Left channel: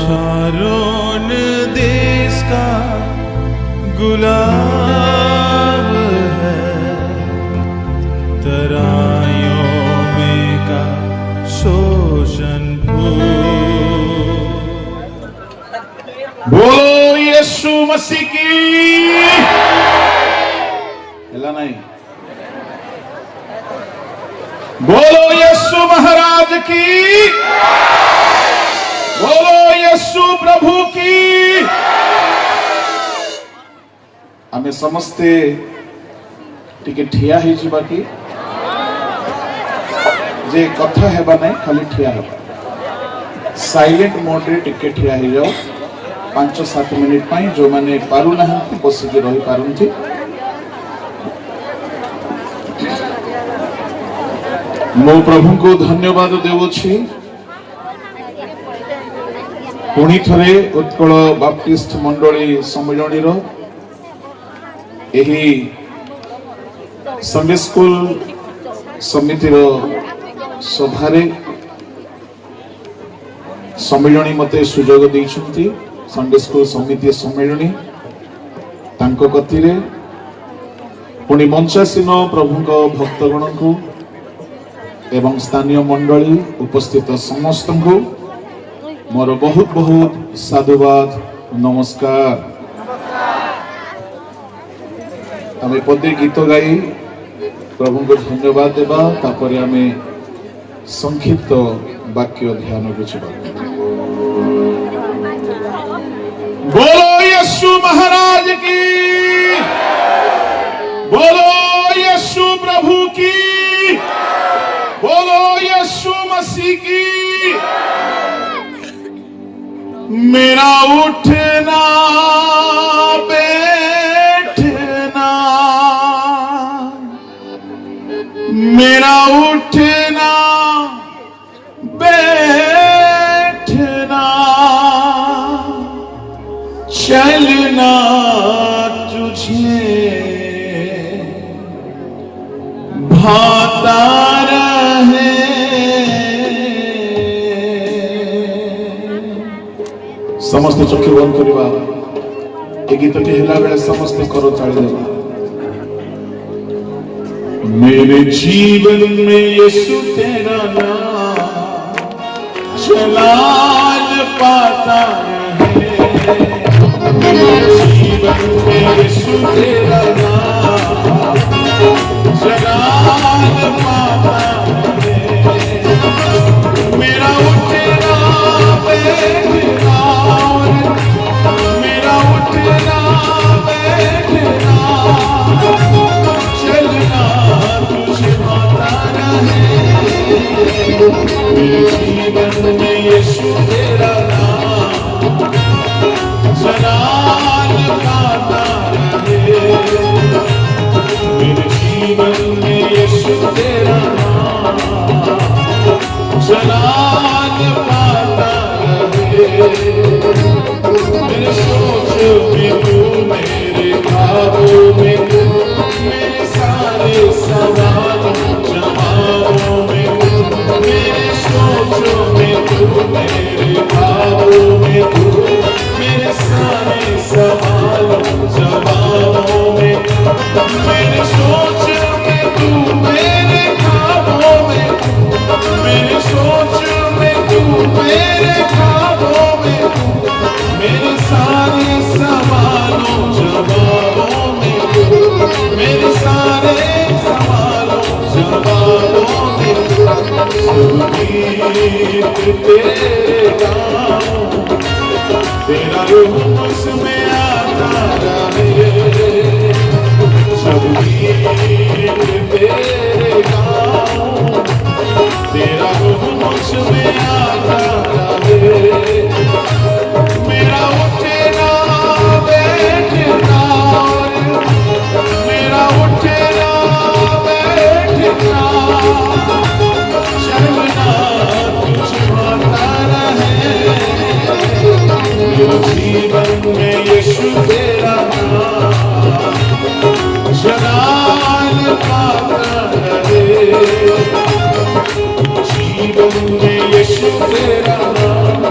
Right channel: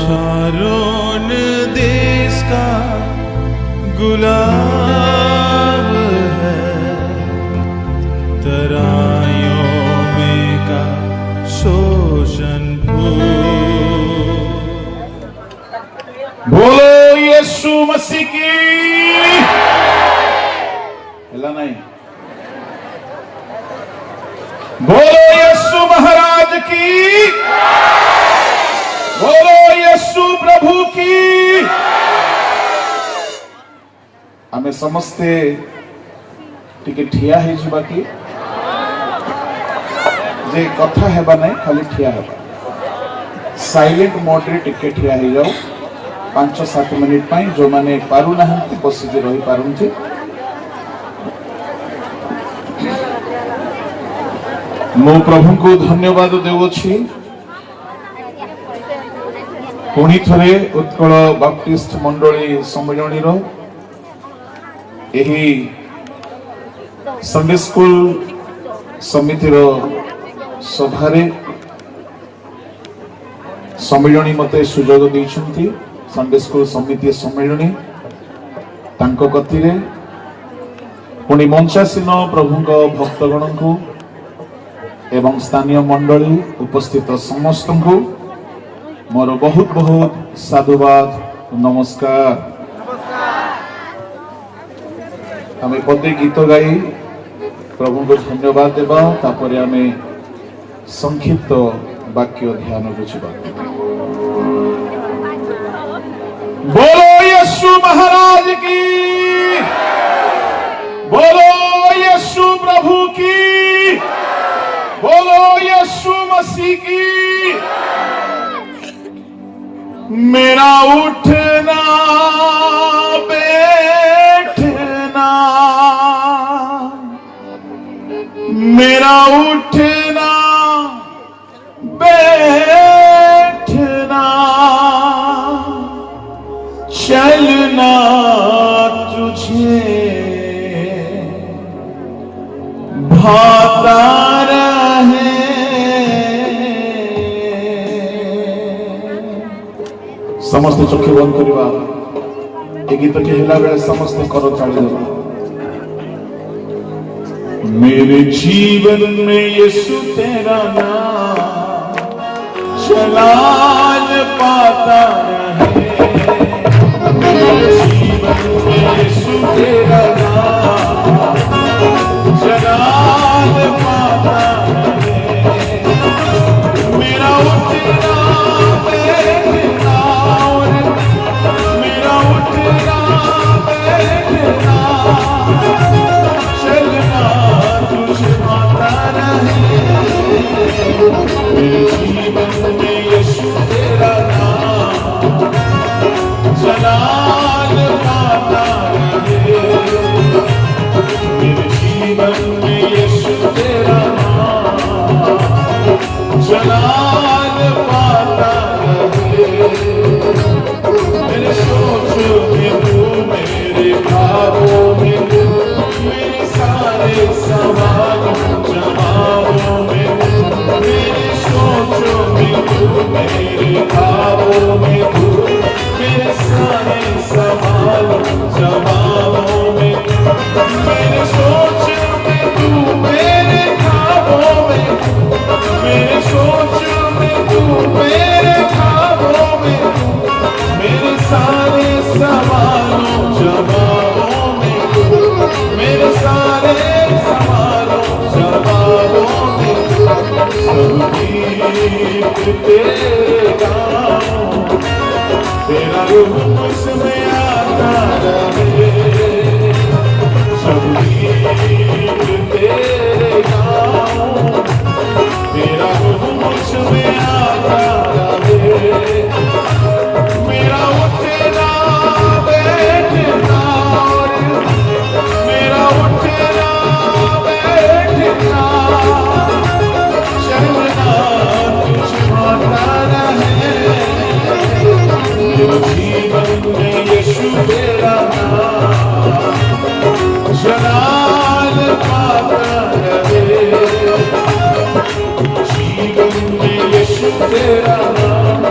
Sharon देश का गुलाब है, तराइयों में का शोषण फूल। बोलो यीशु मसीह की। हिला नहीं। बोलो यीशु महाराज की। बोलो यीशु प्रभु की। आमे समस्ते टिके ठिया ही जीवा की जे कथा हेबा नहीं खाली ठिया हेबा साइलेंट मोड रे टिके ठिया ही जाओ 5-7 मिनिट पाई जो माने पारु नाहंती बस जे रही पारुंती। मो प्रभु को धन्यवाद देवछि पुणी थरे उत्कल बाप्टिस्ट मंडली सम्मेलन रो एही संडे स्कूल समिति रो सभारे सम्मेलनी मते सुजोग दैछंती। संडे स्कूल समिति सम्मेलनी तांको कथिरे पुणी मंचासीन प्रभुଙ୍କ भक्तगण को एवं स्थानीय मंडली उपस्थित समस्त को मोर बहुत बहुत साधुवाद नमस्कार। तमे पदे गीत गाई प्रभु को धन्यवाद देवा तापर आमे संक्षिप्त वाक्य ध्यान बुझबा। बोलो यीशु महाराज की। बोलो यीशु प्रभु की। बोलो यीशु मसीह की। मेरा उठना बैठना, मेरा उठना बैठना, चलना तुझे भाता रहे। समस्त चक्षु बंद करवा ए गीत के हिला बेला समस्त करो चाले। मेरे जीवन में यीशु तेरा नाम जलाल पाता रहे। मेरे जीवन में यीशु तेरा नाम जलाल पाता रहे। मेरा उठना बैठना, मेरा उठना बैठना, चलना तुझे आता रहे। मेरे जीवन में यीशु तेरा नाम जलाल पाता रहे। मेरे जीवन में यीशु तेरा नाम जलाल पाता रहे। मेरे सोचों में तू, मेरे ख्वाबों में तू, मेरे सारे सवालों जवाबों में तू। मेरे सोचों में तू, मेरे ख्वाबों में तू, मेरे सारे सवालों जवाबों में तू। मेरे सोचों में तू, मेरे ख्वाबों में तू, मेरे सोचों में तू, मेरे ख्वाबों में तू, मेरे सारे सवालों जवाबों में तू, मेरे सारे सवालों जवाबों में तू। सब गीत तेरे गाऊं, तेरा रूप मुझमें आता रहे। सब गीत तेरे गाऊं, तेरा रूप मुझमें आता रहे। मेरा उठना बैठना, मेरा उठना बैठना, चलना तुझे आता रहे। मेरे जीवन में यीशु तेरा नाम जलाल पाता रहे। जीवन में यीशु तेरा नाम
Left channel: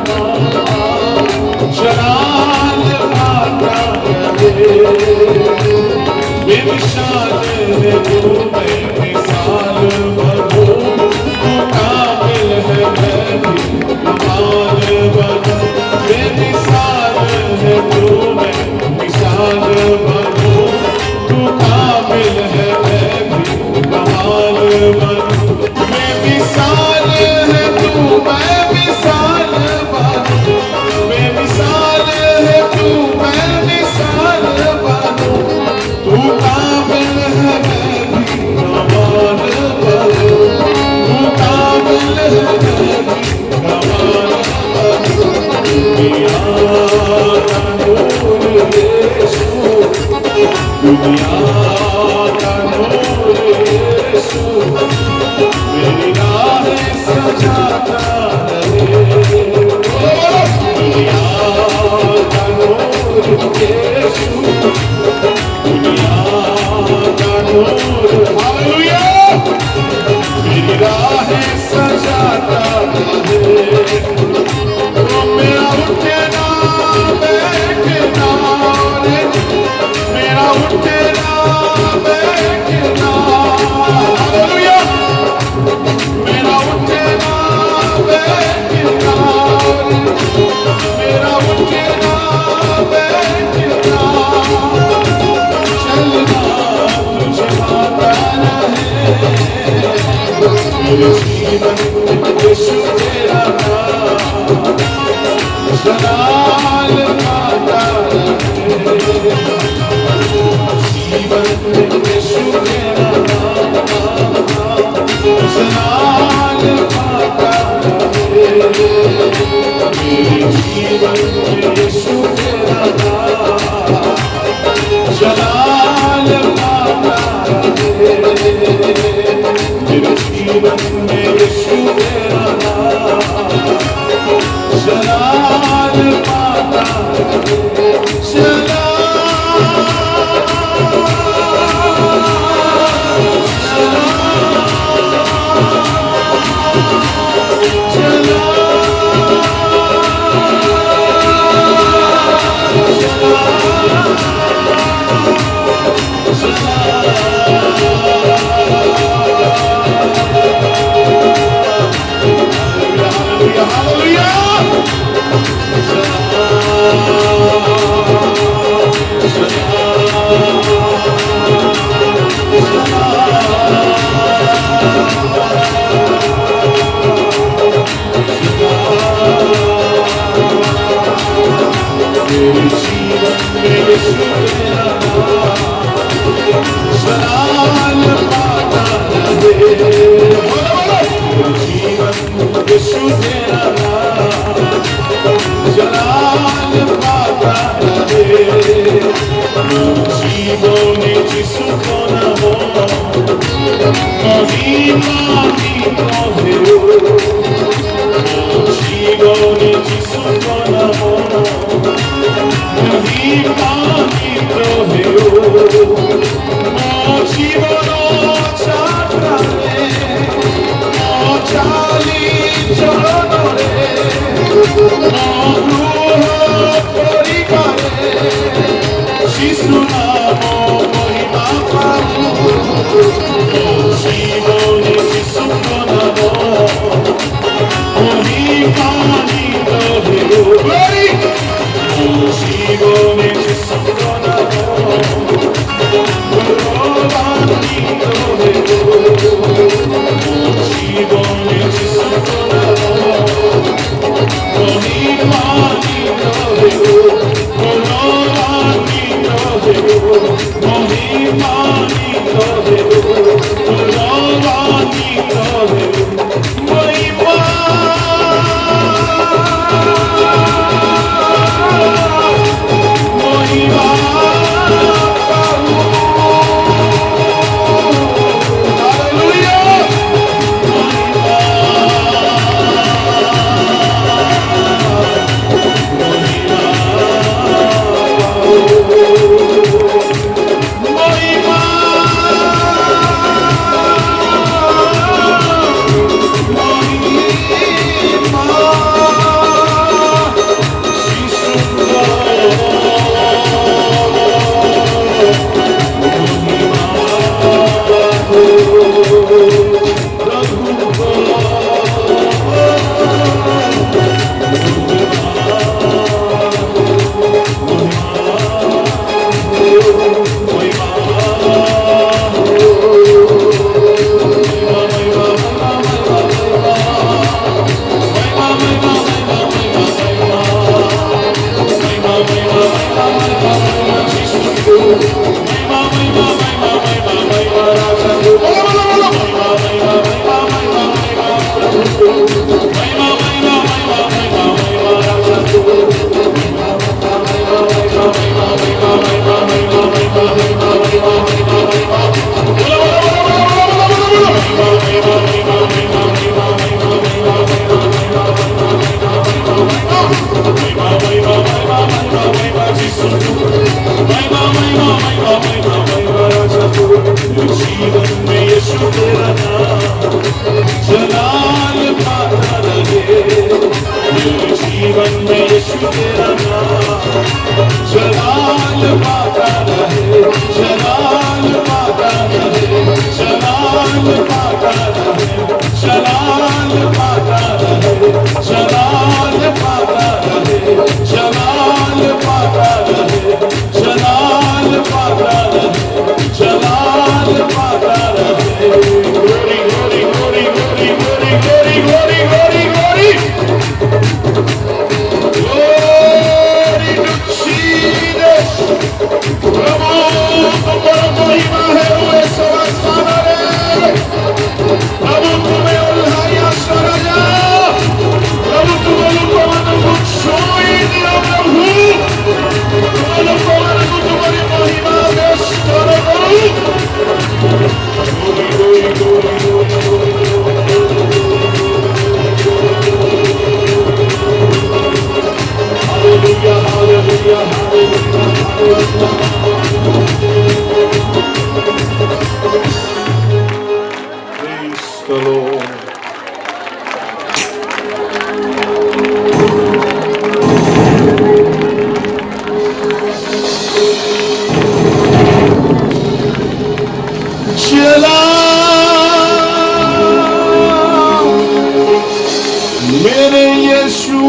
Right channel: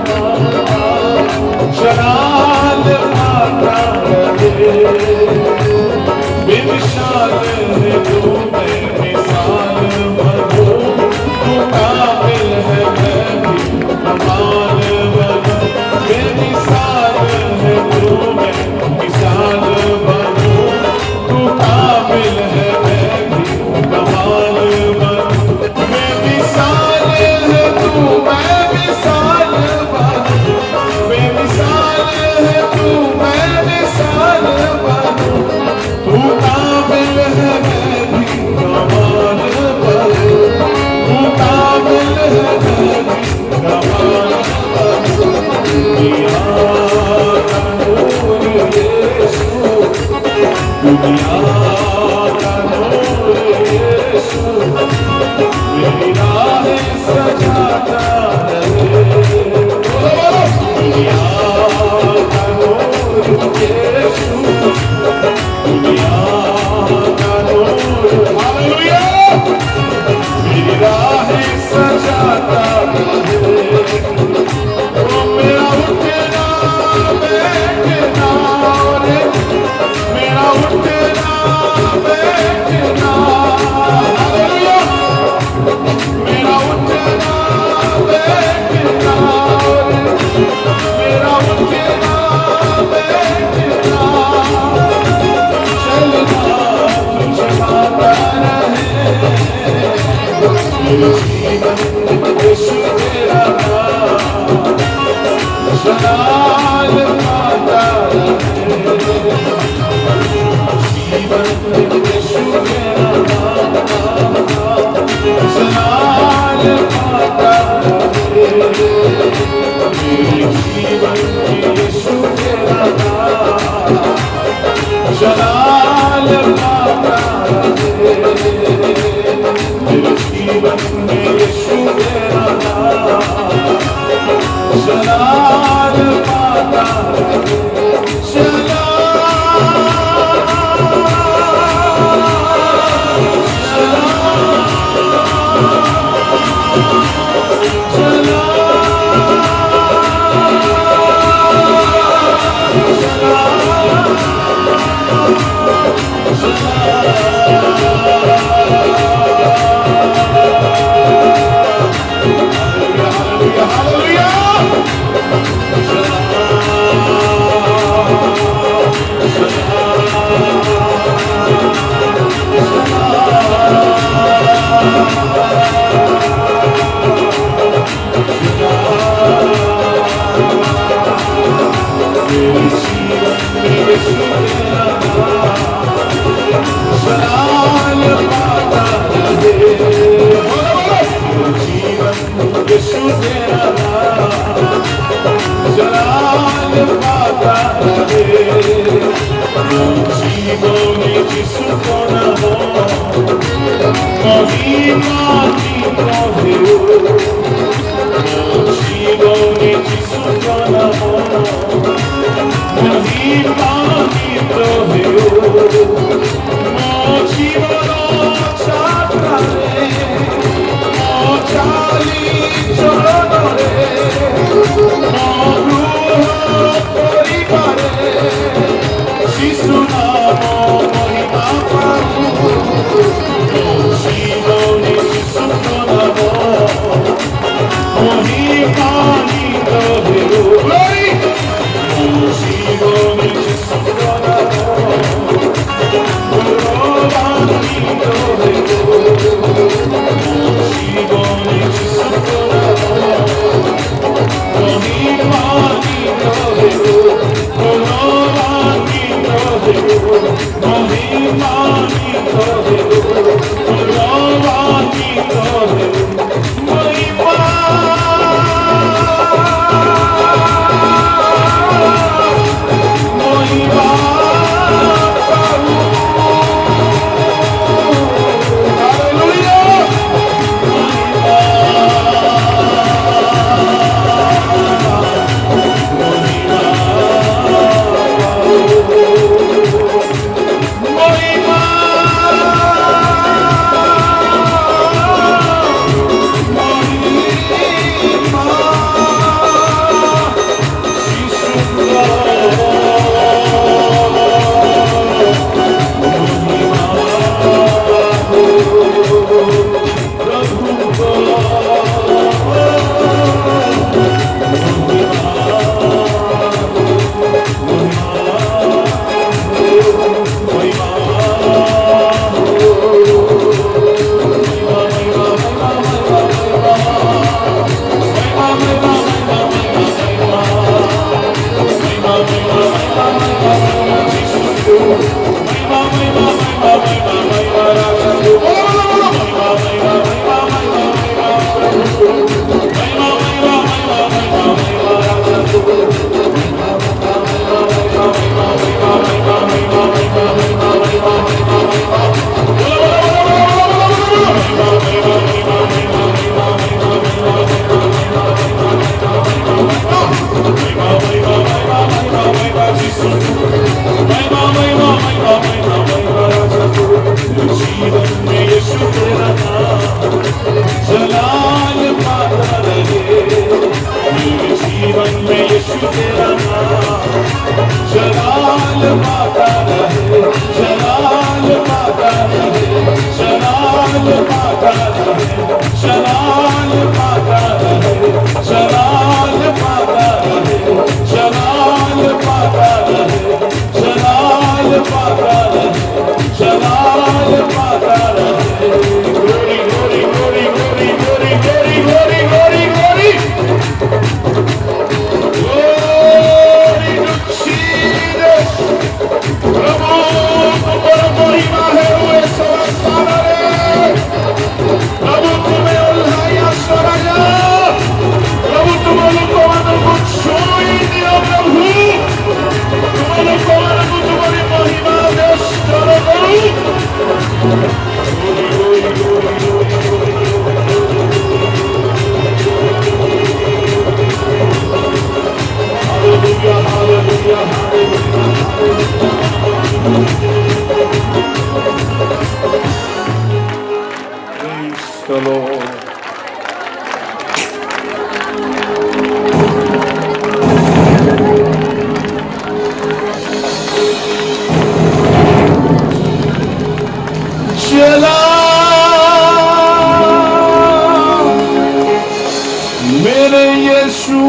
मेरे यीशु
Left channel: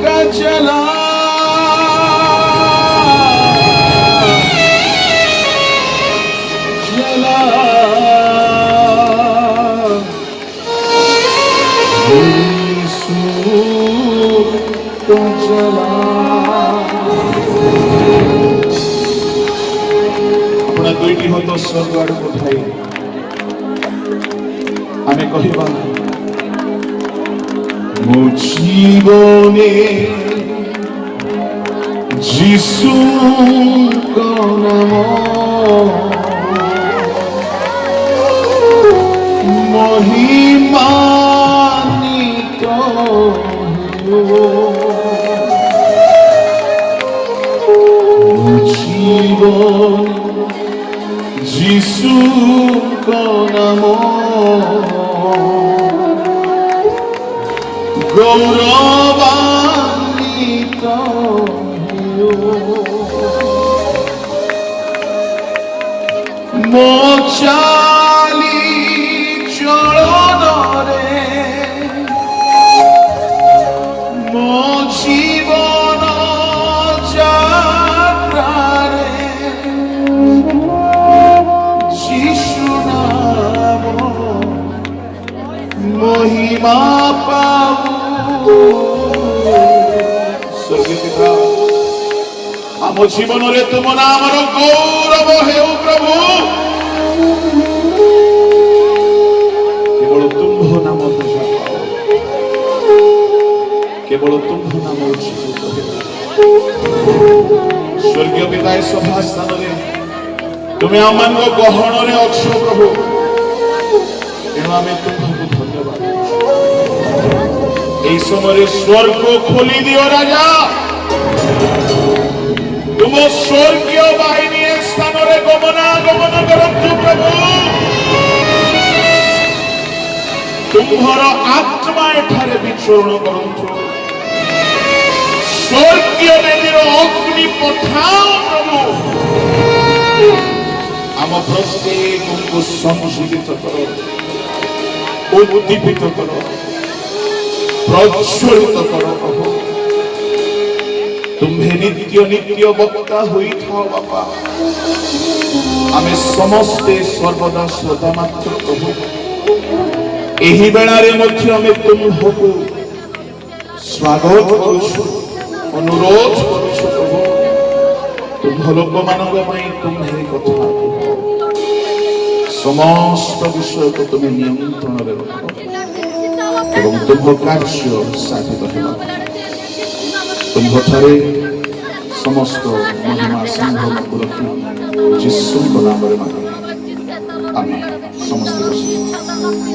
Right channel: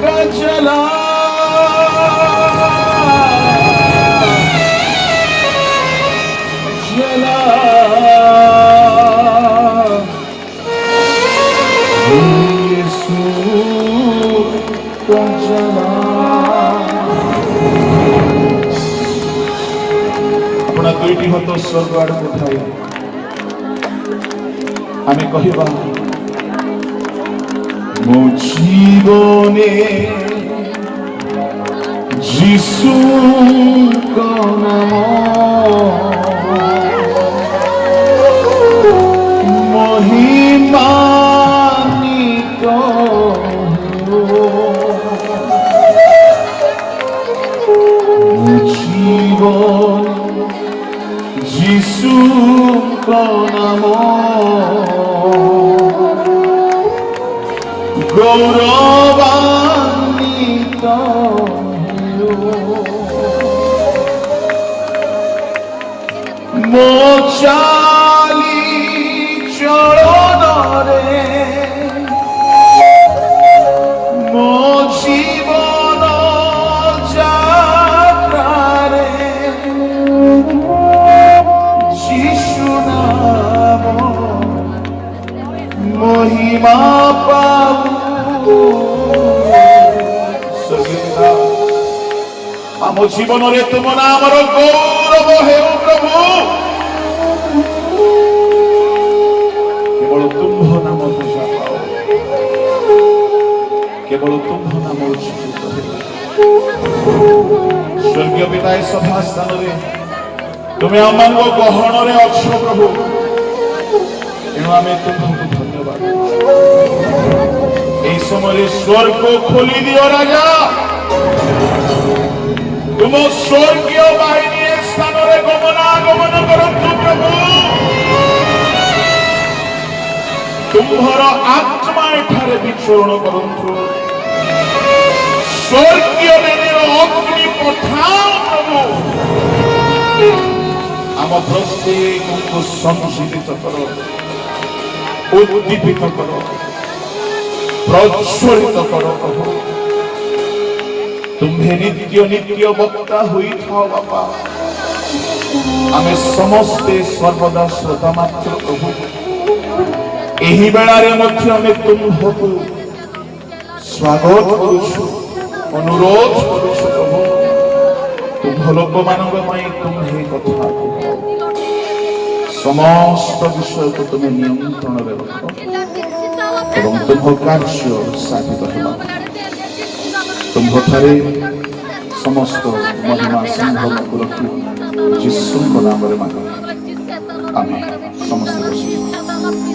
का चला चला यीशु का चला अपना दुईटी हाथ स्वर्ग आड़े उठाई आमे कहिबा ମୋ ଜୀବନେ ଯୀଶୁଙ୍କ ନାମ ମହିମାନ୍ୱିତ ମୋ ଜୀବନେ ଯୀଶୁଙ୍କ ନାମ গৌরবান্বিত মো চালি চরণরে মো জীবন যাত্রারে যিশু নাম মহিমা পাও ଆମ ଜୀବନରେ ତୁମ ନାମର ଗୌରବ ହେଉ ପ୍ରଭୁ କେବଳ ତୁମ୍ଭ ନାମ ପୂଜା ପାଉ କେବଳ ତୁମ୍ଭ ନାମ ଉଚ୍ଚିତ ସ୍ୱର୍ଗୀୟ ପିତା ଏ ସଭା ସ୍ଥାନରେ ତୁମେ ଆମମାନଙ୍କ ଗହଣରେ ଅଛ ପ୍ରଭୁ ତେଣୁ ଆମେ ତୁମ୍ଭକୁ ଧନ୍ୟବାଦ এই সময়ে স্বর্গ খোলি দিও রাজা তুম স্বর্গীয় বাহিনী স্থাନରେ গমনাগমন করন্তু প্রভু তুম্ভর আত্মা এখানে বিচরণ করন্তু স্বর্গীয় বেদীর অগ্নি পঠাও প্রভু আম প্রত্যেকଙ୍କୁ সঞ্জীবিত কর উদ্দীপিত কর প্রজ্বলিত কর প্রভু तुम्हे नित्य नित्य बक्ता हुई था बापा आमे समस्ते सर्वदा श्रोता मात्र प्रभु एही बेलारे मध्य आमे तुम्हको स्वागत करूछु अनुरोध करूछु प्रभु तुम्ह लोक मानव माई तुम्हे कथा समस्त विषय को तुम्हें नियंत्रण रे रखो एवं तुम्ह कार्य साधित हेबा तुम्ह थरे समस्त महिमा संभव को रखी जिसु नाम रे मांगे आमेन समस्त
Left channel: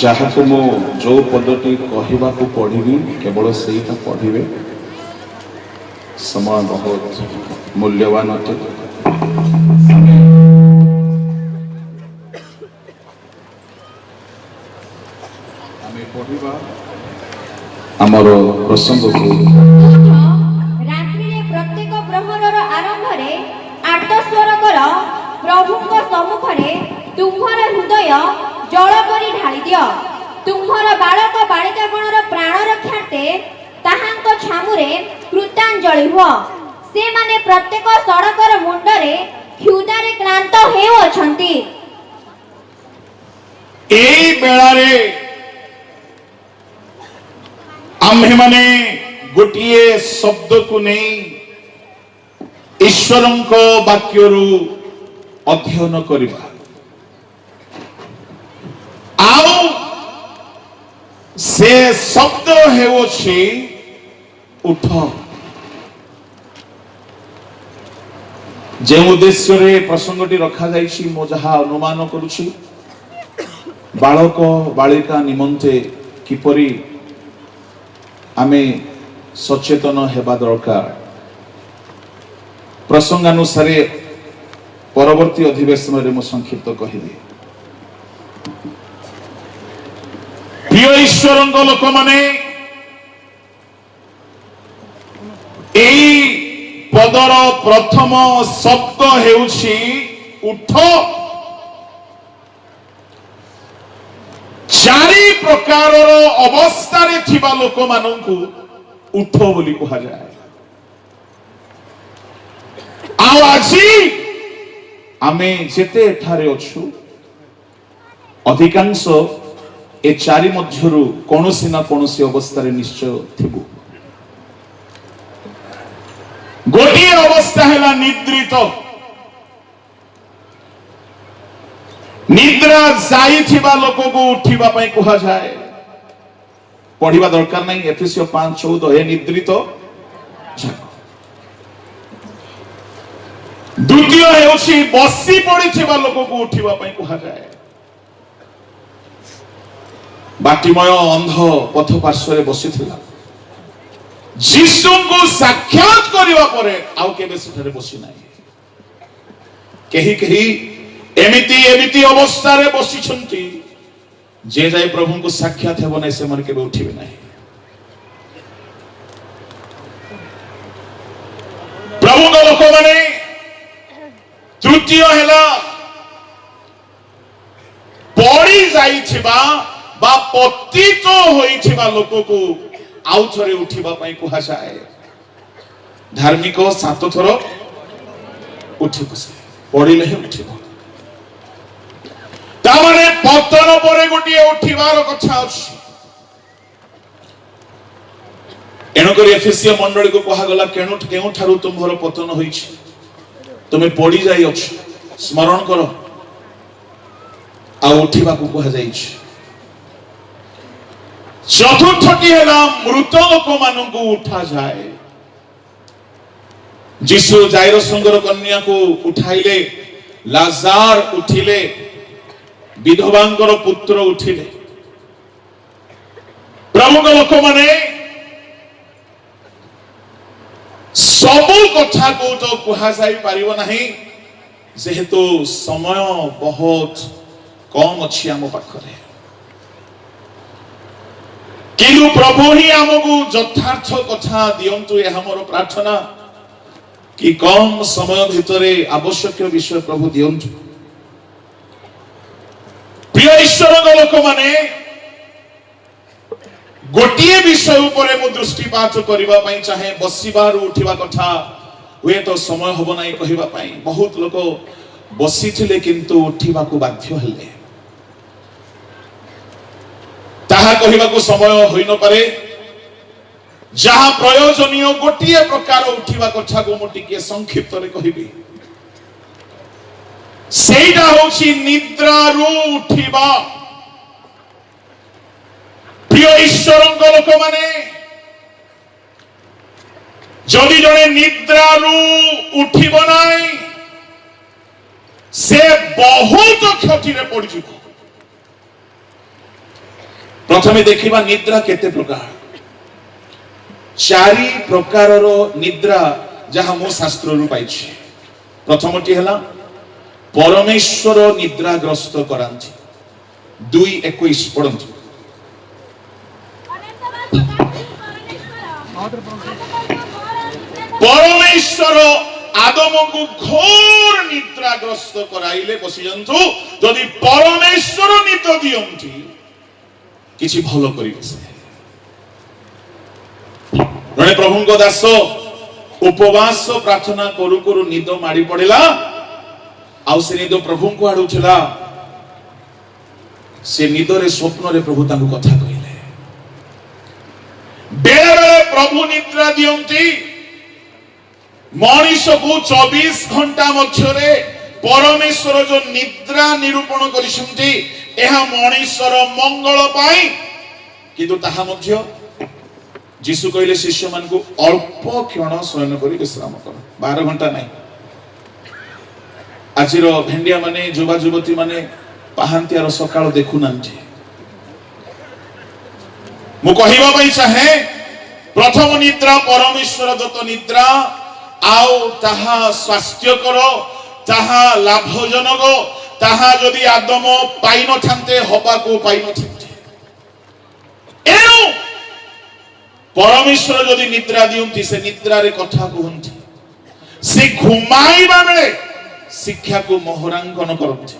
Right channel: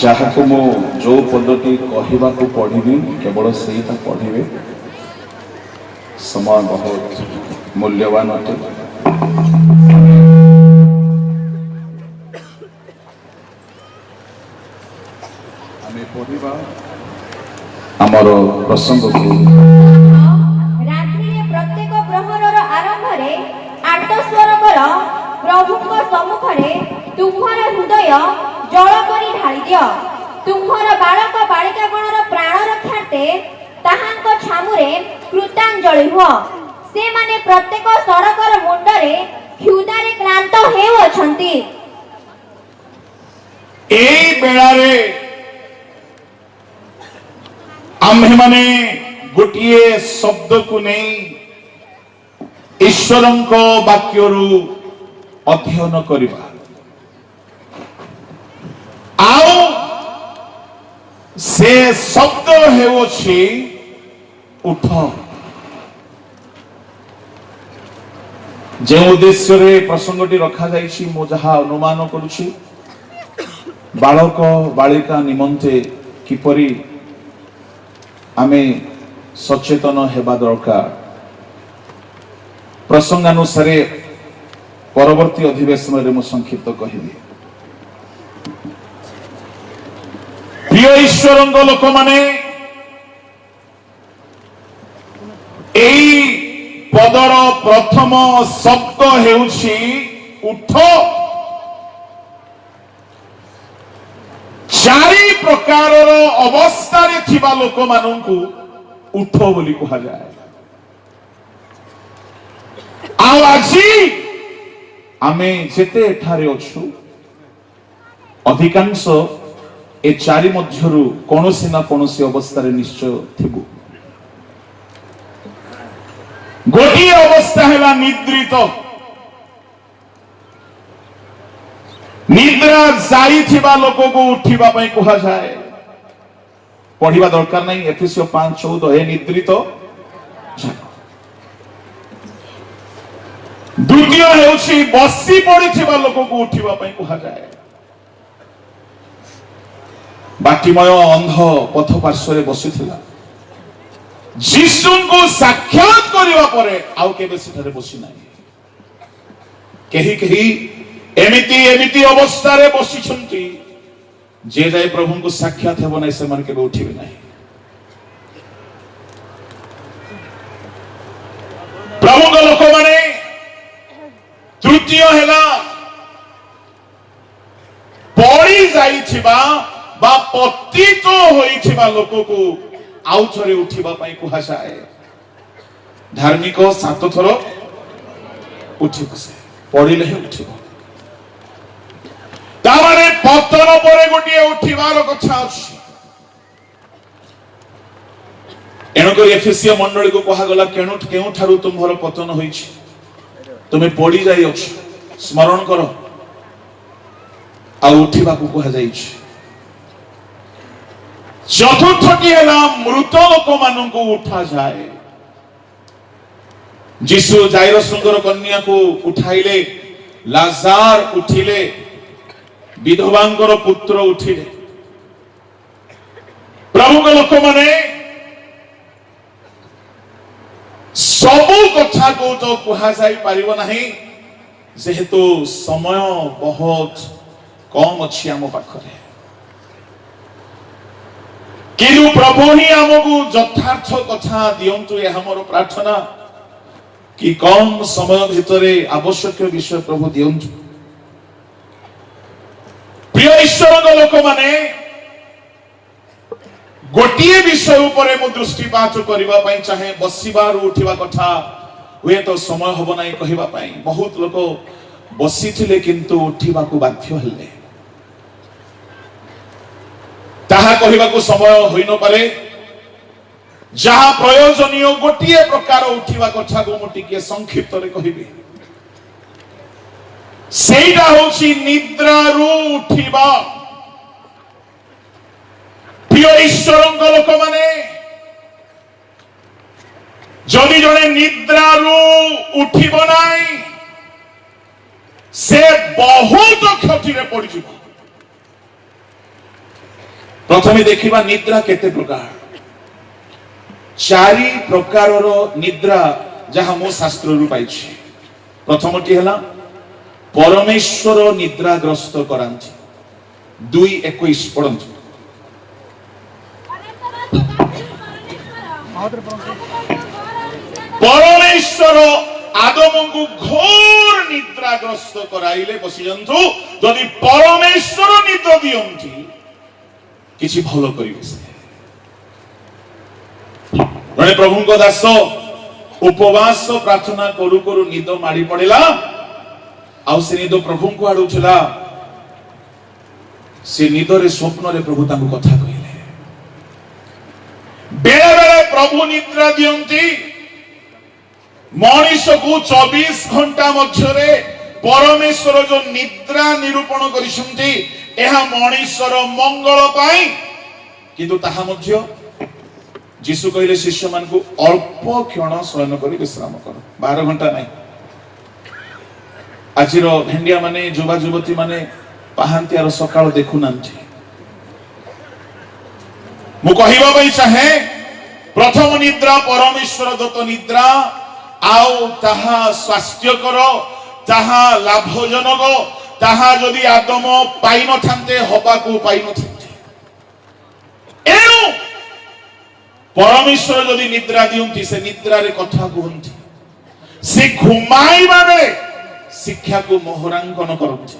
ଯାହାକୁ ମୁଁ ଯୋଉ ପଦଟି କହିବାକୁ ପଢିବି କେବଳ ସେଇଟା ପଢିବେ। ସମୟ ବହୁତ ମୂଲ୍ୟବାନ ଅଟେ। ଆମେ ପଢିବା ଆମର ପ୍ରସଙ୍ଗକୁ। ରାତ୍ରିରେ ପ୍ରତ୍ୟେକ ପ୍ରହରର ଆରମ୍ଭରେ ଆର୍ତ୍ତସ୍ୱର କର, ପ୍ରଭୁଙ୍କ ସମ୍ମୁଖରେ ତୁମ୍ଭର ହୃଦୟ ଜଳ କରି ଢାଳି ଦିଅ। ତୁମ୍ଭର ବାଳକ ବାଳିକାଗଣର ପ୍ରାଣ ରକ୍ଷାର୍ଥେ ତାହାଙ୍କ ଛାମୁରେ କୃତାଞ୍ଜଳି ହୁଅ। ସେମାନେ ପ୍ରତ୍ୟେକ ସଡ଼କର ମୁଣ୍ଡରେ କ୍ଷୁଧାରେ କ୍ଳାନ୍ତ ହେଉଅଛନ୍ତି। ଏଇ ବେଳାରେ ଆମ୍ଭେମାନେ ଗୋଟିଏ ଶବ୍ଦକୁ ନେଇ ଈଶ୍ୱରଙ୍କ ବାକ୍ୟରୁ ଅଧ୍ୟୟନ କରିବା। ଆଉ ସେ ଶବ୍ଦ ହେଉଅଛି ଉଠ। ଯେଉଁ ଉଦ୍ଦେଶ୍ୟରେ ପ୍ରସଙ୍ଗଟି ରଖାଯାଇଛି ମୁଁ ଯାହା ଅନୁମାନ କରୁଛି, ବାଳକ ବାଳିକା ନିମନ୍ତେ କିପରି ଆମେ ସଚେତନ ହେବା ଦରକାର। ପ୍ରସଙ୍ଗାନୁସାରେ ପରବର୍ତ୍ତୀ ଅଧିବେଶନରେ ମୁଁ ସଂକ୍ଷିପ୍ତ କହିବି। ପ୍ରିୟ ଈଶ୍ୱରଙ୍କ ଲୋକମାନେ, ଏଇ ପଦର ପ୍ରଥମ ଶବ୍ଦ ହେଉଛି ଉଠ। ଚାରି ପ୍ରକାରର ଅବସ୍ଥାରେ ଥିବା ଲୋକମାନଙ୍କୁ ଉଠ ବୋଲି କୁହାଯାଏ। ଆଉ ଆଜି ଆମେ ଯେତେ ଏଠାରେ ଅଛୁ, ଅଧିକାଂଶ ଏ ଚାରି ମଧ୍ୟରୁ କୌଣସି ନା କୌଣସି ଅବସ୍ଥାରେ ନିଶ୍ଚୟ ଥିବୁ। ଗୋଟିଏ ଅବସ୍ଥା ହେଲା ନିଦ୍ରିତ। ନିଦ୍ରା ଯାଇଥିବା ଲୋକକୁ ଉଠିବା ପାଇଁ କୁହାଯାଏ। ପଢିବା ଦରକାର ନାହିଁ, ଏଫେସିୟ 5:14 ଏ ନିଦ୍ରିତ। ଦ୍ୱିତୀୟ ହେଉଛି ବସି ପଡିଥିବା ଲୋକକୁ ଉଠିବା ପାଇଁ କୁହାଯାଏ। ବାଟିମୟ ଅନ୍ଧ ପଥ ପାର୍ଶ୍ୱରେ ବସିଥିଲା, ଯୀଶୁଙ୍କୁ ସାକ୍ଷାତ କରିବା ପରେ ଆଉ କେବେ ସେଠାରେ ବସି ନାହିଁ। କେହି କେହି ଏମିତି ଏମିତି ଅବସ୍ଥାରେ ବସିଛନ୍ତି, ଯେ ଯାଏ ପ୍ରଭୁଙ୍କୁ ସାକ୍ଷାତ ହେବ ନାହିଁ ସେମାନେ କେବେ ଉଠିବେ ନାହିଁ। ପ୍ରଭୁଙ୍କ ଲୋକମାନେ, ତୃତୀୟ ହେଲା ପଡି ଯାଇଥିବା ବା ପତିତ ହୋଇଥିବା ଲୋକକୁ ଆଉ ଥରେ ଉଠିବା ପାଇଁ କୁହାଯାଏ। ଧାର୍ମିକ 7 ଥର ଉଠି ବସେ, ପଡିଲେ ହିଁ ଉଠିବ। ତାମାନେ ପତନ ପରେ ଗୋଟିଏ ଉଠିବାର କଥା ଅଛି। ଏଣୁକରି ଏଫେସିୟ ମଣ୍ଡଳୀକୁ କୁହାଗଲା, କେଉଁଠାରୁ ତୁମ୍ଭର ପତନ ହୋଇଛି, ତୁମେ ପଡି ଯାଇଅଛ, ସ୍ମରଣ କର। ଆଉ ଉଠିବାକୁ କୁହାଯାଇଛି। ଚତୁର୍ଥଟି ହେଲା ମୃତ ଲୋକମାନଙ୍କୁ ଉଠାଯାଏ। ଯୀଶୁ ଜାଇରସଙ୍କର କନ୍ୟାକୁ ଉଠାଇଲେ, ଲାଜାର ଉଠିଲେ, ବିଧବାଙ୍କର ପୁତ୍ର ଉଠିଲେ। ପ୍ରଭୁଙ୍କ ଲୋକମାନେ, ସବୁ କଥାକୁ ତ କୁହାଯାଇ ପାରିବ ନାହିଁ, ଯେହେତୁ ସମୟ ବହୁତ କମ୍ ଅଛି ଆମ ପାଖରେ। କିନ୍ତୁ ପ୍ରଭୁ ହିଁ ଆମକୁ ଯଥାର୍ଥ କଥା ଦିଅନ୍ତୁ, ଏହା ମୋର ପ୍ରାର୍ଥନା। କି କମ୍ ସମୟ ଭିତରେ ଆବଶ୍ୟକୀୟ ବିଷୟ ପ୍ରଭୁ ଦିଅନ୍ତୁ। ପ୍ରିୟ ଈଶ୍ୱରଙ୍କ ଲୋକମାନେ, ଗୋଟିଏ ବିଷୟ ଉପରେ ମୁଁ ଦୃଷ୍ଟିପାତ କରିବା ପାଇଁ ଚାହେଁ। ବସିବାରୁ ଉଠିବା କଥା ହୁଏତ ସମୟ ହବ ନାହିଁ କହିବା ପାଇଁ। ବହୁତ ଲୋକ ବସିଥିଲେ କିନ୍ତୁ ଉଠିବାକୁ ବାଧ୍ୟ ହେଲେ, ତାହା କହିବାକୁ ସମୟ ହୋଇନପାରେ। ଯାହା ପ୍ରୟୋଜନୀୟ ଗୋଟିଏ ପ୍ରକାର ଉଠିବା କଥାକୁ ମୁଁ ଟିକେ ସଂକ୍ଷିପ୍ତରେ କହିବି। ସେଇଟା ହେଉଛି ନିଦ୍ରାରୁ ଉଠିବା। ପ୍ରିୟ ଈଶ୍ୱରଙ୍କ ଲୋକମାନେ, ଯଦି ଜଣେ ନିଦ୍ରାରୁ ଉଠିବ ନାହିଁ, ସେ ବହୁତ କ୍ଷତିରେ ପଡିଯିବ। प्रथमे देखिबा निद्रा केते प्रकार चारि प्रकारर निद्रा जहा मो शास्त्र रु पाइछि प्रथमटी हला परमेश्वर निद्राग्रस्त करांति 2:21 पढंतु परमेश्वर आदम को घोर निद्राग्रस्त कराइले बसी जंतु जदि परमेश्वर निद दियंती किछि भलो करिबे से रे प्रभु को दास उपवास प्रार्थना करू करू निद मारी पड़ेला आउ से निद प्रभु को आडुछला से निदरे स्वप्न रे प्रभु ताकू कथा कहिले बेले बेले प्रभु निद्रा दियंती मनीष को 24 घंटा मध्यरे परमेश्वर जो निद्रा निरूपण करिसंती एहा मनीषर मंगल पाई किंतु ताहा मध्य जीशु कहले शिष्य मान को अल्प क्षण शयन करी विश्राम कर 12 घंटा नहीं आजिर भेंडिया माने युवा युवती माने पाहांतियार सकाळ देखु नांती मु कहिबा पई चाहे प्रथम निद्रा परमेश्वर दत्त निद्रा आउ ताहा स्वास्थ्यकर ताहा लाभजनक ताहा जदि आदम पाई न थांते हबा को पाई न थांते एनु परमेश्वर जदि निद्रा दियंती से निद्रा रे कथा कहंती से घुमाइबा बेले शिक्षा को मोहरांकन करंती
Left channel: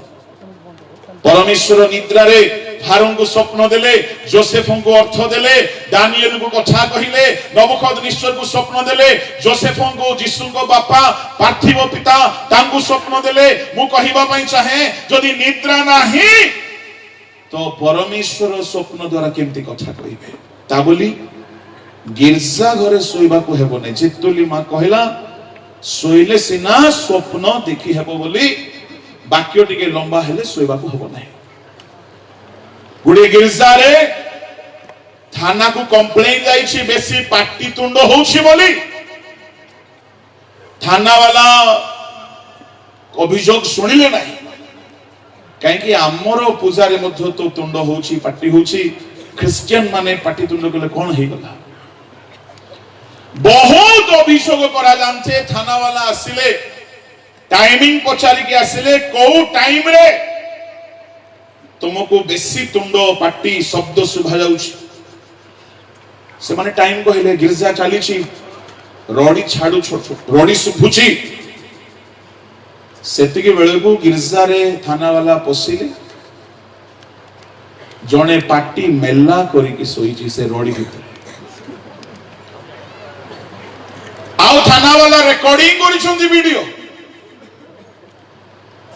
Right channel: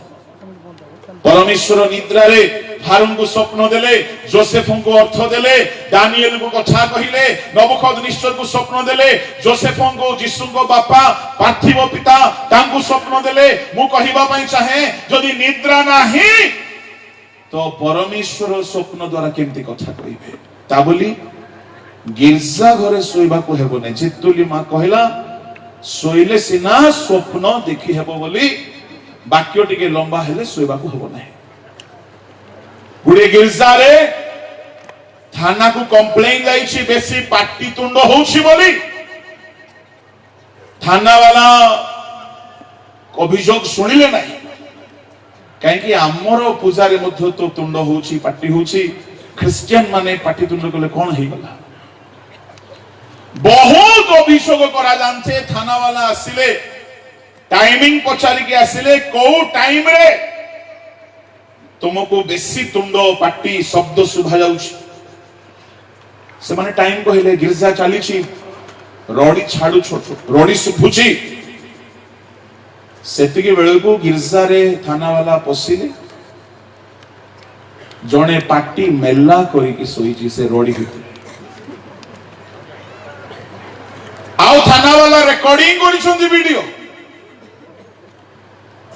परमेश्वर निद्रा रे फारूक को स्वप्न देले जोसेफ को अर्थ देले दानिएल को कथा कहिले नबुकदनेस्सर को स्वप्न देले जोसेफ को यीशु को बापा पार्थिव पिता तांको स्वप्न देले मु कहिबा पई चाहे जदि निद्रा नाही तो परमेश्वर स्वप्न द्वारा केमती कथा कहिबे ता बोली गिरजा घरे सोइबा को हेबो नै जेतुली मा कहला सोइले सिना स्वप्न देखि हेबो बोली वाक्य टिके लंबा हेले सोइबा को हेबो नै गुडे गिरजा रे थाना को कंप्लेन जाईछि बेसी पाटी तुंड होउछि बोली थाना वाला अभियोग सुनिले नाही काहे कि हमर पूजा रे मध्य तो तुंड होउछि पाटी होउछि क्रिश्चियन माने पाटी तुंड कले कोन हेइ गला बहुत अभियोग करा जानते थाना वाला आसिले टाइमिंग पचारी के आसिले को टाइम रे तुमको बेसी तुंड पाटी शब्द सुभा जाउछि से माने टाइम कहले गिरजा चालीछि रडी छाडु छोट रडी सुभुछि सेति के बेले को गिरजा रे थाना वाला पसिले जने पाटी मेल्ला करी के सोईछि से रडी भितर आउ थाना वाला रिकॉर्डिंग करिसंदी वीडियो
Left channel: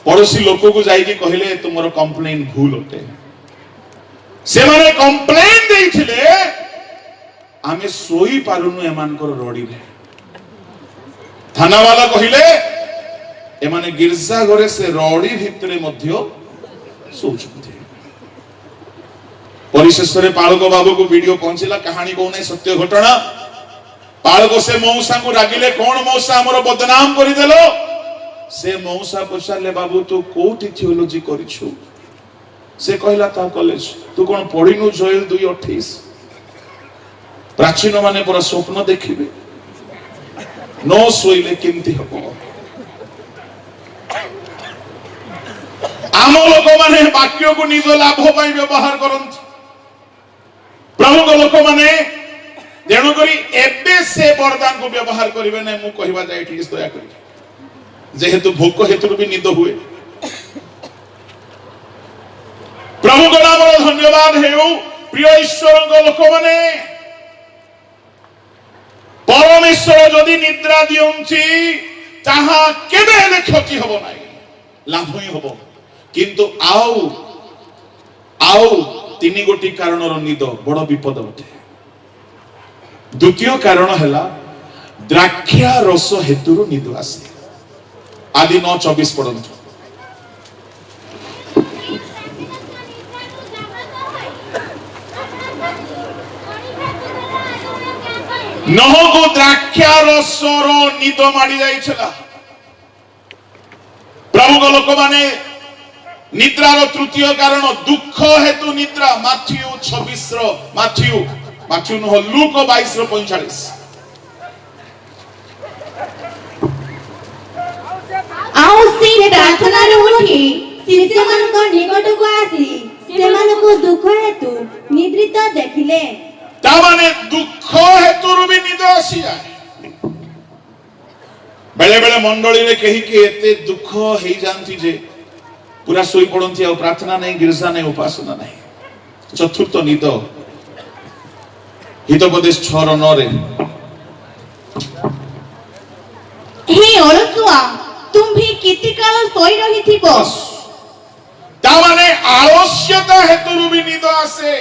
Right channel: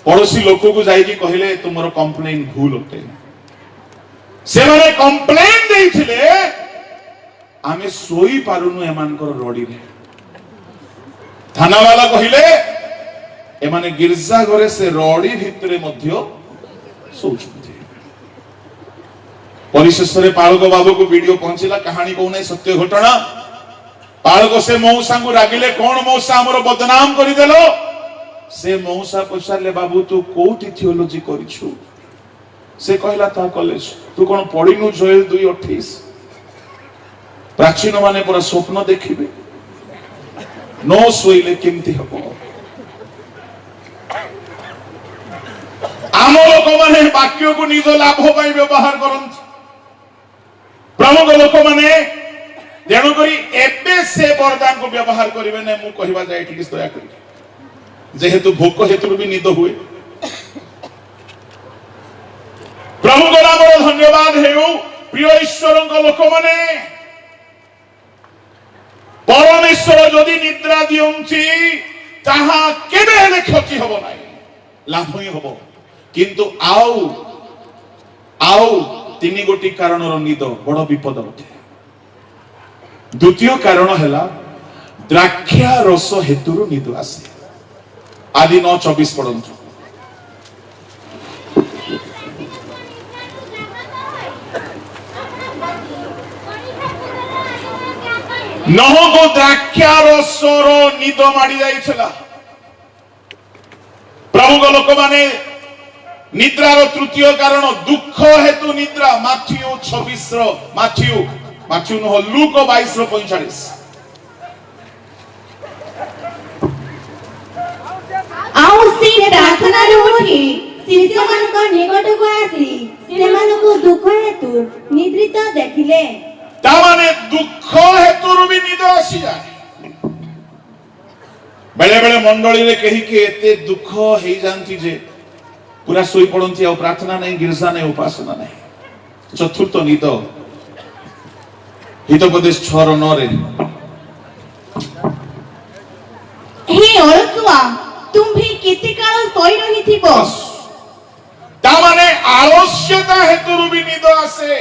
पड़ोसी लोक को जाइए कहले तुमर कंप्लेन भूल होते से माने कंप्लेन देइथिले आमे सोई पारुनु एमानकर रडी रे थाना वाला कहले एमाने गिरजा घरे से रडी भितरे मध्य सोचुथि परिशेषरे पालक बाबू को वीडियो पहुंचला कहानी को नै सत्य घटना पालक से मौसा को रागिले कोन मौसा हमरो बदनाम करि देलो से मौसा पचारे बाबू तू कोठी थियोलॉजी करिछु से कहला ता कॉलेज तू कोन पढिनु जोएल 2:28 प्राचीन माने पर स्वप्न देखिबे नो सोइले केमती हबो आम लोक माने वाक्य को निज लाभ पई व्यवहार करंत प्रमुख लोक माने जेणु करी एबे से वरदान को व्यवहार करिवे ने मु कहिबा जाय एटलिस्ट दया करि जेहेतु भोक हेतु भी निद हुए प्रभु को नाम धन्यवाद हेउ प्रिय ईश्वर लोक माने परमेश्वर जदि निद्रा दियंची ताहा केबे हेले क्षति हबो नाही लाभ ही हबो किंतु आउ तीन गोटी कारणर निद बड़ विपद अटे द्वितीय कारण हैला द्राक्षा रस हेतुर निद आसे आदि 9:24 पढ़ंतु नह को द्राक्षा रसर निद माड़ी जाइछला प्रभु को लोक माने निद्रार तृतीय कारण दुख हेतु निद्रा माथ्यू 26 माथ्यू नुह लूक 22:45 ଆଉ ସେ ପ୍ରାର୍ଥନାରୁ ଉଠି ଶିଷ୍ୟମାନଙ୍କ ନିକଟକୁ ଆସି ସେମାନଙ୍କୁ ଦୁଃଖ ହେତୁ ନିଦ୍ରିତ ଦେଖିଲେ। तामाने दुख हेतु भी निद आसी जाए बेले बेले मंडली रे कही के एते दुख हे जानती जे पूरा सोई पड़ती और प्रार्थना नहीं गिरजा नहीं उपासना नहीं। चतुर्थ निद हितोपदेश 6:9 रे हे अलसुआ तुम्ही किती काळ सोई रहिथिबो। तामाने आलस्यता हेतु भी निद आसे।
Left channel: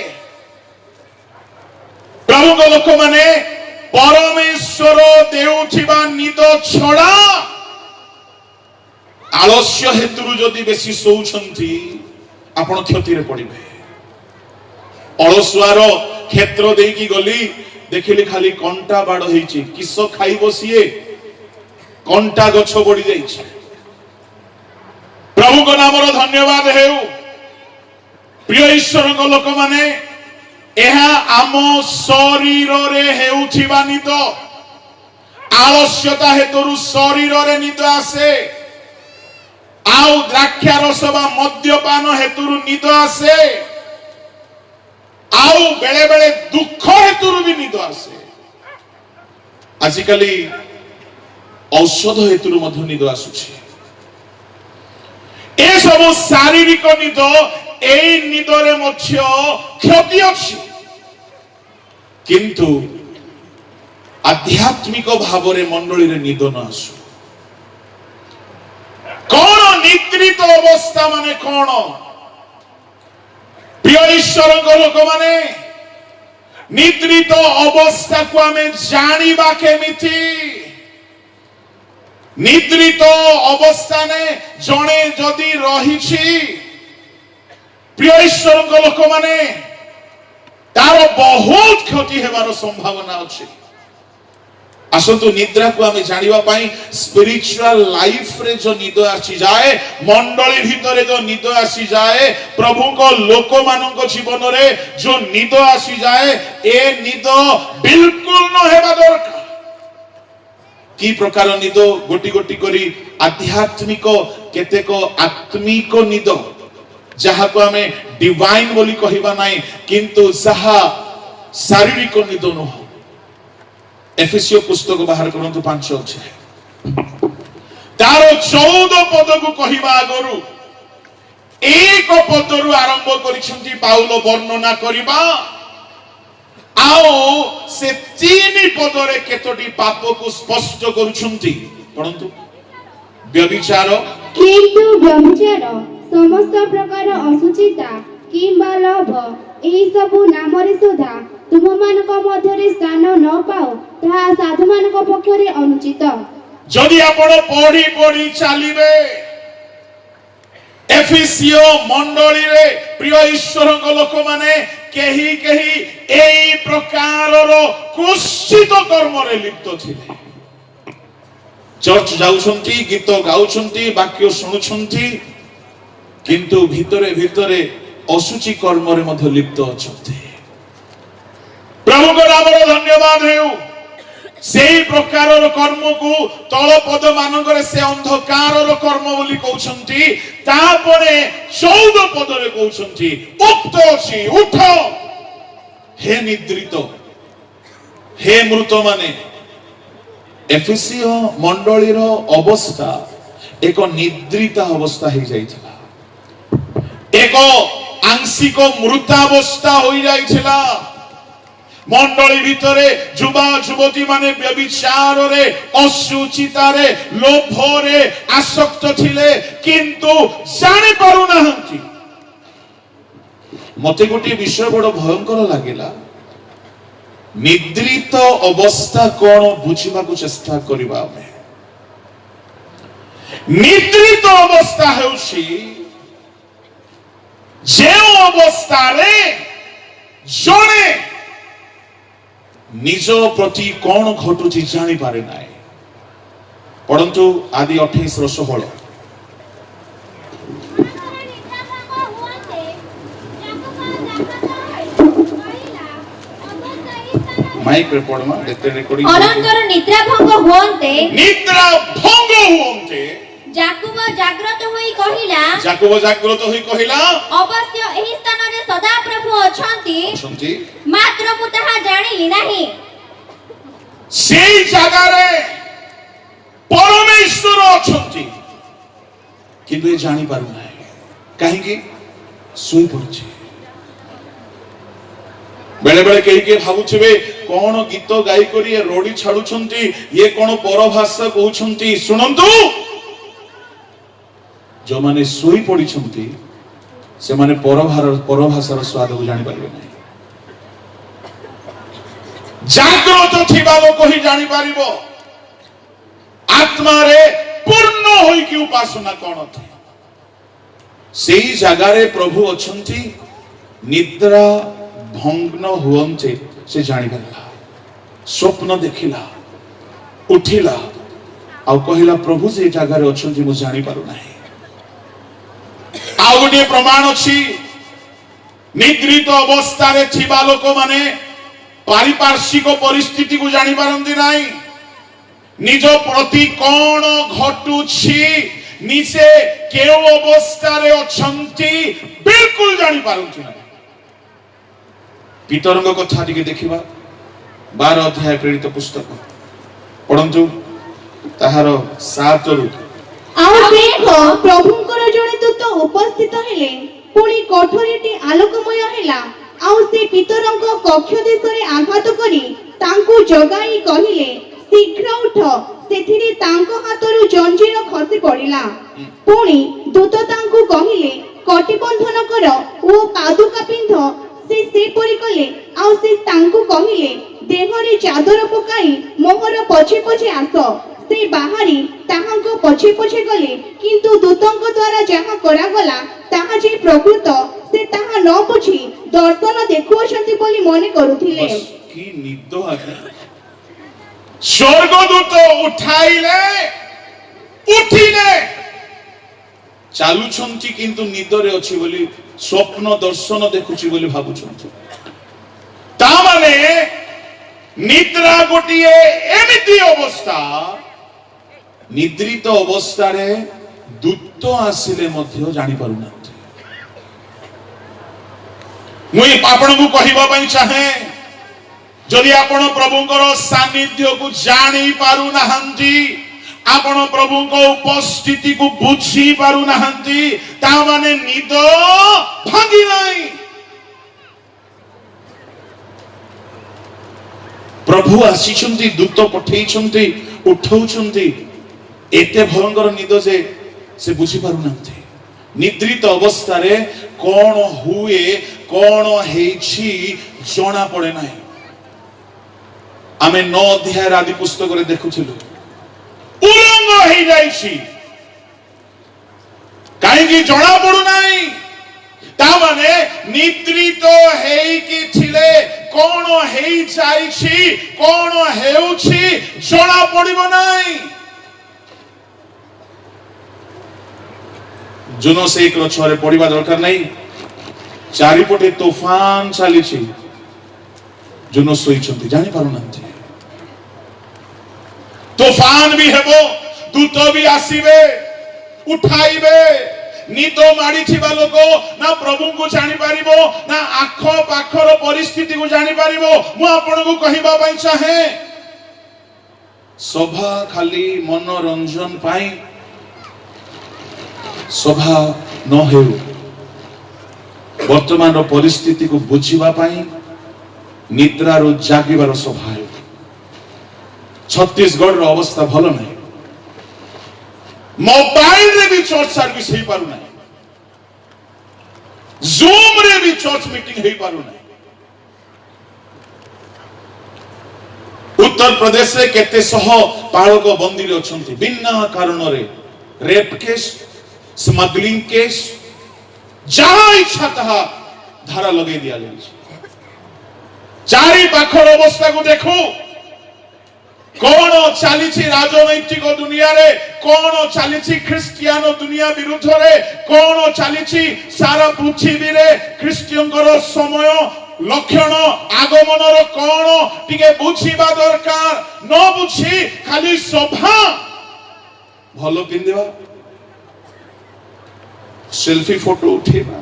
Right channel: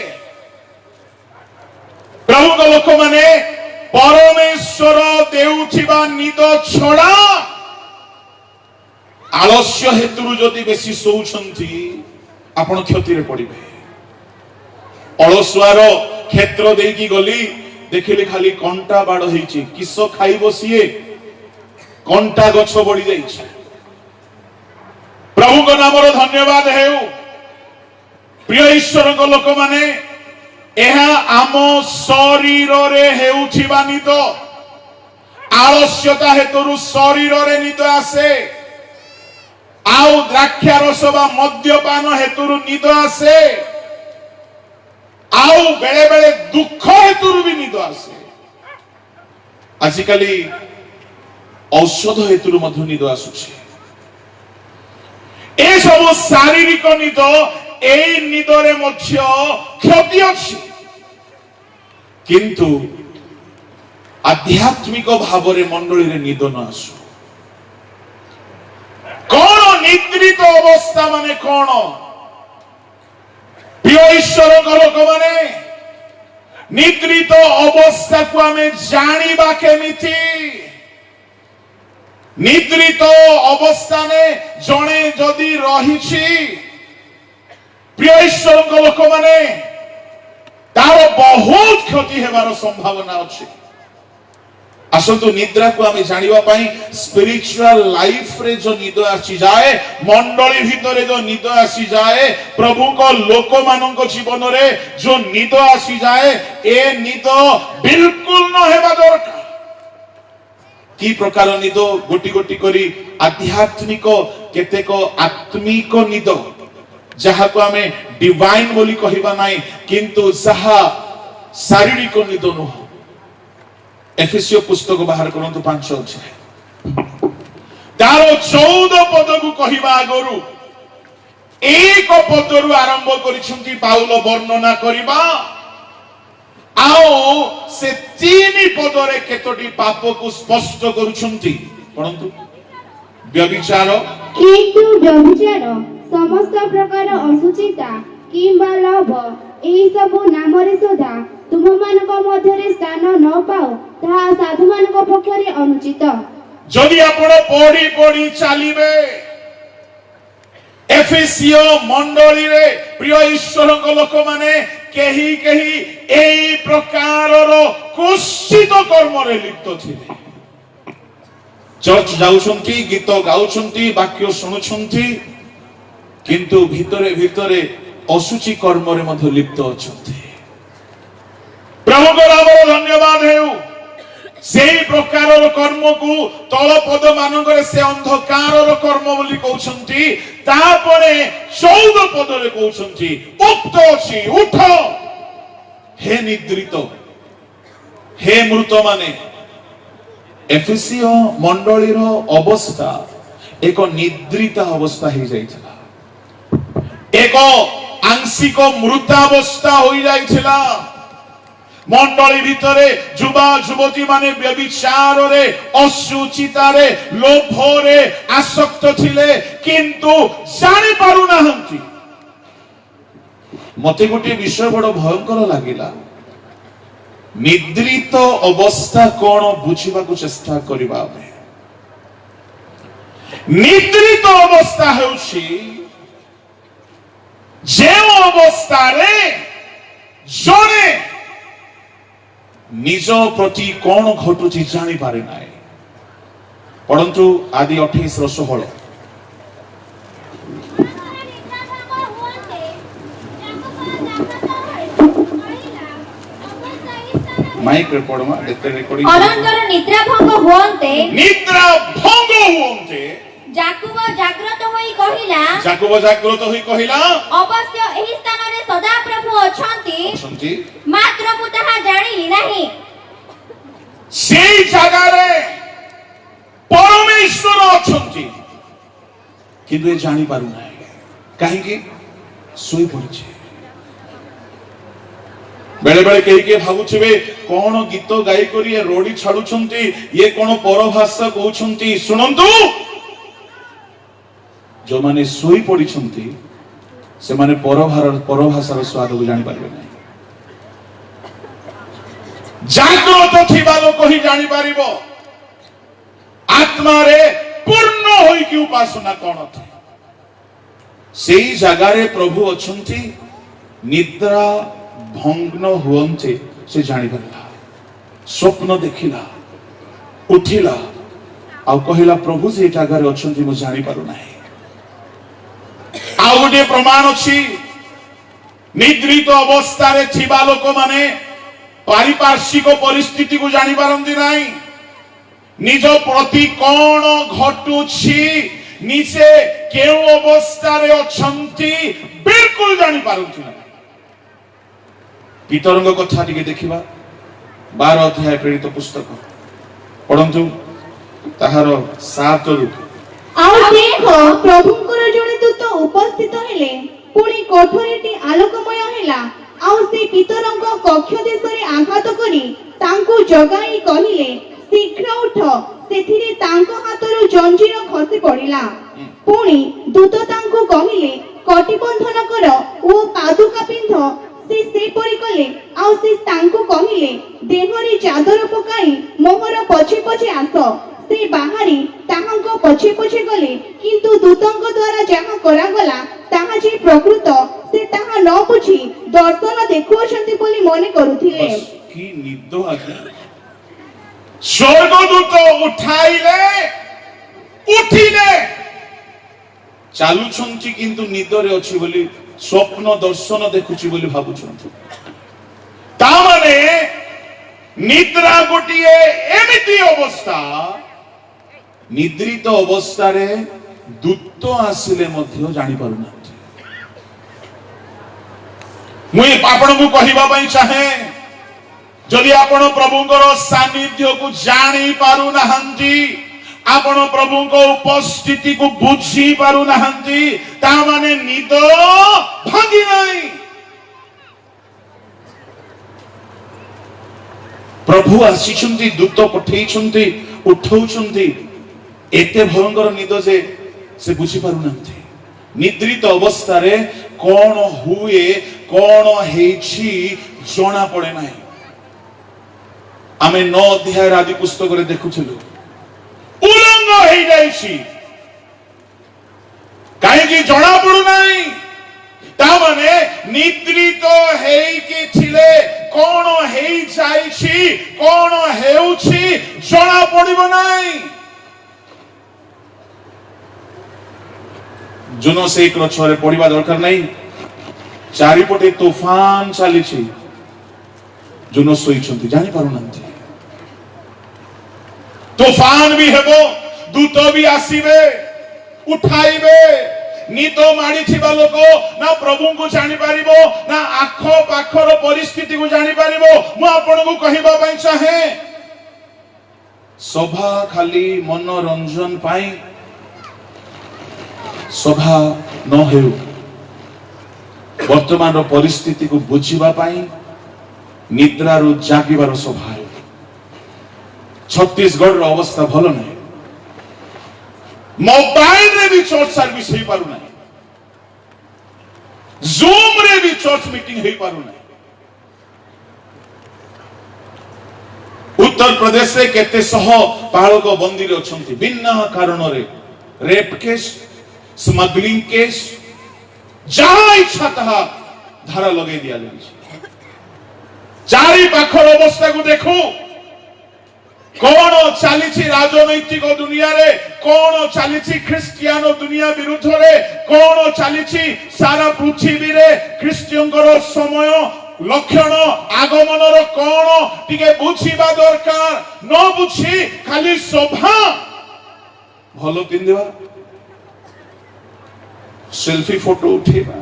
प्रभु को लोक माने परमेश्वर देउथिबा निद छड़ा आलस्य हेतु जदि बेसी सोउछंती आपण क्षति रे पड़िबे। अलसुआर क्षेत्र देकी गली देखिले खाली कंटा बाड़ हेछि किस खाई बसिए कंटा गछ बड़ी जाइछि। प्रभु को नामर धन्यवाद हेउ। प्रिय ईश्वर को लोक माने एहा आम शरीर रे हेउथिबा निद आलस्यता हेतु शरीर रे निद आसे। आउ द्राक्षारस बा मद्यपान हेतु निद आसे। आउ बेले बेले दुख हेतु भी निद आसे। आजिकाली औषध हेतु मध्य निद आसुछि। ए सब शारीरिक निद एई निदरे मध्य क्षति अछि किंतु आध्यात्मिक भावरे मंडली रे निद न आसु। कौन निद्रित अवस्था माने कौन प्रिय ईश्वर लोक माने निद्रित अवस्था को आमे जानिबा केमिति। निद्रित अवस्था ने जणे जदि रहिछि प्रिय ईश्वर लोक माने तार बहुत क्षति हेबार संभावना अछि। आसंतु निद्रा को आमे जानिबा पई स्पिरिचुअल लाइफ रे जो निद आसी जाए मंडली भितरे जो निद आसी जाए प्रभु को लोक मानक जीवन रे जो निद आसी जाए ए निद बिल्कुल न हेबा दरकार। की प्रकार निद गोटी गोटी करी आध्यात्मिक केतेक आत्मिक निद जहा को आमे डिवाइन बोली कहिबा नाही किंतु जहा शारीरिक निद न हो। एफेसियो पुस्तक बाहर करंतु 5 अछि तार 14 पद को कहिबा आगरु एक पदरु आरंभ करिसंती पाउल वर्णना करिबा आओ से 3 पदरे केतोटी पाप को स्पष्ट करूछंती। परंतु व्यभिचार किंतु व्यभिचार समस्त प्रकार असुचिता किंबा लोभ एही सब नामरे सुधा तुम मानक मध्यरे स्थान न पाओ ताहा साधु मानक पक्षरे अनुचित। जदि आपण पढ़ी पढ़ी चलिबे एफेसियो मंडली रे प्रिय ईश्वर को लोक माने केही केही एई प्रकारर कुश्चित कर्म रे लिप्त थिले। चर्च जाउछंती गीत गाउछंती वाक्य सुनुछंती किंतु भितरे भितरे असुचि कर्म रे मध्य लिप्त अछंती। प्रभु को नामर धन्यवाद हेउ। सेही प्रकारर कर्म को तल पद मानकर से अंधकारर कर्म बोली कहउछंती तापरे 14 पद रे कहउछंती उक्त अछि उठ हे निद्रित हे मृत माने। एफेसियो मंडलीर अवस्था एक निद्रित अवस्था हो जाइथिला एक आंशिक मृतावस्था हो जाइथिला। मंडली भितरे युवा युवती माने व्यभिचार रे अशुचिता रे लोभ रे आसक्त थिले किंतु जानि पारु नाहंती। मते गोटे विषय बड़ भयंकर लागिला। निद्रित अवस्था कौन बुझिबा को चेष्टा करिबा। निद्रित अवस्था हेउछि जे अवस्था रे जणे निज प्रति कौन घटुची जानी पारे नाही। परंतु आदि 28 16 माइक रे पढमा लेते रेकर्डिंग अनंतर निद्रा भंग हुअन्ते निद्रा भंग हुअन्ते जाकुब जाग्रत होई कहिला अवश्य एही स्थान रे सदा प्रभु अछंती मात्र मु ताहा जानिली नाही सेई जगह रे परमेश्वर अछंती किंतु ये जानि पारु नाही काहे कि सोई पड़छे बेले बेले के भावुथिबे कोन गीत गाई करी ये रोडी छाडुछंती ये कोन परभाषा कहउछंती सुनंतु जो माने सोई पड़िछंती से माने परभाषार स्वाद को जानि पारबे नाही जाग्रत थिबा लोक ही जानि पारिबो आत्मा रे पूर्ण होई कि उपासना कोन थी सेई जगह रे प्रभु अछंती निद्रा भंग्न हुअन्ते से जानि पारला स्वप्न देखिला उठिला आ कहिला प्रभु से जगह रे अछंती मु जानि पारु नाही आ गोटे प्रमाण अछि निद्रित अवस्था रे थिबा लोक माने पारिपार्श्विक परिस्थिति को जानि पारंती नाही निज प्रति कोन घटुछि निसे केउ अवस्था रे अछंती बिल्कुल जानि पारंती नाही पीतरंग कथा टिके देखिबा 12 अध्याय प्रेरित पुस्तक पढंतु ताहार 7 रु आ देख प्रभुଙ୍କର जणे दूत उपस्थित हेले पुणी कोठरीटी आलोकमय हेला आ से पीतरंग कक्ष देशरे आघात करी तांकु जगाई कहिले शीघ्र उठ सेथिरे तांको हातरु जंजीर खसी पड़िला पुणी दूत तांकु कहिले कटिबंधन कर ओ पादुका पिंध से परि कले आ से तांकु कहिले देहरे चादर पकाई मोहर पछे पछे आस से बाहरी ताहांको पछे पछे गले किंतु दूतंक द्वारा जहा करा गला ताहा जे प्रकृत से ताहा न बुझी दर्शन देखुअछंती बोली मने करूथिले की निद आज्ञा स्वर्गदूत उठाइले उठिले चालुछंती किंतु निदरे अछि बोली स्वप्न दर्शन देखुछि बोली भाबुछंती ता माने निद्रा गोटिए एमिति अवस्था निद्रित अवस्था रे दूत आसिले मध्य जानि पारु नाथि मुई आपण को कहिबा पई चाहे जदि आपण प्रभुଙ୍କର सानिध्य को जानि पारु नाहंती आपण प्रभुଙ୍କ उपस्थिति को बुझी पारु नाहंती ता माने निद भांगी नाही प्रभु आसीछंती दूत पठेइछंती उठौछंती एते भयंकर निद से बुझी पारु नाहंती निद्रित अवस्था रे कोन हुए कोन हेछि जणा पड़े नाही आमे 9 अध्याय आदि पुस्तक रे देखुथिलु उलंग हे जाइछि काहे कि जणा पड़ु नाही ता माने निद्रित हेई कि थिले कोन हेई जाइछि कोन हेउछि जणा पड़िबो नाही जुनो से एक छरे पड़िबा दरकार नाही चारिपटे तूफान चलीछि जुनो सोइछंती जानि पारु नांती तूफान भी हेबो दूत भी आसीबे उठाइबे निद माडी थिबा लोक ना प्रभु को जानि पारिबो ना आखो पाखर परिस्थिति को जानि पारिबो मु आपन को कहिबा पई चाहे सभा खाली मनोरंजन पाई सभा न हे वर्तमान परिस्थिति को बुझिबा पाई निद्रा रो जागिबार सभा हे छत्तीसगढ़ रो अवस्था भलो नहीं मोबाइल रे भी चर्च सर्विस हे पारु नहीं जूम रे भी चर्च मीटिंग हे पारु नहीं उत्तर प्रदेश रे केते सह बालक बंदी रे अछंती बिना कारण रे रेप केस स्मगलिंग केस जहां इच्छा तहा धारा लगे दिया लगी चारि पाखर अवस्था को देखो कौन चली राजनैतिक दुनिया रे कौन चली ख्रिस्टियान दुनिया विरुद्ध रे कौन चली सारा पृथ्वी रे ख्रिस्टियन समय लक्षण आगमनर कौन टिके बुझीबा दरकार न बुझी खाली सभा भलो पिंदिबा सेल्फी फोटो उठेबा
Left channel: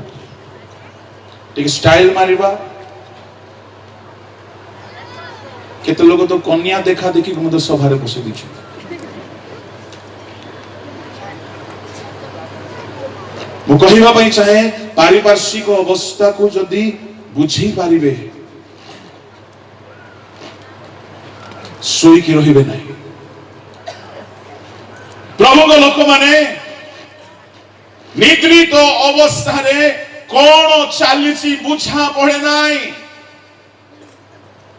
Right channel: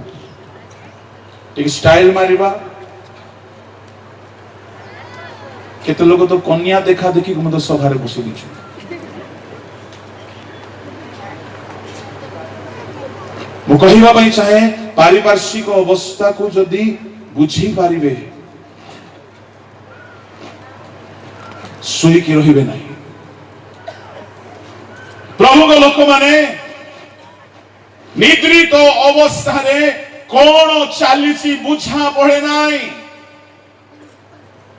टिके स्टाइल मारिबा केते लोग तो कन्या देखा देखी मत सभारे बसे दिछु मु कहिबा पई चाहे पारिपार्श्विक अवस्था को जदी बुझी पारिबे सोई की रहिबे नहीं प्रभु को लोक माने निद्रित अवस्था रे कोन चालीची बुझा पड़े नाही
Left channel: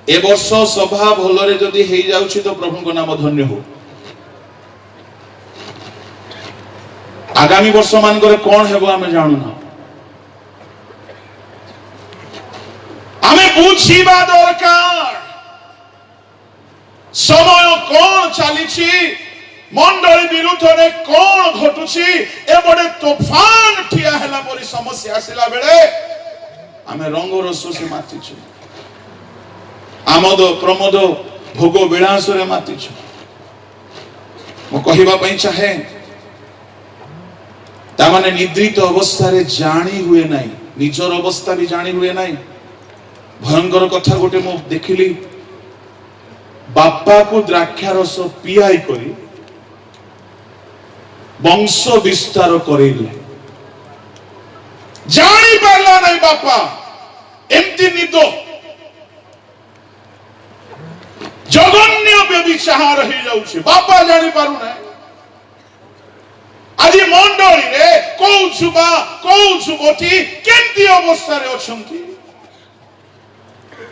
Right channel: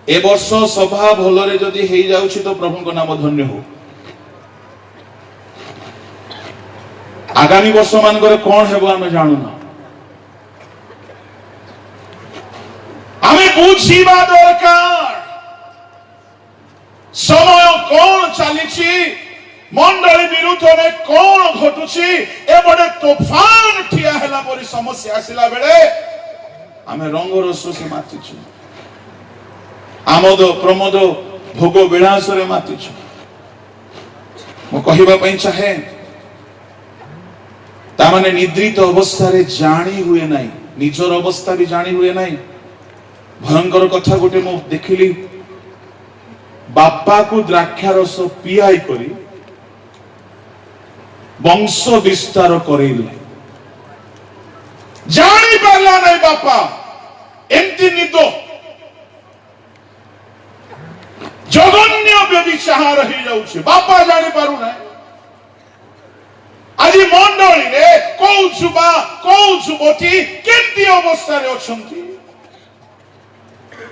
ए वर्ष सभा भलरे जदी हेई जाउछि तो प्रभु को नाम धन्य हो आगामी वर्ष मानकर कौन है आमे जानू ना आमे बुझीबा दरकार समय कौन चलीछि मंडली विरुद्ध रे कौन घटुछि ए बडे तूफान ठिया हैला परी समस्या आसिला बेले आमे रंग रस से मातिछु आमोद प्रमोद भोग विलास रे मातिछु मो कहिबा पई चाहे तामाने निद्रित अवस्था रे जानी हुए नहीं निजर अवस्था भी जानी हुए नहीं भयंकर कथा गोटे मु देखिली बापा को द्राक्षा रस पियाई करी वंश विस्तार करेली जानी पारला नहीं बापा एमती निद जघन्य व्यभिचार हो जाउछि बापा जानी पारु नहीं आज मंडली रे कौ जुबा कौ जुबती केंती अवस्था रे अछंती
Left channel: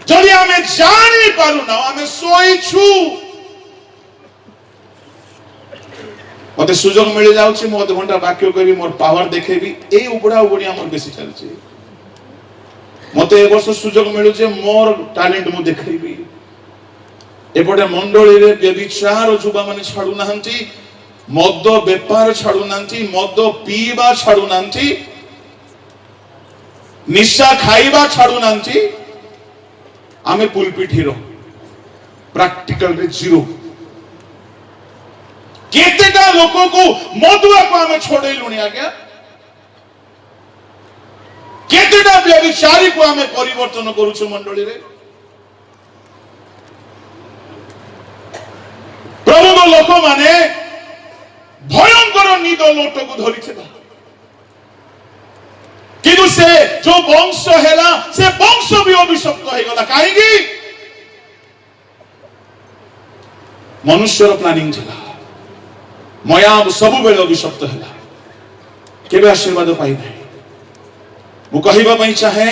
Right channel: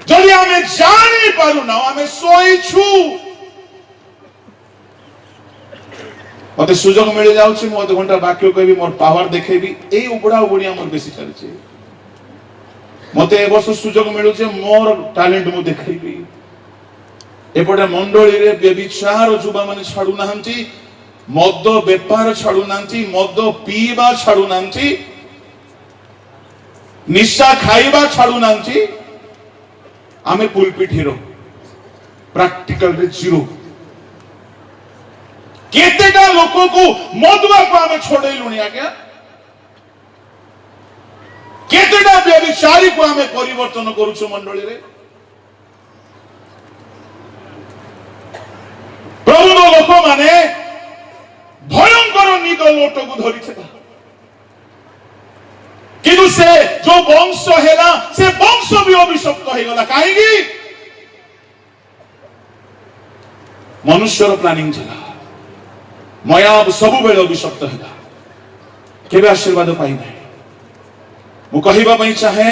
जदि आमे जानि पारु ना आमे सोइछु मते सुजोग मिल जाउछि मो 2 घंटा बाकी कहबी मोर पावर देखेबी ए उबडा उबडी हमर बेसी चलछि मते ए वर्ष सुजोग मिलु जे मोर टैलेंट मु देखेबी एपटे मंडली रे व्यभिचार जुबा माने छाडू नाहंती मद बेपार छाड़ू नांती मद पीवा छाड़ू नांती निशा खाइबा छाड़ू नांती आमे पुलपिट हिरो प्रैक्टिकल रे जीरो केतेटा लोको को मदुआ को आमे छोड़ेलुनी आज्ञा केतेटा व्यभिचारी को आमे परिवर्तन करूछु मंडली रे प्रभु लोक माने भयंकर निद लोट को धरी किंतु से जो वंश हैला से वंश भी अभिशप्त हो गला काहेकि मनुष्यर प्लानिंग थिला मया सब बेले अभिशप्त हैला केबे आशीर्वाद पाई नै मु कहिबा पई चाहे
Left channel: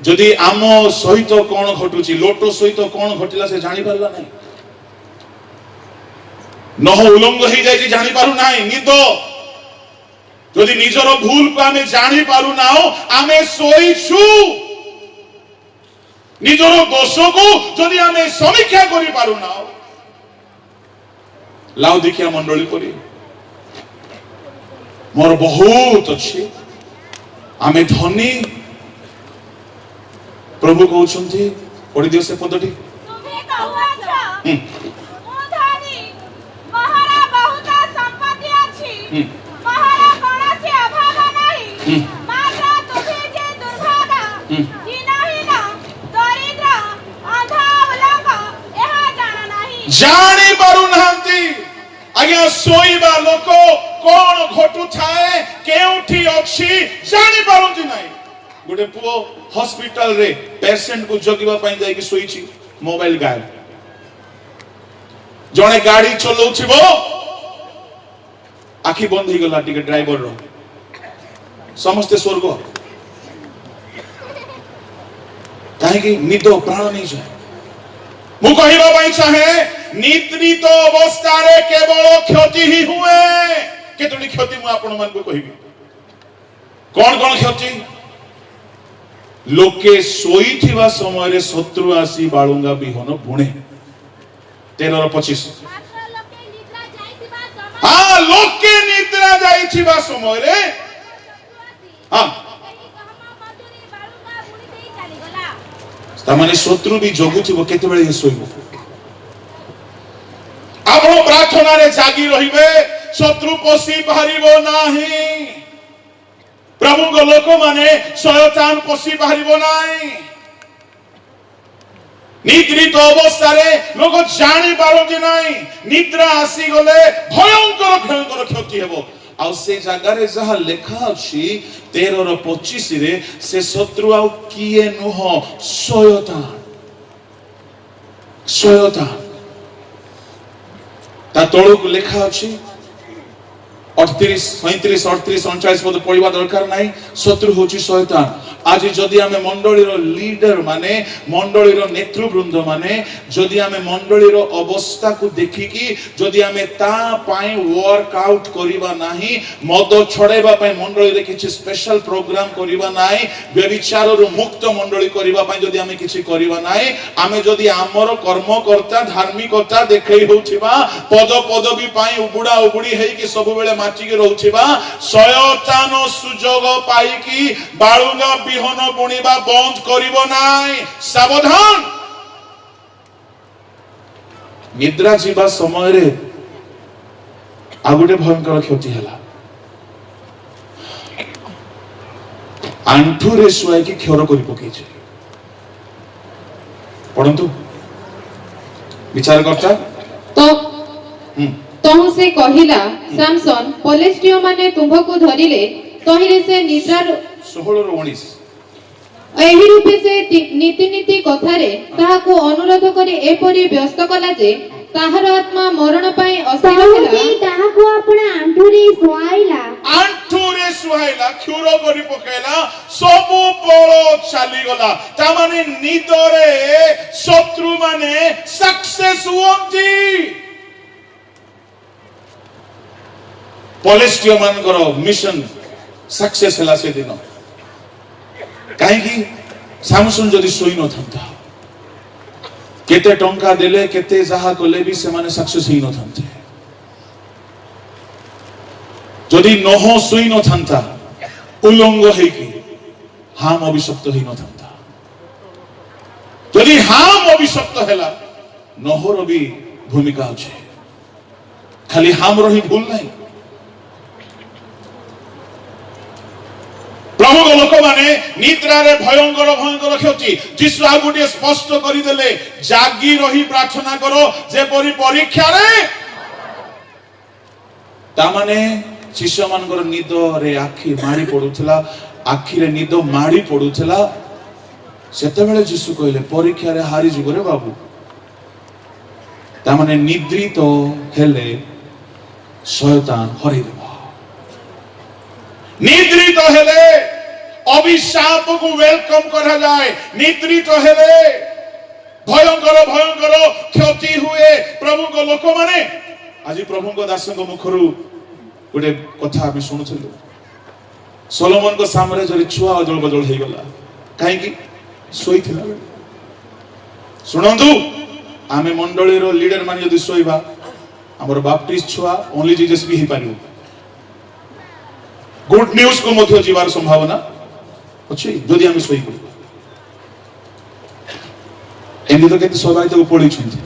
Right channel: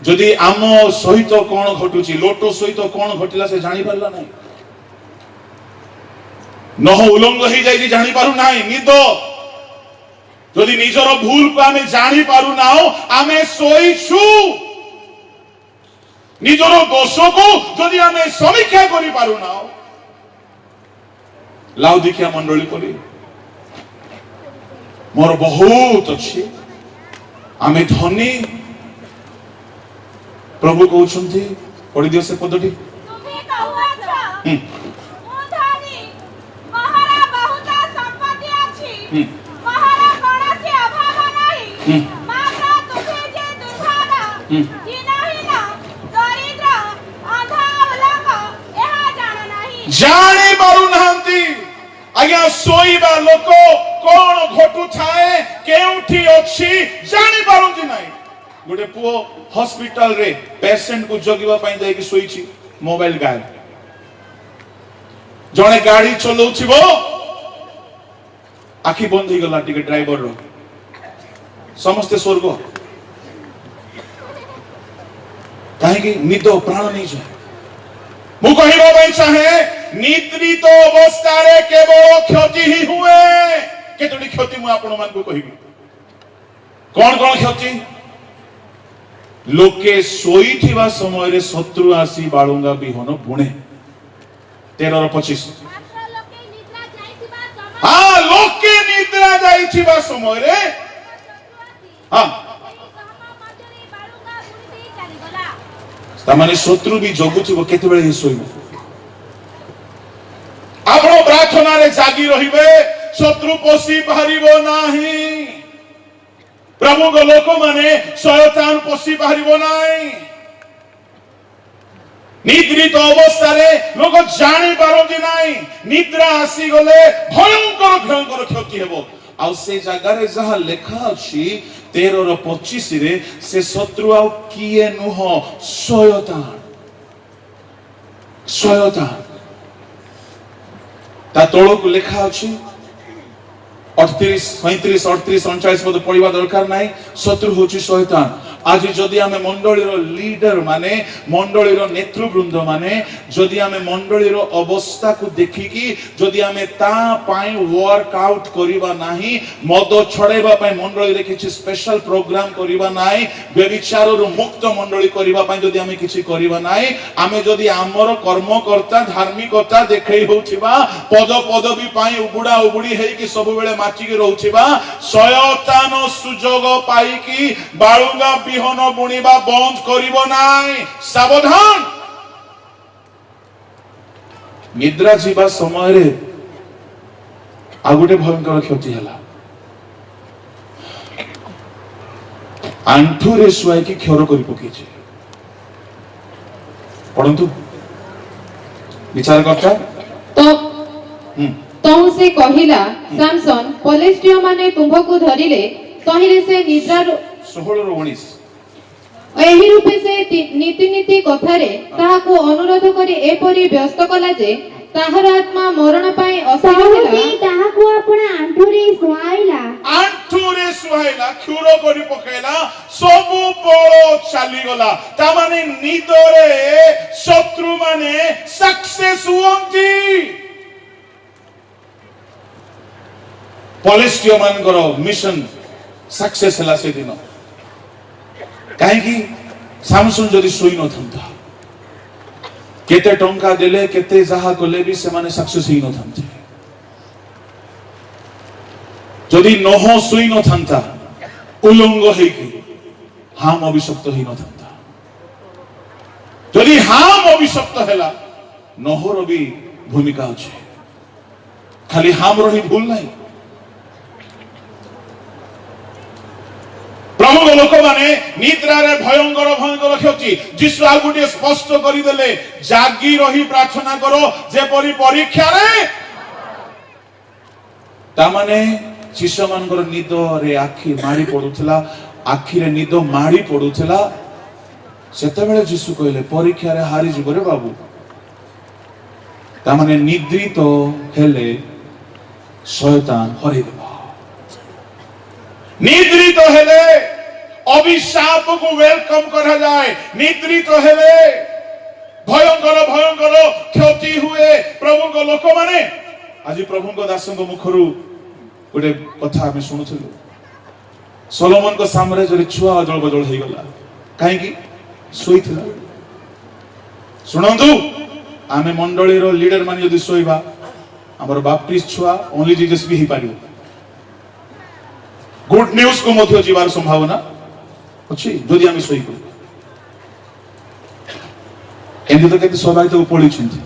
जदि आम सहित कोन घटुची लोट सहित कोन घटिला से जानि परला नै नह उलंग हो जाए जानी पारु ना निद जदि निजर भूल को आमे जानी पारु ना आमे सोईछु निजर दोष को जदि आमे समीक्षा करि पारु ना लाउदिकिया मंडली करी मोर बहुत अच्छी आमे धनी प्रभु कहउछंती पढि दियो से पदटी महारा कोनसे अभाव नाही माता तुझे जे दुर्भागा दीनहीन दरिद्र अंधा लोक एहा जान नाही जानी पारु नांती आज्ञा सोईबा लोक कोन घटु थाए केउठी अछि जानी पारुंती नाही गोटे पुओ हॉस्पिटल रे पेशेंट को जगिबा पई जाई कि सोईछि मोबाइल गाय जने गाड़ी चलौछिबो आखि बंद हो गला टिके ड्राइवर रो समस्त स्वर्ग काहे कि निद प्राण नहीं जाए मु कहिबा भाई चाहे निद्रित अवस्था रे केवल क्षति ही हुए केतोडी क्षति मु आपण मान को कहिबी कोन कोन क्षति लोके सोई थिबा समय रे शत्रु आसी बाळुंगा बिहन बुणे 13:25 हाँ लोके निद्रा जाइछिबा समय रे हाँ तामाने शत्रु भी जगुथिबो केतेबेले हे सोइबो आपण प्रार्थना रे जागी रहिबे शत्रु पसी पारिबो नाही प्रभु को लोक माने शयतान पसी पारिबो नाही निद्रित अवस्था रे लोक जानि पारंती नाही निद्रा आसी गले भयंकर भयंकर क्षति हेबो आ से जगह रे जहा लेखा अछि 13:25 रे से शत्रु आ किए नुह शयतान शयतान ता तळक लेखा अछि 38 35 38 39 पद पढिबा दरकार नाही शत्रु होछि शयतान आज जदि आमे मंडलीर लीडर माने मंडलीर नेतृवृंद माने जदि आमे मंडलीर अवस्था को देखिकी जदि आमे ता पाई वर्कआउट करिबा नाही मद छडेबा पाई मंडली रे किछि स्पेशल प्रोग्राम करिबा नाही व्यभिचारर मुक्त मंडली करिबा पाई जदि आमे किछि करिबा नाही आमे जदि आमर कर्मकर्ता धार्मिकता देखै होउथिबा पद पदवी पाई उबुडा उबुडी हेकी सब बेले माटी के रहउथिबा शयतान सुजोग पाई की बाळुंगा बिहन बुणीबा बंद करिबो नाही सावधान निद्रा जीवा समय रे आ गुटे भयंकर क्षति हला आंठू रे सुआई की क्षर करि पकै छै परंतु विचार करता तो से कहिला सैमसन पलेस्टियो माने तुम्हको धरिले कहिले से निद्रा 16-19 एही रूपे से नीति नीति कथारे ताहाको अनुरोध करी एपरि व्यस्त कला जे ताहार आत्मा मरण पाए असीर होला से ताहाको आपण आंठुरे सुआइला क्षुर करि पकेला सब बळ चाली गला ता माने निदरे शत्रु माने सक्सेस हुअंती पलेस्टियो मानकर मिशन सक्सेस हला से दिन काहे कि सामसुन जदि सोई न थंता केते टंका देले केते जाहा कोले भी से माने सक्सेस ही न थंते जदि नह सोई न थंता उलंग हे कि हाम अभिशप्त ही न थंता जदि हाम अभिशप्त हला नहर भी भूमिका अछि खाली हाम रही भूल नहीं प्रभु के लोक माने निद्रा रे भयंकर भयंकर क्षति जिसु आ गुटे स्पष्ट करि देले जागी रही प्रार्थना करो जे परि परीक्षा रे ता माने शिष्य मानकर निद रे आखी माड़ी पडुथला आखी रे निद माड़ी पडुथला सेते बेले जिसु कहले परीक्षा रे हारि जिवो रे बाबू ता माने निद्रित हेले शयतान हरि देबो निद्रित हेले अभिशाप को वेलकम करा जाए निद्रित हेले भयंकर भयंकर क्षति हुए प्रभु को लोक माने आज प्रभु को दासों को मुखरु गोटे कथा हम सुनुथलु सोलोमन को सामने जरे छुआ अजल बजल हे गला काहे कि सोइथिला सुनंदु आमे मंडली रो लीडर माने यदि सोइबा हमर बाप्टिस्ट छुआ ओनली जीसस भी ही पारियो गुड न्यूज को मध्य जीवार संभावना अछि जदि आमे सोई को एंदी तो केते सोगाई तो पड़ी छिंती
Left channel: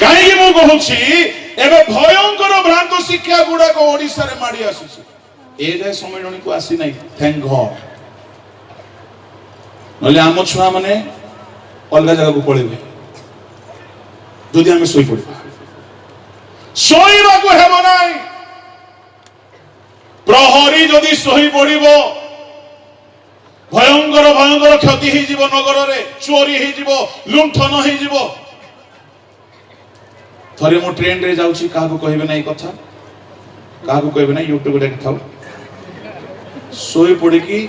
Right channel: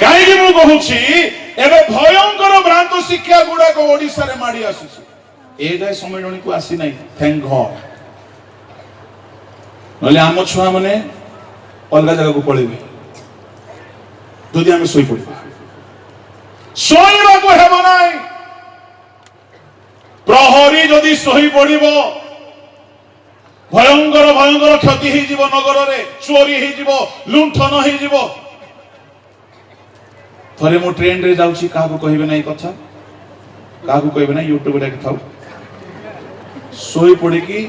काहे कि मु कहूछि एबे भयंकर भ्रांत शिक्षा गुडा को ओडिसा रे माडी आसुछि ए जे समयणी को आसी नै थैंक गॉड नले आम छुआ माने अलगा जगह को पळेबे जदि आमे सोई पड़ी सोईबा को हेबो नै प्रहरी जदि सही पड़िबो भयंकर भयंकर क्षति ही जीव नगर रे चोरी ही जीव लुंठन ही जीव थरे मु ट्रेन रे जाउची काहको कहबे नै कथा काहको कहबे नै यूट्यूब रे देखाउ सोई पड़ी की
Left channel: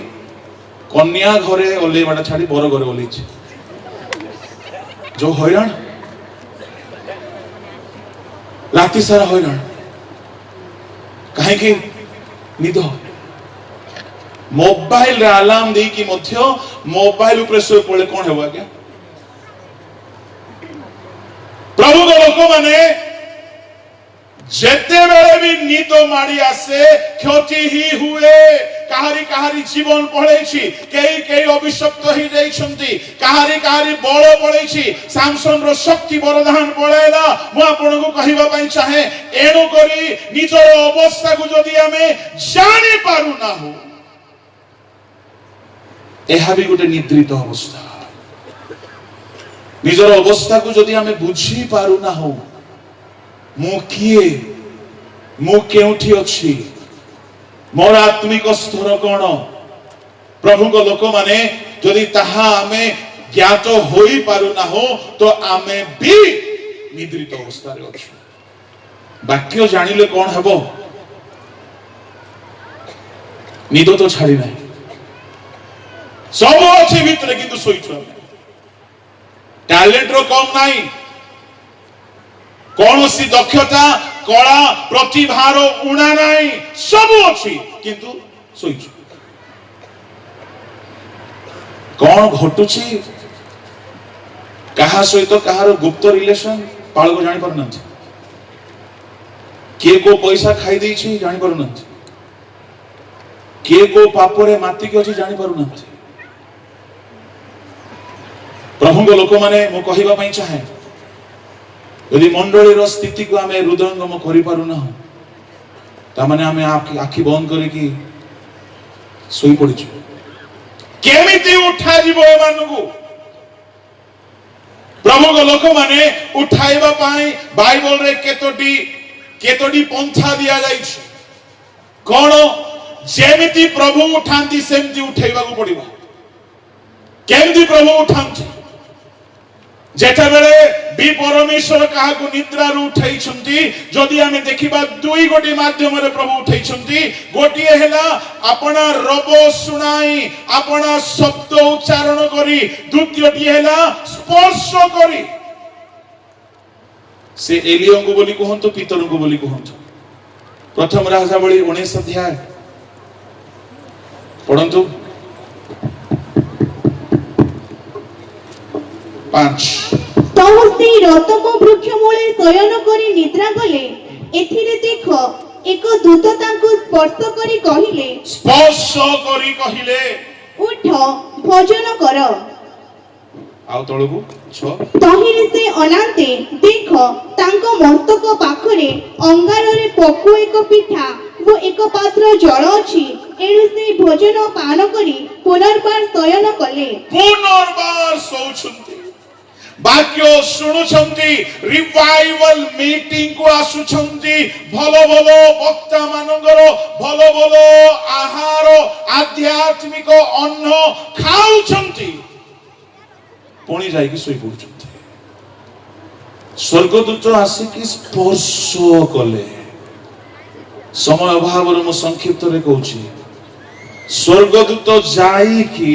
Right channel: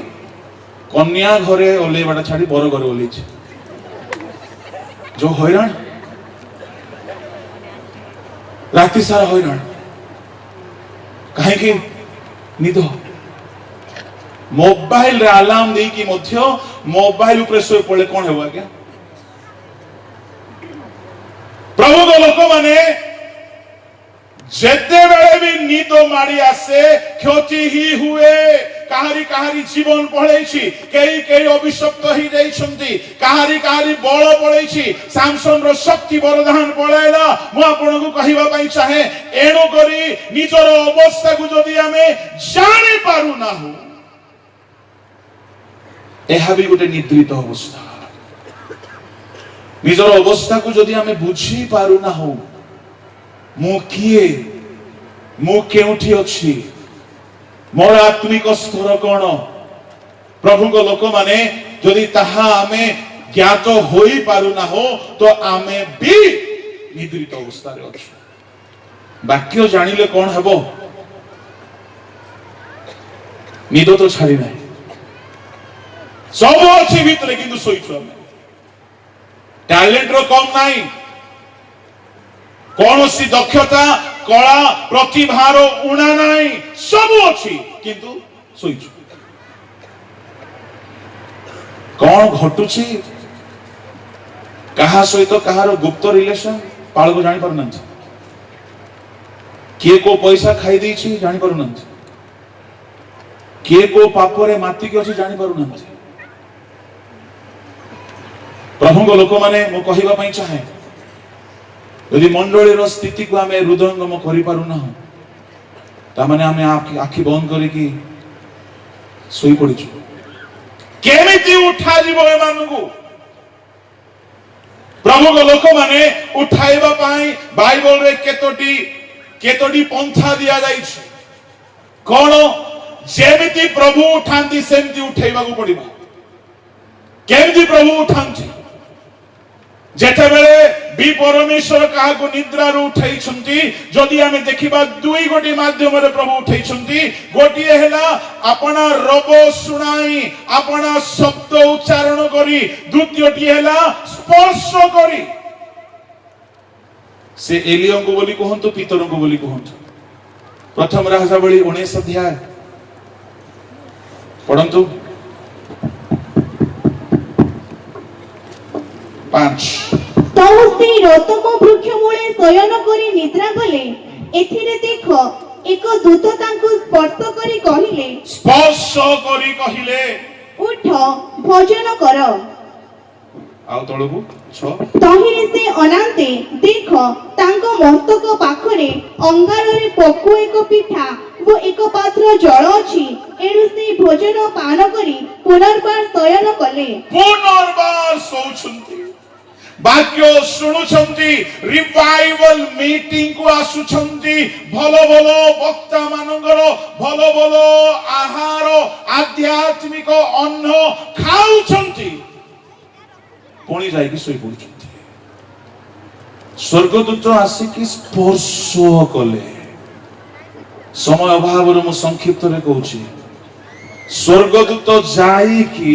कन्या घरे ओले बाटा छाडी बर घरे ओलेछि जो हैरान राति सारा हैरान काहे कि निद मोबाइल रे अलार्म दे कि मध्य मोबाइल ऊपर सोई पड़े कोन हेबा के प्रभु को लोक माने যেতে বেলে বি নিদ মারি আসে ক্ষতি হি হুয়ে কাহারি কাহারি জীবন পড়েছি কেই অভিশপ্ত হি যাইছন্তি কাহারি কাহারি বড় পড়েছি স্যামসন র শক্তি বরদান পড়েলা মু আপনাଙ୍କୁ କହିବା ପାଇଁ ଚାहे ଏଣୁ କରି ନିଜର ଅବସ୍ଥାକୁ ଯଦି ଆମେ ଜାଣି ପାରୁ ନାହୁ ଏହା ବି ଗୋଟେ ନିଦ୍ରିତ ଅବସ୍ଥା ନିଜର ଅବସ୍ଥାକୁ ଯଦି ଆମେ ବୁଝି ପାରୁ ନାହୁ ମୁଁ କିଏ ମୁଁ କେଉଁଠି ଅଛି ମୋର ଆତ୍ମିକ ସ୍ତର କଣ ପ୍ରଭୁଙ୍କ ଲୋକମାନେ ଯଦି ତାହା ଆମେ ଜ୍ଞାତ ହୋଇ ପାରୁନାହୁ ତ ଆମେ ବି ନିଦ୍ରିତ ଅବସ୍ଥାରେ ଅଛୁ ବାକ୍ୟ ଜାଣିଲେ କଣ ହେବ ନିଦ ତ ଛାଡ଼ି ନାହିଁ ସବୁ ଅଛି ଭିତରେ କିନ୍ତୁ ଶୋଇଛୁ ଆମେ ଟ୍ୟାଲେଣ୍ଟର କମ ନାହିଁ କୌଣସି ଦକ୍ଷତା କଳା ପ୍ରତିଭାର ଉଣା ନାହିଁ ସବୁ ଅଛି କିନ୍ତୁ ଶୋଇଛୁ କଣ ଘଟୁଛି କାହା ସହିତ କାହାର ଗୁପ୍ତ ରିଲେସନ ପାଳକ ଜାଣିପାରୁନାହାନ୍ତି କିଏ କୋ ପଇସା ଖାଇ ଦେଇଛି ଜାଣିପାରୁନାହାନ୍ତି କିଏ କୋ ପାପରେ ମାତିକି ଅଛି ଜାଣିପାରୁନାହାନ୍ତି ପ୍ରଭୁଙ୍କ ଲୋକମାନେ ମୁଁ କହିବା ପାଇଁ ଚାହେଁ ଯଦି ମଣ୍ଡଳୀର ସ୍ଥିତିକୁ ଆମେ ହୃଦୟଙ୍ଗମ କରିପାରୁନାହୁଁ ତାମାନେ ଆମେ ଆଖି ବନ୍ଦ କରିକି ଶୋଇପଡ଼ିଛୁ କେମିତି ଉଠାଯିବ ଏମାନଙ୍କୁ ପ୍ରଭୁଙ୍କ ଲୋକମାନେ ଉଠାଇବା ପାଇଁ ବାଇବଲରେ କେତୋଟି ପନ୍ଥା ଦିଆଯାଇଛି କଣ ଯେମିତି ପ୍ରଭୁ ଉଠାନ୍ତି ସେମିତି ଉଠେଇବାକୁ ପଡିବ କେମିତି ପ୍ରଭୁ ଉଠାନ୍ତି ଯେତେବେଳେ ବି ପରମେଶ୍ୱର କାହାକୁ ନିଦ୍ରାରୁ ଉଠେଇଛନ୍ତି ଯଦି ଆମେ ଦେଖିବା ଦୁଇ ଗୋଟି ମାଧ୍ୟମରେ ପ୍ରଭୁ ଉଠେଇଛନ୍ତି ଗୋଟିଏ ହେଲା ଆପଣ ରବ ଶୁଣାଇ ଆପଣ ଶବ୍ଦ ଉଚ୍ଚାରଣ କରି ଦ୍ୱିତୀୟଟି ହେଲା ସ୍ପର୍ଶ କରି ସେ ଏଲିୟଙ୍କୁ ବୋଲି କୁହନ୍ତୁ ପିତରଙ୍କୁ ବୋଲି କୁହନ୍ତୁ ପ୍ରଥମ ରାଜାବଳୀ 19 ଅଧ୍ୟାୟ ପଢନ୍ତୁ 5 ତହସେ ରତମ ବୃକ୍ଷ ମୂଳେ ଶୟନ କରି ନିଦ୍ରା କଲେ ଏଥିରେ ଦେଖ ଏକ ଦୂତ ତାଙ୍କୁ ସ୍ପର୍ଶ କରି କହିଲେ ଉଠ ଭୋଜନ କର ଆଉ ତଳକୁ 6 ତହିଁରେ ସେ ଅନାନ୍ତେ ଦେଖ ତାଙ୍କ ମସ୍ତକ ପାଖରେ ଅଙ୍ଗାରରେ ପକୁଆ ଏକ ପିଠା ଓ ଏକ ପାତ୍ର ଜଳ ଅଛି ଏଣୁ ସେ ଭୋଜନ ପାନ କରି ପୁନର୍ବାର ଶୟନ କଲେ ପୁନର୍ବାର ଶୋଉଛନ୍ତି ବାକ୍ୟ ଶୁଣୁଛନ୍ତି ରିଭାଇଭାଲ ମିଟିଂ କୁ ଆସୁଛନ୍ତି ଭଲ ଭଲ ବକ୍ତା ମାନଙ୍କର ଭଲ ଭଲ ଆହାର ଆଧ୍ୟାତ୍ମିକ ଅନ୍ନ ଖାଉଛନ୍ତି ପୁଣି ଯାଇକି ଶୋଇ ପଡୁଛନ୍ତି ସ୍ୱର୍ଗଦୂତ ଆସିକି ସ୍ପର୍ଶ କଲେ ସମୟ ଅଭାବରୁ ମୁଁ ସଂକ୍ଷିପ୍ତରେ କହୁଛି ସ୍ୱର୍ଗଦୂତ ଯାଇକି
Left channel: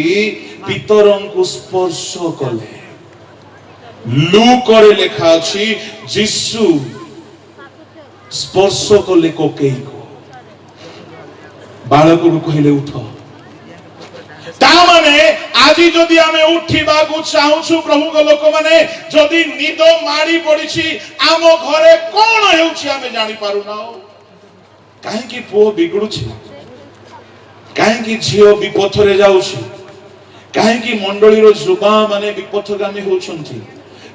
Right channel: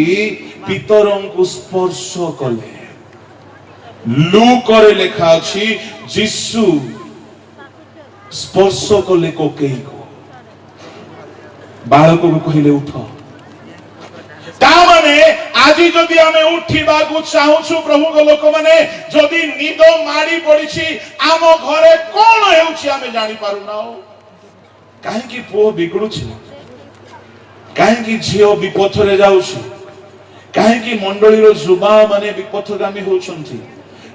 ପିତରଙ୍କୁ ସ୍ପର୍ଶ କଲେ ଲୁକରେ ଲେଖା ଅଛି ଯୀଶୁ ସ୍ପର୍ଶ କଲେ କୋକେଇକୁ ବାଳକକୁ କହିଲେ ଉଠ ତାମାନେ ଆଜି ଯଦି ଆମେ ଉଠିବାକୁ ଚାହୁଁଛୁ ପ୍ରଭୁଙ୍କ ଲୋକମାନେ ଯଦି ନିଦ ମାଡ଼ି ପଡିଛି ଆମ ଘରେ କଣ ହେଉଛି ଆମେ ଜାଣିପାରୁନାହୁଁ କାହିଁକି ପୁଅ ବିଗୁଡୁଛି କାହିଁକି ଝିଅ ବିପଥରେ ଯାଉଛି କାହିଁକି ମଣ୍ଡଳୀର ଯୁବା ମାନେ ବିପଥଗାମୀ ହେଉଛନ୍ତି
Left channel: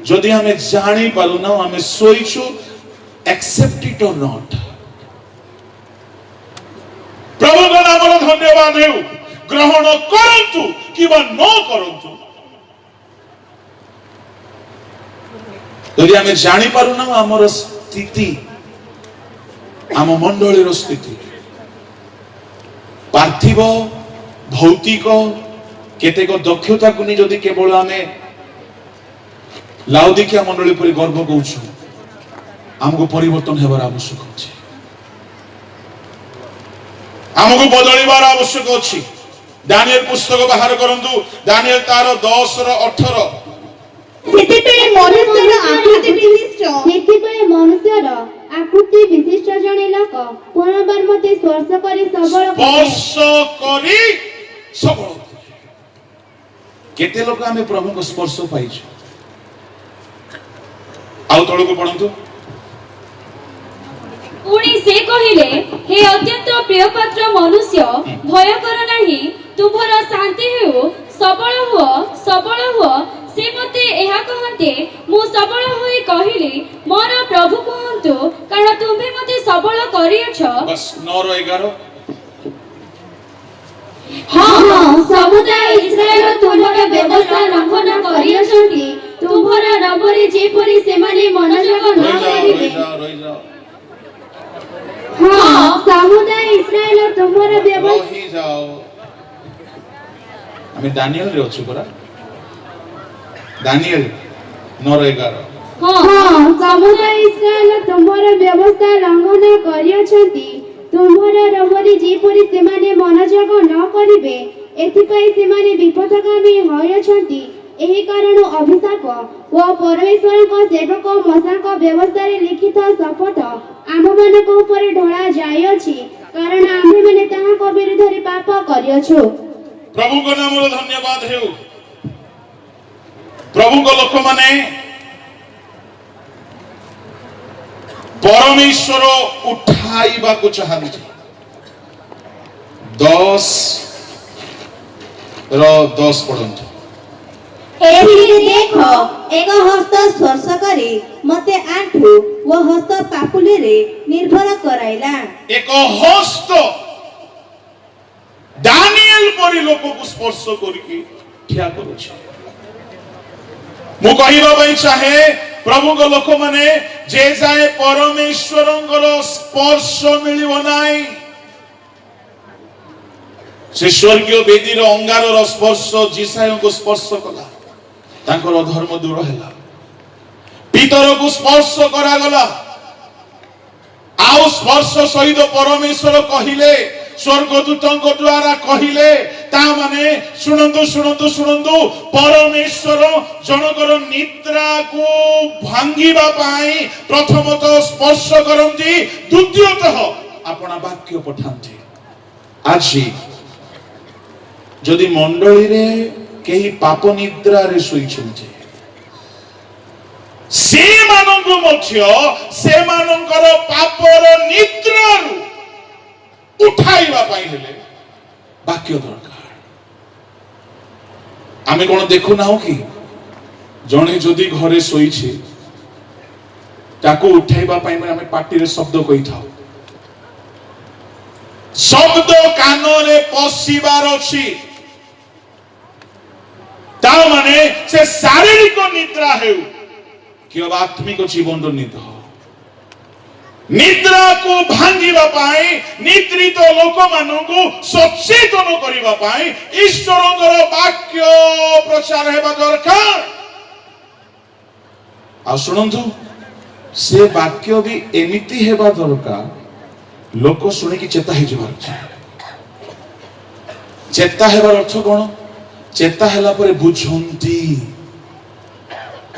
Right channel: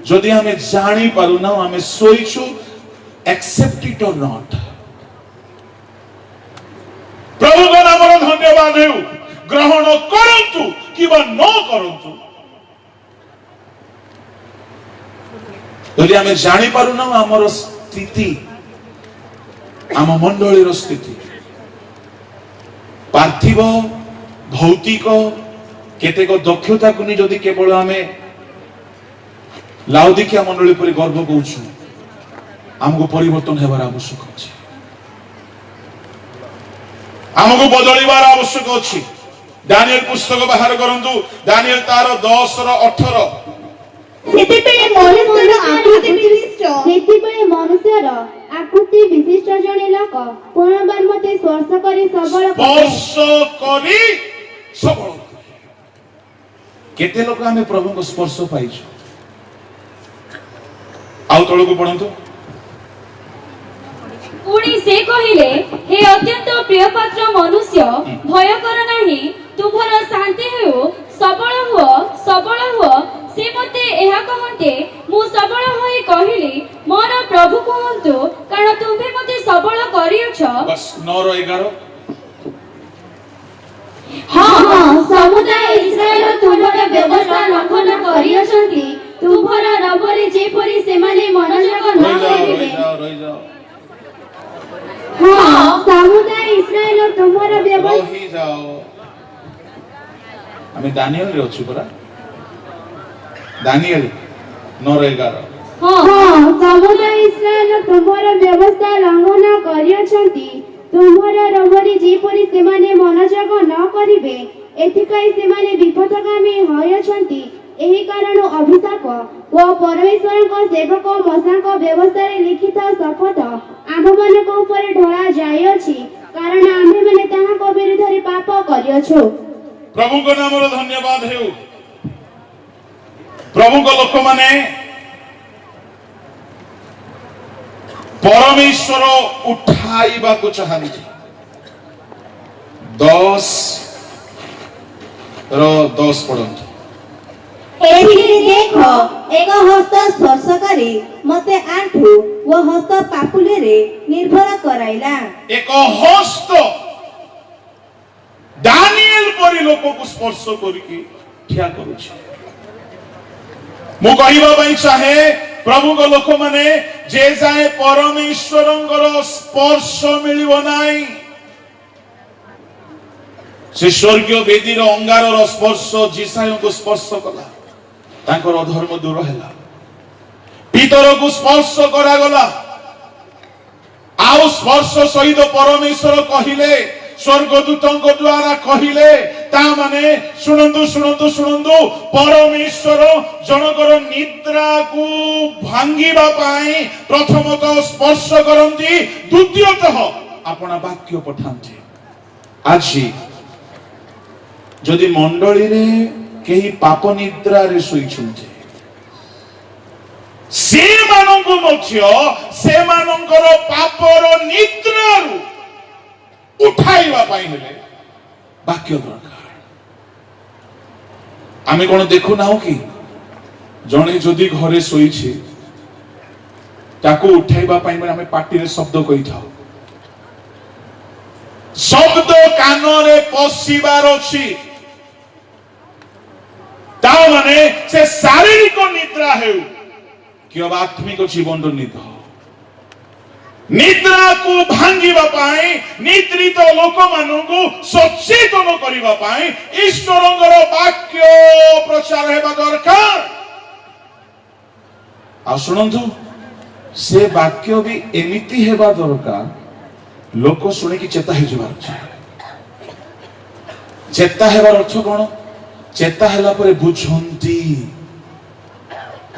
ଯଦି ଆମେ ଜାଣିପାରୁନା ଆମେ ଶୋଇଛୁ accept it or not ପ୍ରଭୁଙ୍କ ନାମର ଧନ୍ୟବାଦ ହେଉ ଗ୍ରହଣ କରନ୍ତୁ କିମ୍ବା ନ କରନ୍ତୁ ଯଦି ଆମେ ଜାଣିପାରୁନା ଆମର ସ୍ଥିତି ଆମ ମଣ୍ଡଳୀର ସ୍ଥିତି ପାର୍ଥିବ ଭୌତିକ କେତେକ ଦକ୍ଷତାକୁ ନେଇ ଯଦି କେବଳ ଆମେ ଲାଉଦିକିଆ ମଣ୍ଡଳୀ ଉପରେ ଗର୍ବ କରୁଛୁ ଆମକୁ ପରିବର୍ତ୍ତନ ହେବାର ଆବଶ୍ୟକ ଅଛି ଆମକୁ ବଦଳିବାର ଆବଶ୍ୟକ ଅଛି ଦାନିଏଲ ପୁସ୍ତକ ବାହାର କରନ୍ତୁ ଦାନିଏଲ ତାର 10 ର 18 ସେଥିପାଇଁ ମନୁଷ୍ୟର ଆକୃତି ବିଶିଷ୍ଟ ଜଣେ ଲୋକ ପୁନର୍ବାର ମତେ ସ୍ପର୍ଶ କରି ସବଳ କେତେ ଲୋକ ଆମେ ପ୍ରଭୁଙ୍କ ସ୍ପର୍ଶ ପାଇଛୁ ଆଉ ତଳକୁ ପଢନ୍ତୁ पुणी से कहिले हे अत्यंत प्रियपात्र मनुष्य भय कर नाही तुम्हारा शांति हो सबल हुओ से मते एहा कहते मु सबल होई कहिली मोर प्रभु कहंतु कारण तुम्हे मते सबल करियछ। बस 9:11 हाँ समुदाय इस्राएल तुम्हारा व्यवस्था लंघन करियछंती तुम्हारा रबरे जेपरि सेमाने मनोजग न करिवे। हाँ समुदाय इस्राएल तुम्हारा व्यवस्था रही जाओ। हमें दानिएल रे अछि परा दानिएल 9:11 हाँ समुदाय इस्राएल तुम्हारा व्यवस्था लंघन करियछंती तुम्हारा रबरे जेपरि सेमाने मनोजग न करिवे एथिपाई सेमाने विपदगामी होयछंती एही कारण अभिशाप व परमेश्वरଙ୍କ सेवक मोशेଙ୍କ व्यवस्थाରେ लिखित शपथ आमମାନଙ୍କ ଉପରେ ढळा ଯାଇଅଛି कारण आम्भेମାନେ ତାହାଙ୍କ ବିରୁଦ୍ଧରେ ପାପ କରିଅଛୁ। प्रभुଙ୍କ नामରେ धन्यवाद हेउ। प्रभुଙ୍କ ଲୋକମାନେ परमेश्वर उठाइबाको चाहନ୍ତି 10 पढନ୍ତୁ। एथिरे देख एक हस्त स्पर्श करी मते आंठू व हस्त पापुले रे निर्भर कराइला। एक हस्त दानिएल परि लोक को स्पर्श करिकी ठिया करूछ। मु कहिबा पई चाहे प्रभु को लोक माने जे जाए परमेश्वरंकर स्पर्श मिलिबो नाही से स्वर्गीय वेदीर अंगारर स्पर्श जिसायन को स्पर्श कला तांकर धर्म दूर हैला पितर को स्पर्श करा गला आउ स्पर्श सहित परमेश्वर कहिले स्वर्गदूतଙ୍କ द्वारा कहिले ता माने सुनंतु सुनंतु सुनंतु परमेश्वर जनकर निद्रा को भांगिबा पाई प्रथमतः स्पर्श करंती द्वितीयतः अपना वाक्य पठांती। आजी जदि मंडली रे केही पाप निद्रा रे सोइछन्ते से मानंकु मध्य से मानंकर पापर निद्रारु उठाइबा पाई हेले वाक्य दरकार। आमे कोन देखु नाउ कि जणे जदि घरे सोइछे ताको उठाइबा पाई आमे पाटी रे शब्द कहि थाउ शब्द कान रे पसिबार अछि ता माने से शारीरिक निद्रा हेउ कि आत्मिक जीवन निद्रा निद्रा को भांगिबा पाई निद्रित लोक मानकु सचेतन करिबा पाई ईश्वरंगर वाक्य प्रचार हेबा दरकार। आ सुनंतु से वाक्य भी एमिति हेबा दरकार लोक सुने कि चेता हे जबार चेता हेबार अर्थ कोन चेता हेला परे बुझंती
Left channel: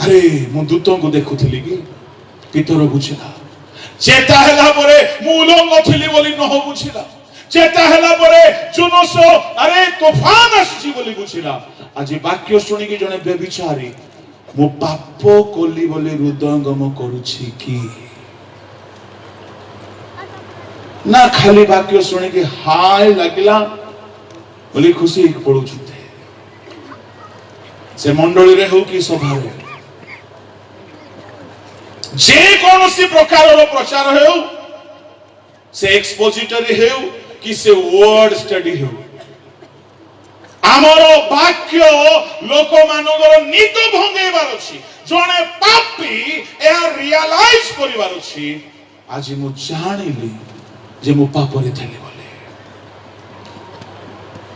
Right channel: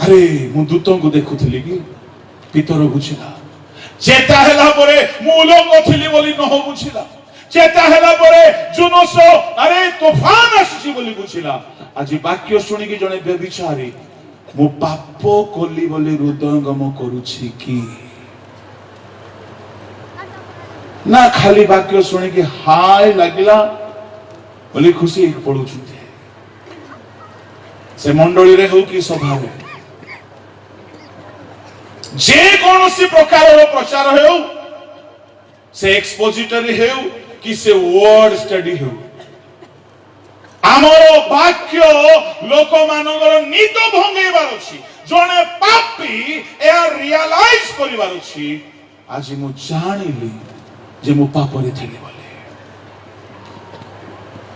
अरे मु दूतों को देखुथली कि पितर बुझिला चेता हेला परे मु उलंग थिली बोली न हो बुझिला चेता हेला परे जुमस अरे तूफान आसी बोली बुझिला आज वाक्य सुनी कि जने व्यभिचारी मु पाप कोली बोली हृदयंगम करूछि कि ना खाली वाक्य सुनी कि हाय लागिला बोली खुशी पड़ुछु से मंडली रे हो कि सभा रे जे कोनोसी प्रकार प्रचार हो से एक्सपोजिटरी हो कि से वर्ड स्टडी हो आमर वाक्य लोक मानकर निद भंगेबार अछि जने पापी ए रियलाइज करिबार अछि आज मु जानिली जे मु पाप रे थिली बोले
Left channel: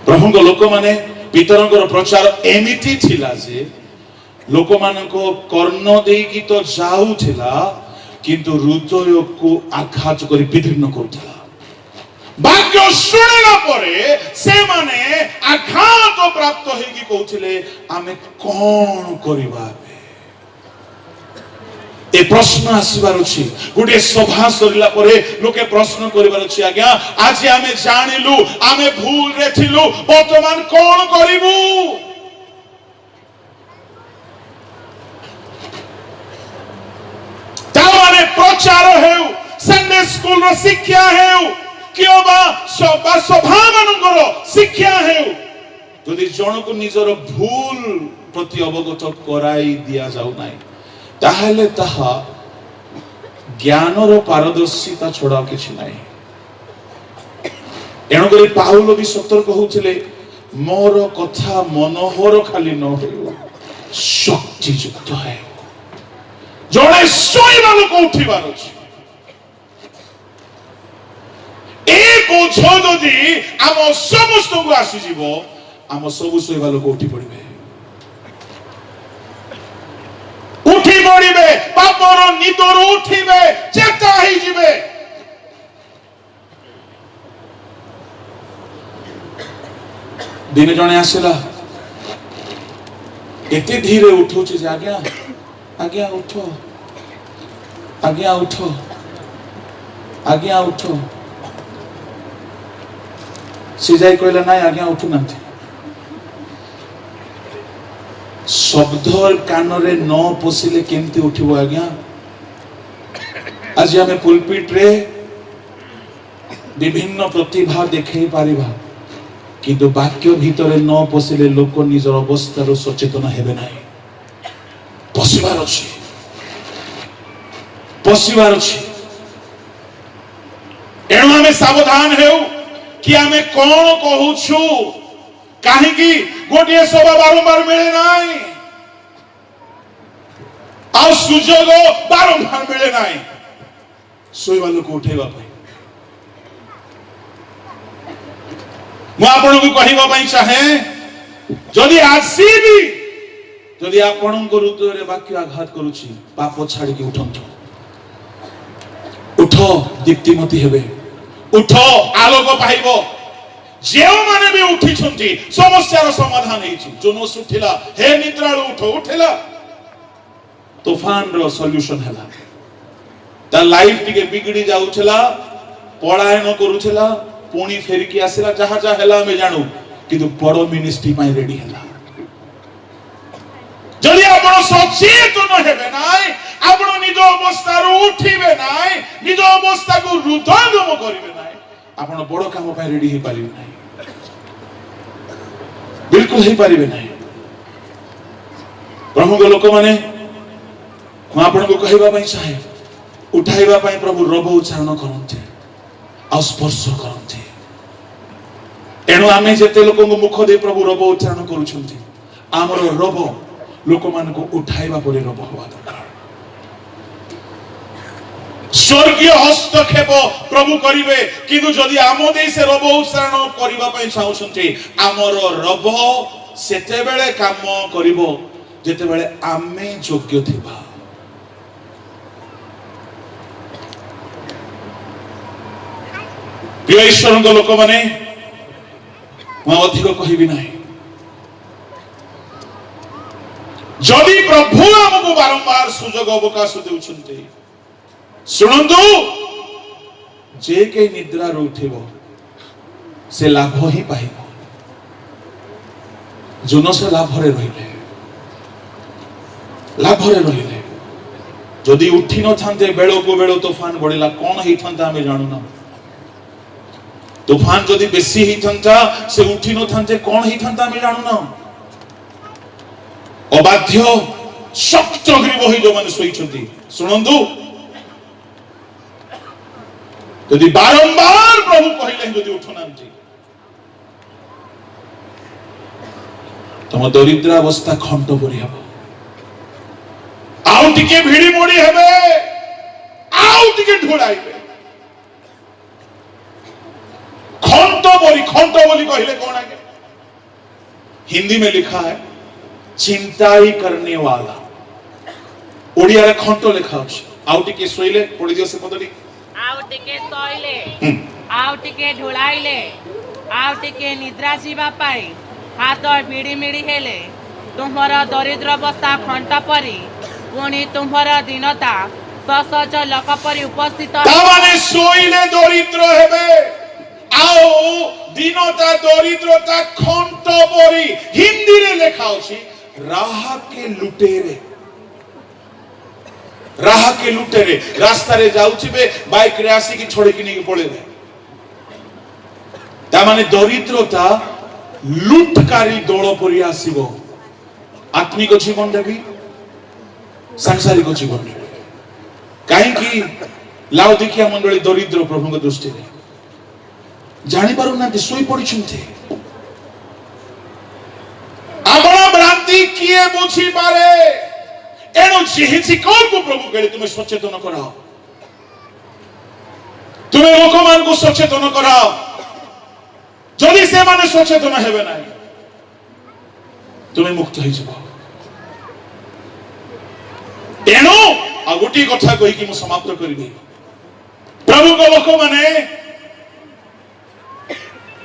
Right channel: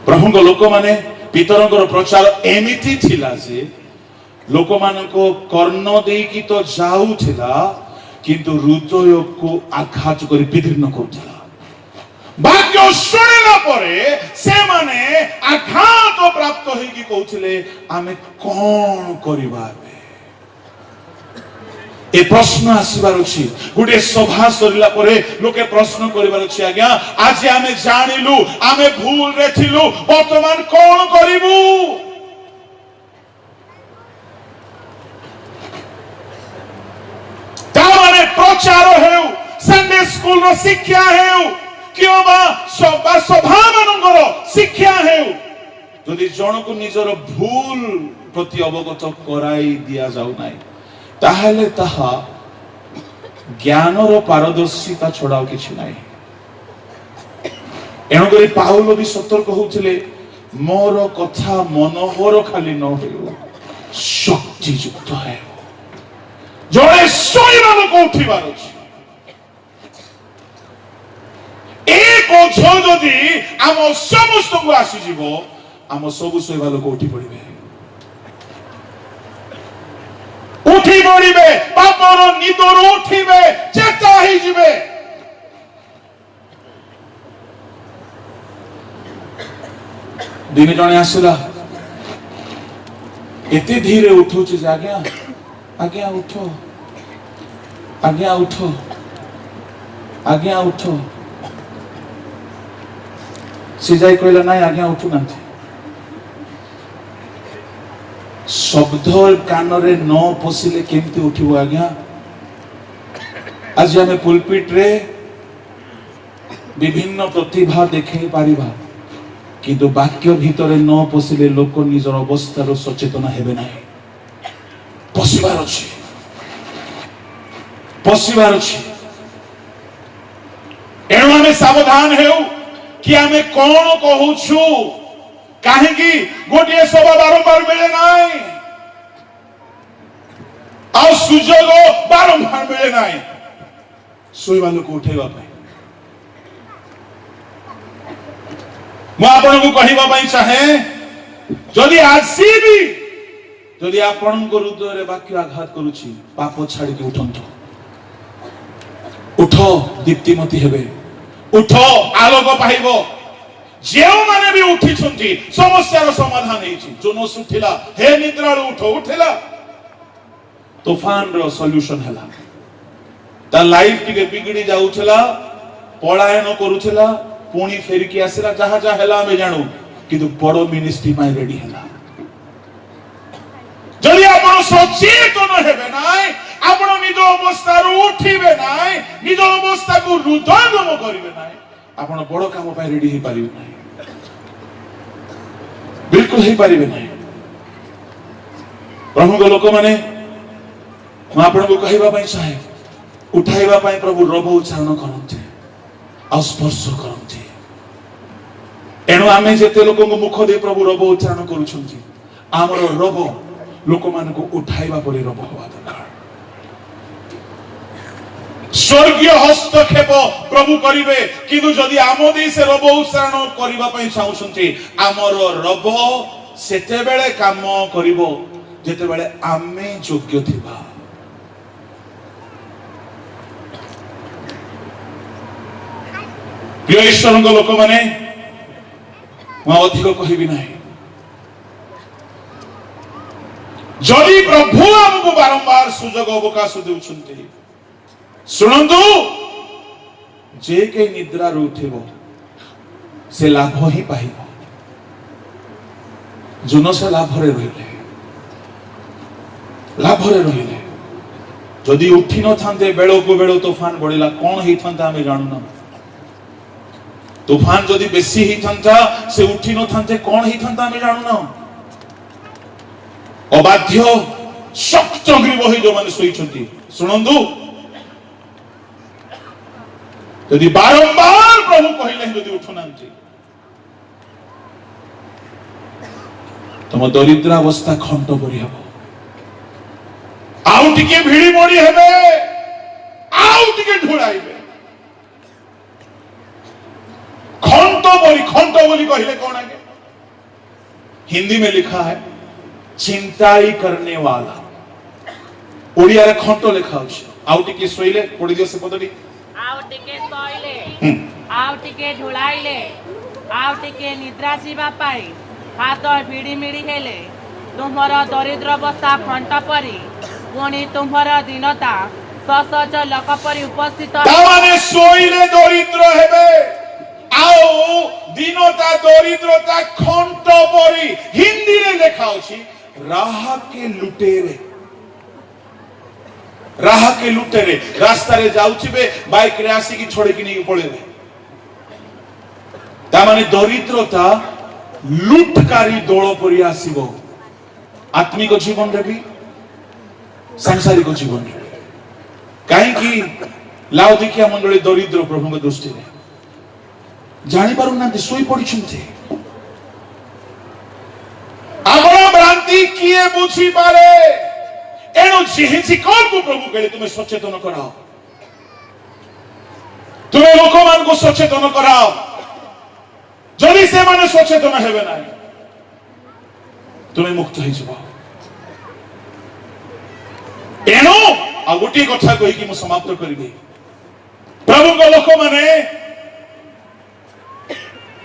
प्रभुଙ୍କ लोक माने पितरंकर प्रचार एमिति थिला जे लोक मानको कर्ण देकी तो जाऊ थिला किंतु हृदय को आघात करी विदीर्ण करथिला वाक्य सुनिला परे से माने आघात प्राप्त हेकी कहउथिले आमे कोन करिबा ए प्रश्न आसीबार अछि गुटे सभा सरला परे लोके प्रश्न करिबार अछि आज्ञा आज आमे जानिलु आमे भूल रे थिलु वर्तमान कोन करिवु तामाने प्रचार हेउ संडे स्कूल रो शिक्षा हेउ कियो बा सभा मानकर शिक्षा हेउ যদি জনক নিজর ভুল প্রতি অবগত করাই দিয়া যাও নাই তাহলে তাহা জ্ঞানর পারদর্শিতা ছড়া কিছু নাই। এণুকরি পাউল ବି ସତର୍କ ହଉଥିଲେ ମୋର କଥା ମନୋହର ଖାଲି ନ ହେଉ ଶକ୍ତିଯୁକ୍ତ ହେ। ଜଣେ ଶୋଇବା ଲୋକ ଉଠିବାର ଅଛି। ଏ ବୋଝ ଯଦି ଆମ ସମସ୍ତଙ୍କୁ ଆସିଯିବ ଆମ ସବୁ ଶୋଇବା ଲୋକ ଉଠି ପଡିବେ ପାପର ନିଦରୁ ଉଠିବେ ଚେତା ହେଇଯିବେ। ଦିନେ ଜଣେ ଆସିଲା ଏତେ ଧୀରେ ଉଠୁଛି ଯେ ଆଜ୍ଞା ଆଜ୍ଞା ଉଠ ଆଜ୍ଞା ଉଠ ଆଜ୍ଞା ଉଠ। ସେ ଯାଇ କହିଲା ନାଇଁ ଆଜ୍ଞା ଉଠୁନାହାନ୍ତି। ଶବ୍ଦ କାନରେ ନ ପଶିଲେ କେମିତି ଉଠିବ ଆଜ୍ଞା? ଆଜି ଆମେ ପୁଲପିଟରେ ବିଭିନ୍ନ ପ୍ରତିଭା ଦେଖେଇ ପାରିବା କିନ୍ତୁ ବାକ୍ୟ ଭିତରେ ନ ପଶିଲେ ଲୋକ ନିଜର ଅବସ୍ଥାରୁ ସଚେତନ ହେବେ ନାହିଁ। ପଶିବାର ଅଛି ପଶିବାର ଅଛି। ଏଣୁ ଆମେ ସାବଧାନ ହେଉ କି ଆମେ କଣ କହୁଛୁ। କାହିଁକି ଗୋଟିଏ ସଭା ବାରମ୍ବାର ମିଳେ ନାହିଁ ଆଉ ସୁଯୋଗ ବାରମ୍ବାର ମିଳେ ନାହିଁ ଶୋଇବା ଲୋକ ଉଠେଇବା ପାଇଁ। ମୁଁ ଆପଣଙ୍କୁ କହିବା ପାଇଁ ଚାହେଁ ଯଦି ଆସିବି ଯଦି ଆପଣଙ୍କ ହୃଦୟରେ ବାକ୍ୟ ଆଘାତ କରୁଛି ପାପ ଛାଡ଼ିକି ଉଠନ୍ତୁ। ଉଠ ଦୀପ୍ତିମତୀ ହେବେ ଉଠ ଆଲୋକ ପାଇବ। ଯେଉଁମାନେ ବି ଉଠିଛନ୍ତି ସମସ୍ୟାର ସମାଧାନ ହେଇଛି। ଜୋନସ୍ ଉଠିଲା ହେ ନିଦ୍ରାଳୁ ଉଠ ଉଠିଲା ତୋଫାନର ସଲ୍ୟୁସନ ହେଲା। ତା ଲାଇଫ ଟିକେ ବିଗିଡି ଯାଉଥିଲା ପଳାୟନ କରୁଥିଲା ପୁଣି ଫେରିକି ଆସିଲା। ଯାହା ଯାହା ହେଲା ଆମେ ଜାଣୁ କିନ୍ତୁ ବଡ ମିନିଷ୍ଟ୍ରି ପାଇଁ ରେଡି ହେଲା। ଯଦି ଆପଣ ସଚେତନ ହେବେ ନାହିଁ ଆପଣ ନିଜ ଅବସ୍ଥାରୁ ଉଠିବେ ନାହିଁ ନିଜ ଅବସ୍ଥାକୁ ହୃଦୟଙ୍ଗମ କରିବେ ନାହିଁ ଆପଣ ବଡ କାମ ପାଇଁ ରେଡି ହେଇପାରିବେ ନାହିଁ ବିଲକୁଲ ହେଇପାରିବେ ନାହିଁ। ପ୍ରଭୁଙ୍କ ଲୋକମାନେ ମୁଁ ଆପଣଙ୍କୁ କହିବା ପାଇଁ ଚାହେଁ ଉଠାଇବା ପାଇଁ ପ୍ରଭୁ ରବ ଉଚ୍ଚାରଣ କରନ୍ତି ଆଉ ସ୍ପର୍ଶ କରନ୍ତି। ଏଣୁ ଆମେ ଯେତେ ଲୋକଙ୍କୁ ମୁଖ ଦେଇ ପ୍ରଭୁ ରବ ଉଚ୍ଚାରଣ କରୁଛନ୍ତି ଆମର ରବ ଲୋକମାନଙ୍କୁ ଉଠାଇବା ପରି ରବ ହବା ଦରକାର। ସ୍ୱର୍ଗୀୟ ହସ୍ତକ୍ଷେପ ପ୍ରଭୁ କରିବେ କିନ୍ତୁ ଯଦି ଆମ ଦେଇ ସେ ରବ ଉଚ୍ଚାରଣ କରିବା ପାଇଁ ଚାହୁଁଛନ୍ତି ଆମର ରବ ସେତେବେଳେ କାମ କରିବ ଯେତେବେଳେ ଆମେ ଯୋଗ୍ୟ ଥିବା। ପ୍ରିୟ ଈଶ୍ୱରଙ୍କ ଲୋକମାନେ ମୁଁ ଅଧିକ କହିବି ନାହିଁ। ଯଦି ପ୍ରଭୁ ଆମକୁ ବାରମ୍ବାର ସୁଯୋଗ ଅବକାଶ ଦେଉଛନ୍ତି ଶୁଣନ୍ତୁ ଯେ କେହି ନିଦ୍ରାରୁ ଉଠିବ ସେ ଲାଭ ହିଁ ପାଇବ। ଜୋନସ ଲାଭରେ ରହିଲେ ଯଦି ଉଠି ନଥାନ୍ତେ ବେଳକୁ ବେଳ ତୋଫାନ ବଢିଲା କଣ ହେଇଥାନ୍ତା ଆମେ ଜାଣୁନା। ତୋଫାନ ଯଦି ବେଶୀ ହେଇଥାନ୍ତା ସେ ଉଠି ନଥାନ୍ତେ କଣ ହେଇଥାନ୍ତା ଆମେ ଜାଣୁନା। ଅବାଧ୍ୟ ଶକ୍ତ ଗ୍ରୀବ ହୋଇ ଯୋଉମାନେ ଶୋଇଛନ୍ତି ଶୁଣନ୍ତୁ ଯଦି ବାରମ୍ବାର ପ୍ରଭୁ କହିଲେ ଯଦି ଉଠୁନାହାନ୍ତି ତମ ଦରିଦ୍ରାବସ୍ଥା ଖଣ୍ଟ ପରି ହେବ। ଆଉ ଟିକେ ଭିଡି ମୋଡି ହେବେ ଆଉ ଟିକେ ଢୋଳାଇବେ। खंट बोली कहले कौन आगे हिंदी में लिखा है चिंता ही करने वाला ओडिया रे खंट लिखा अछि आउ टिके सोइले पड़ी दियो से पदडी आउ टिके सोइले आउ टिके ढुलाइले आउ टिके निद्रा जीवा पाई हाथ बिड़ी मिड़ी हेले तुम्हारा दरिद्र अवस्था खंट परी पुणी तुम्हारा दीनता ससज लोक परी उपस्थित तामाने सोइले दरिद्र हेबे आओ दीनता दरिद्रता खंट परी हिंदी रे लिखा अछि राह के लुटेरे राह के लुटेरे रास्ता रे जाउथिबे बाइक रे आसी की छोड़ी की नहीं पड़ेबे ता माने दरिद्रता लुटकारी दौड़ परि आसीबो आत्मिक जीवन रे भी सांसारिक जीवन रे काहे की लाउदिकिया मंडली दरिद्र प्रभु के दृष्टि रे जानि पारु ना सोई पड़ी छुंथे आगरा भ्रांति किए बुझी पारे एणु जेहिची कौन को प्रभु कहले तुम्हें सचेतन कराओ तुम्हें लोक मान को सचेतन कराओ जदि से माने सचेतन हेबे ना तुम्हें मुक्त हो जाओ एणु आ गोटी कथा कहि कि म समाप्त करबी प्रभु को लोक माने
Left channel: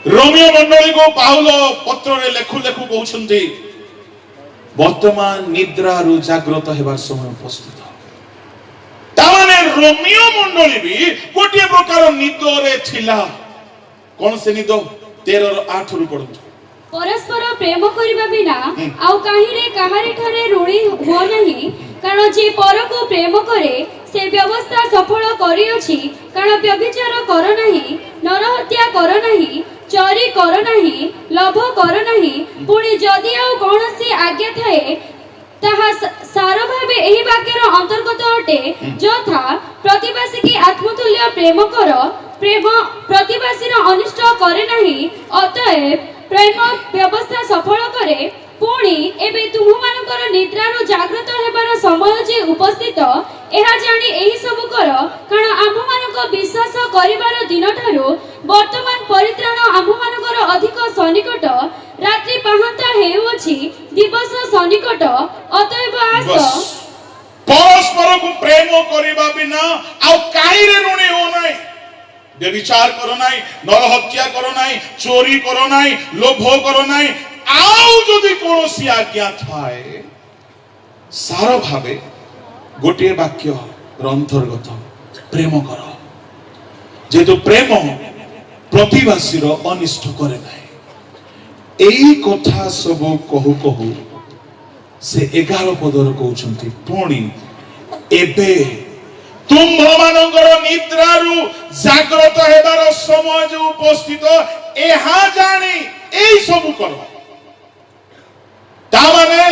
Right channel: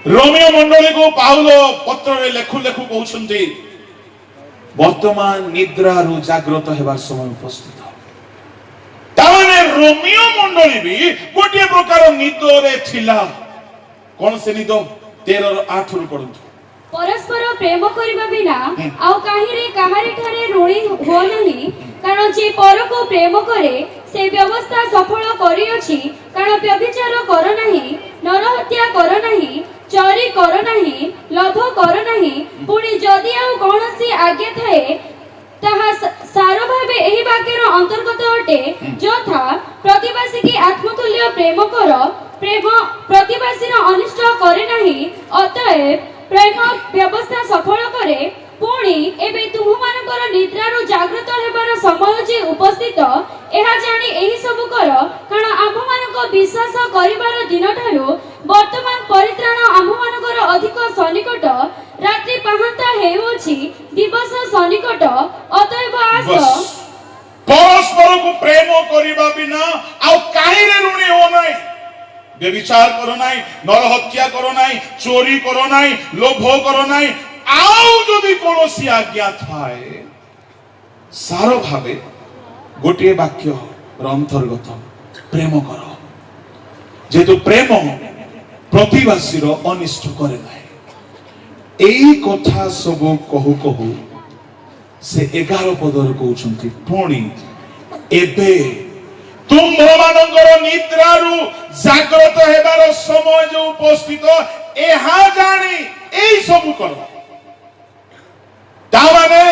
रोमियो मंडली को पाउलो पत्र रे लेखु लेखु कहउछन्ती वर्तमान निद्रा रु जागृत हेबार समय उपस्थित ताने रोमियो मंडली भी गोटे प्रकार निद रे थिला कोन से निद 13:8 रु पढु परस्पर प्रेम करिबा बिना आउ काहिरे काहारी ठारे ऋणी हो नहीं कारण जे पर को प्रेम करे से व्यवस्था सफल करी अछि कारण व्यभिचार कर नहीं नरहत्या कर नहीं चोरी कर नहीं लोभ कर नहीं पुणी जदि आउ कोनसी आज्ञा थाए ताहा सार भाबे एही वाक्यर अंतर्गत अटे यथा प्रतिवासी की आत्मतुल्य प्रेम कर प्रेम प्रतिवासी अनिष्ट करे नहीं अतएव प्रेम व्यवस्था सफल करे पुणी एबे तुम मानकर निद्रारो जागृत हेबार समय जे उपस्थित एहा जानी एही सब कर कारण आम मानक विश्वास करिवार दिन ठारू वर्तमान परित्राण आम मानकर अधिक सन्निकट रात्रि पाहंता हेउछि दिवस सन्निकट अतएव आस परस्पर को प्रेम करिबा बिना आ काई रे ऋणी हो नाही व्यभिचार करो नाही नरहत्या करो नाही चोरी करो नाही लोभ करो नाही आउ जदि कोनोसी आज्ञा थाए सार भाबे गोटे वाक्य अंतर्गत प्रेम कर जेतु प्रेम प्रतिवासी रो अनिष्ट करे नाही एई कथा सब कहू कहू से 11 पदर कहउछंती पुणी एबे तुम्भ मानकर निद्रारु जागृत हेबार समय जो उपस्थित एहा जानी एई सब कर ता माने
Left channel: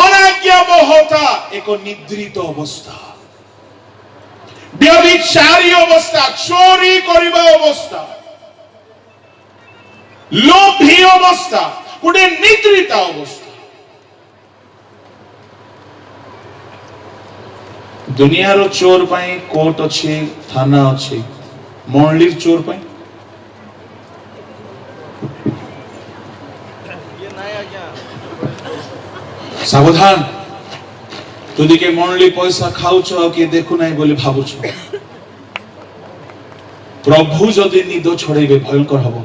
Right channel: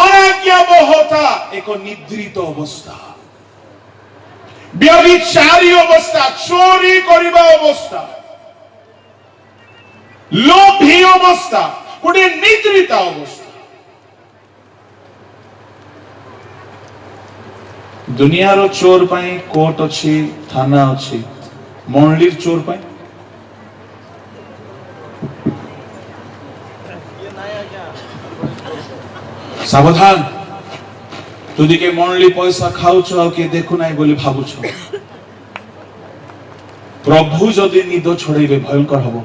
अनाज्ञाबहता एक निद्रित अवस्था व्यभिचारी अवस्था चोरी करिबा अवस्था लोभी अवस्था गोटे निद्रित अवस्था दुनियार चोर पाई कोर्ट अच्छी थाना अच्छी मंडलीर चोर पाई सावधान तुदी के मंडली पैसा खाउछ कि देखु नाही बोली भाबुछ प्रभु जदि निद छोड़ेबे भयंकर हबो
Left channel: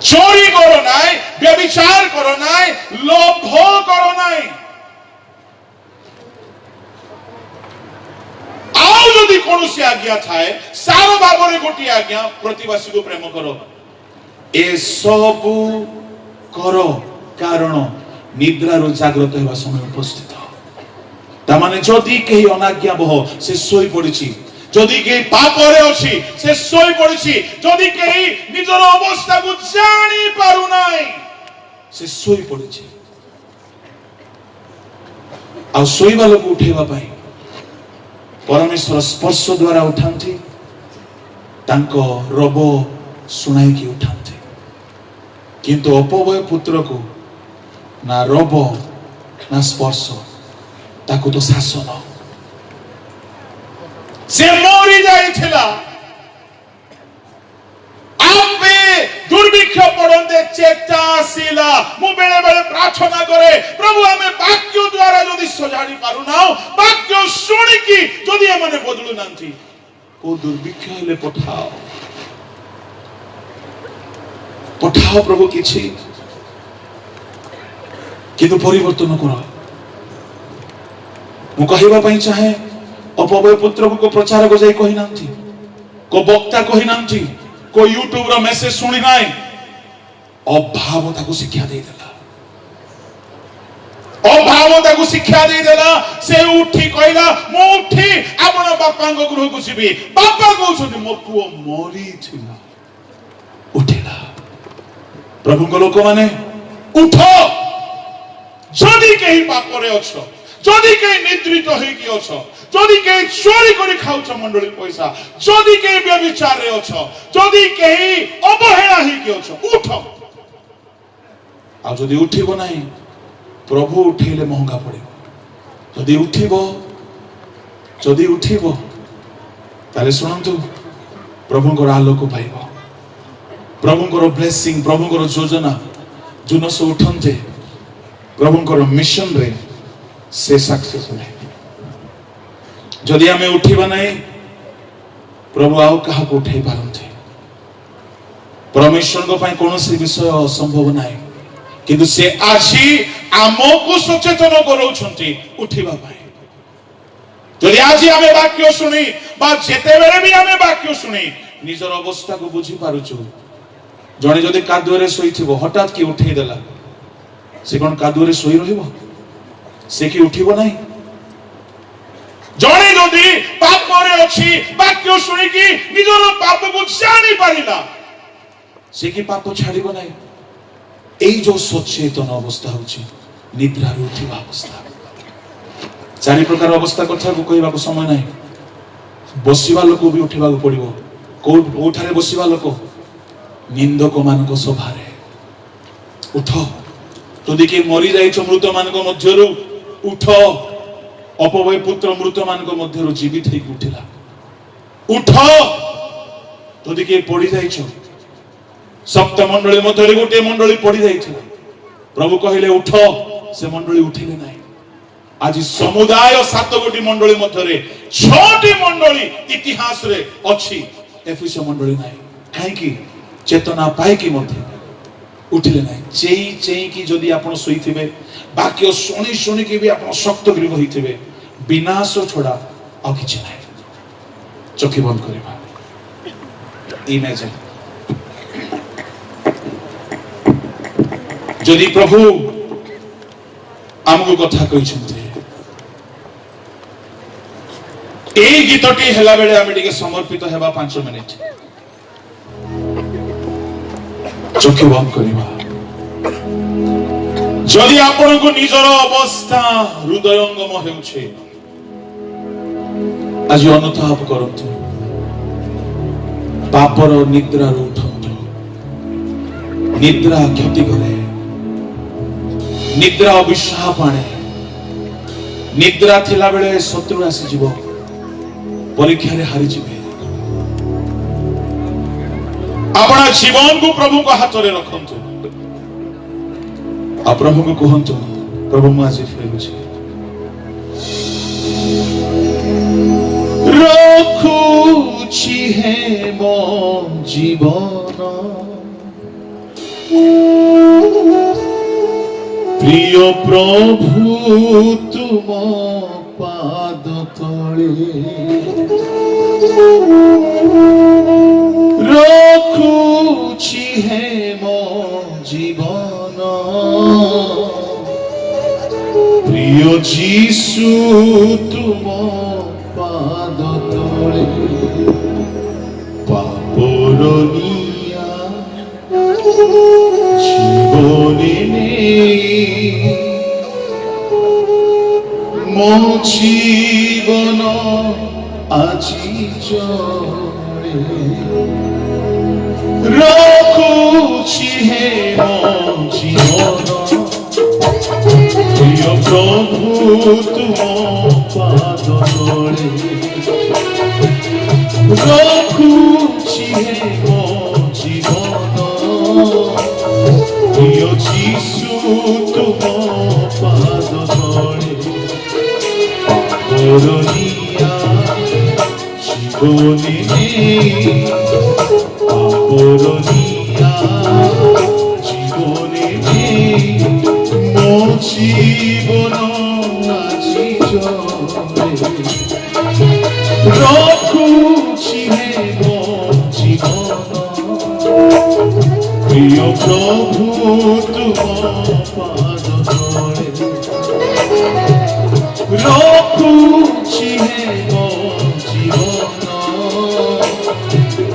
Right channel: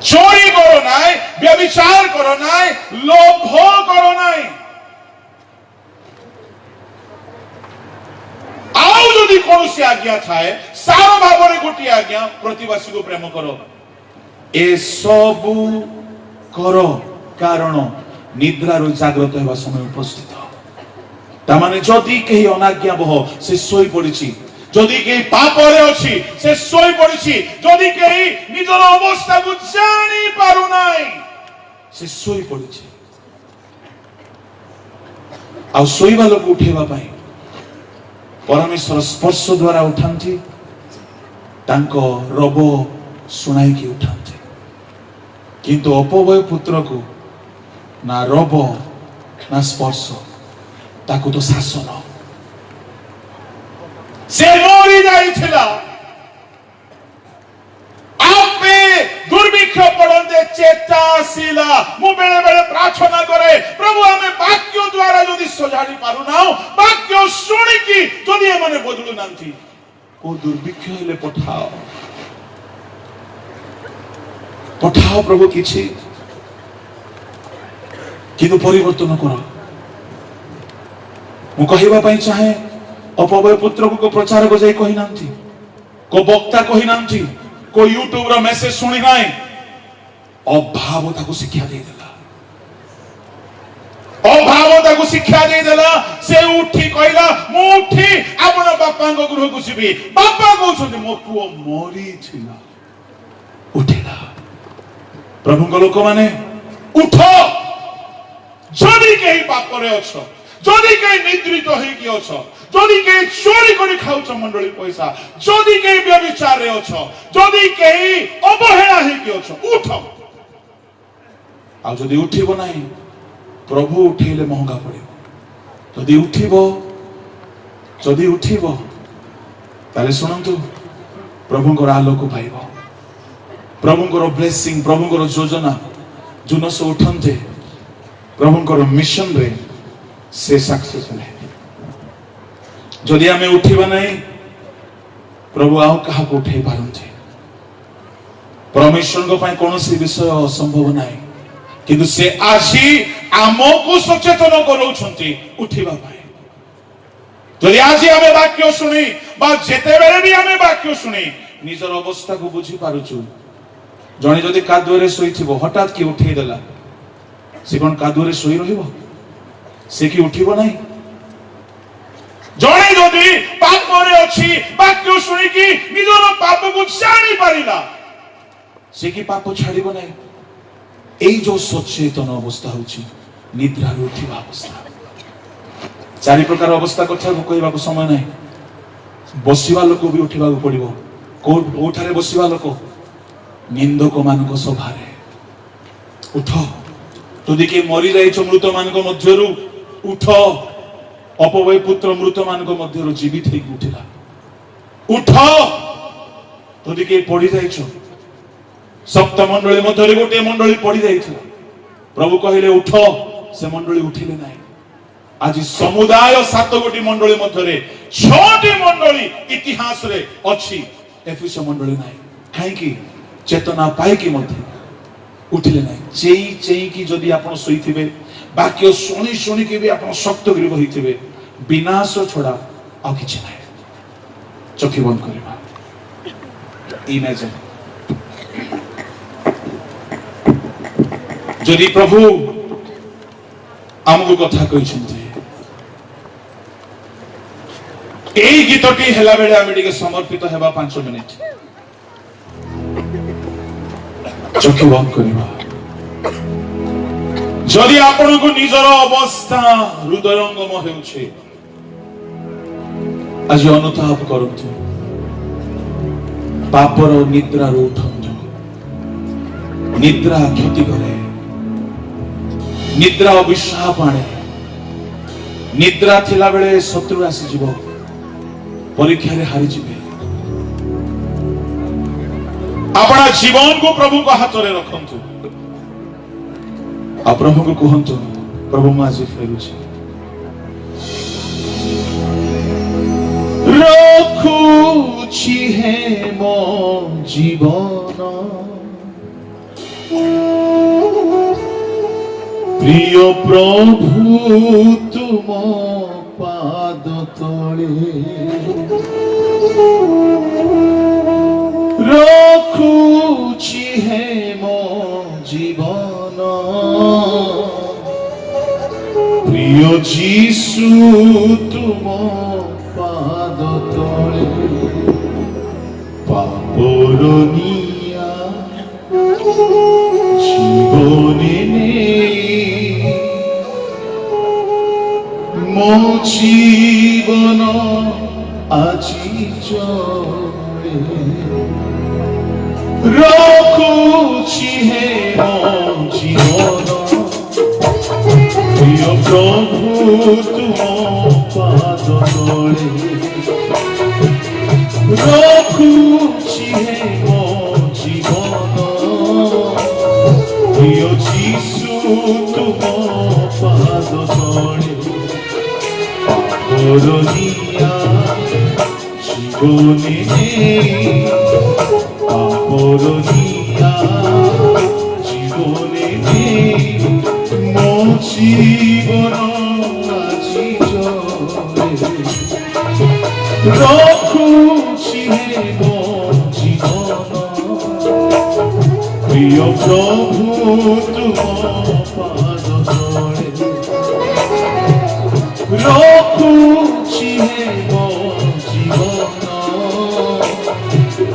चोरी करो नाही व्यभिचार करो नाही लोभ करो नाही आउ जदि कोनोसी आज्ञा थाए सार भाबरे गोटी आज्ञा प्रतिवासी को प्रेम करो ए सब करो कारण निद्रारु जागृत हेबा समय उपस्थित ता माने जदि केही अनाज्ञा बह से सोई पड़िछि जदि केही पापरे अछि से सोई पड़िछि जदि केही निजर अवस्था को जानि पारु नाही से सोई पड़िछि आ सोईबा लोक उठेबा पाई परमेश्वर स्पर्श द्वारा उठांती तांको रब सुनाई की उठांती किंतु अपवय पुत्र को ना रब ना स्पर्श ताकू तो शासन से मरी जाइथिला आपे दुर्भिक्ष पड़ते चेता आसिला मु बेले बेले प्रार्थना करे प्रभु हमें वाक्य द्वारा यदि सजाड़ी पारु ना वाक्य सुनी की यदि एमाने बदलु नांती को दुर्भिक्ष हेले पठाओ पठाओ प्रभु किछि किंतु परिवर्तन करो मु कहबा पई चाहे अपवय पुत्र को प्रचार को जाई कहि नांती को वक्ता कहि नांती को यूट्यूब रो मेसेज सुनी नाय अभाव ताको शिक्षा दे देला अभाव ताकू शिक्षा दे देला से उठी कहला मो उठी आपण बापा गृह को जीवी बापा कहउछन मो पुओ मरी थिला उठिला प्रभु को लोक माने उठ जदि कहीं पाप रे अछ जदि कहीं निद्रित होई कि अछ जदि कहीं चोरी करी खाउछ मंडली पैसा जदि कहीं व्यभिचार रे अछ जदि कहीं अवहेला होई कि अछ उठ आ जदि उठिबो नाही प्रभु उठेले महंगा पड़े जदि उठिबो ताले सुनंतु प्रभुंकर आलोक पाइबो प्रभुंकर ब्लेसिंग प्रभुंकर योजना जुनस उठंते प्रभुंकर मिशन रे से सक्सेसफुल है जदि आमे उठिबा नाही प्रभु आउ कहा को उठै पारंते परमेश्वर को पय कोनोसी विषय असंभव नाही किंतु से आसी आमको सचेतन करौछंती उठिबा पाए जदि आज आमे वाक्य सुनी बा जेते बेले भी आमे वाक्य सुनी निजर अवस्था को बुझी पारुछु जणे जदि कादुरे सोइथिबो हठात की उठै देला से कोन कादुरे सोई रहिबो से की उठिबो नाही जणे जदि पाप रे अछि वाक्य सुनी की निजर पाप को जानि परिला से की पाप छाड़िबो नाही এই जो सचेतन अवस्था होची निद्रा उठिबा अवस्था चारि प्रकार अवस्था कथा को कहबा को समय नाही बसिबा लोक भी उठिबा को पड़िबो कोठारे बसिबा लोक निंदक मानक सभारे उठ जदि के मरि जाइछ मृत मानक मध्यरु उठ अपवय पुत्र मृत मानक मध्यरु जीवित हे उठिला उठ जदि के पड़ी जाइछ सप्त मंडली मध्यरे गोटे मंडली पड़ी जाइथिले प्रभु कहिले उठ से मंडली उठिले नाही आज समुदाय 7 गोटी मंडली मध्यरे 6टी मंडली इतिहास रे अछि एफिस मंडली नाही काहे की चेतना पाए की मध्य उठिले नाही चेई की जदी आपण सोइथिबे वाक्य सुनी सुनी के भी आपण शक्त गृह होइथिबे विनाश छोड़ा आ किछि नाही चोखी बंद करबा ई नै जे जदि प्रभु आमको कथा कहिसंते एई गीतटी हेला बेले आमे टिके समर्पित हेबा 5 मिनिट चोखी बंद करबा जदि आपण को निजर अवस्था हृदयंगम हेउछे आज अनुताप करंतु पापर निद्रा उठंतु निद्रा क्षति करे निद्रा अभिशाप आने निद्रा थिला बेले शत्रु आसी जीव परीक्षा रे हारि जीवे अपना जीवन को प्रभु को हाथ रे रखंतु आ प्रभु को कहंतु प्रभु मैं आज फेरुछि रखुछि हे मो जीवन प्रिय प्रभु तुम पाद तले रखुछि हे मो जीवन प्रिय जीसु तुम पाद तले पापर निया जीवने मो जीवन আজি জলে রখুছি হে জীবন প্রিয় প্রভু তুম পাদ তলে রখুছি হে জীবন প্রিয় যিশু তুম পাদ তলে করুণিয়া জীবনে করুণিয়া জীবনে মো জীবন আজি জলে রখুছি মো জীবন প্রিয় প্রভু তুম পাদ তলে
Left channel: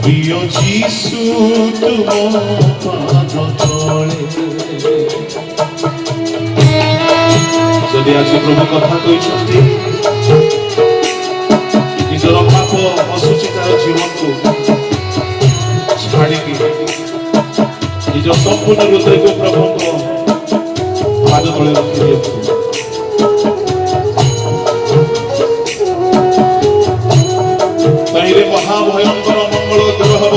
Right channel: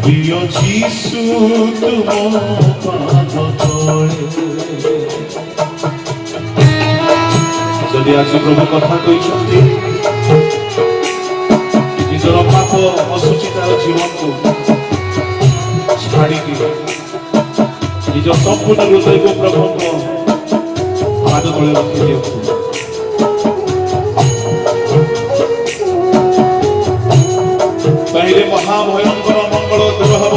প্রিয় যিশু তুম পাদ তলে। যদি আଜି প্রভু কথা କହିଛନ୍ତି ନିଜର ପାପ ଅସୁଚିତାର ଜୀବନକୁ ଛାଡ଼ିକି ନିଜ ସମ୍ପୂର୍ଣ୍ଣ ହୃଦୟକୁ ପ୍ରଭୁଙ୍କ ପାଦ ତଳେ ରଖିଦିଅନ୍ତୁ। କହିଲେ ମହାଭୟଙ୍କର ମଙ୍ଗଳ ଦୂର ହବ,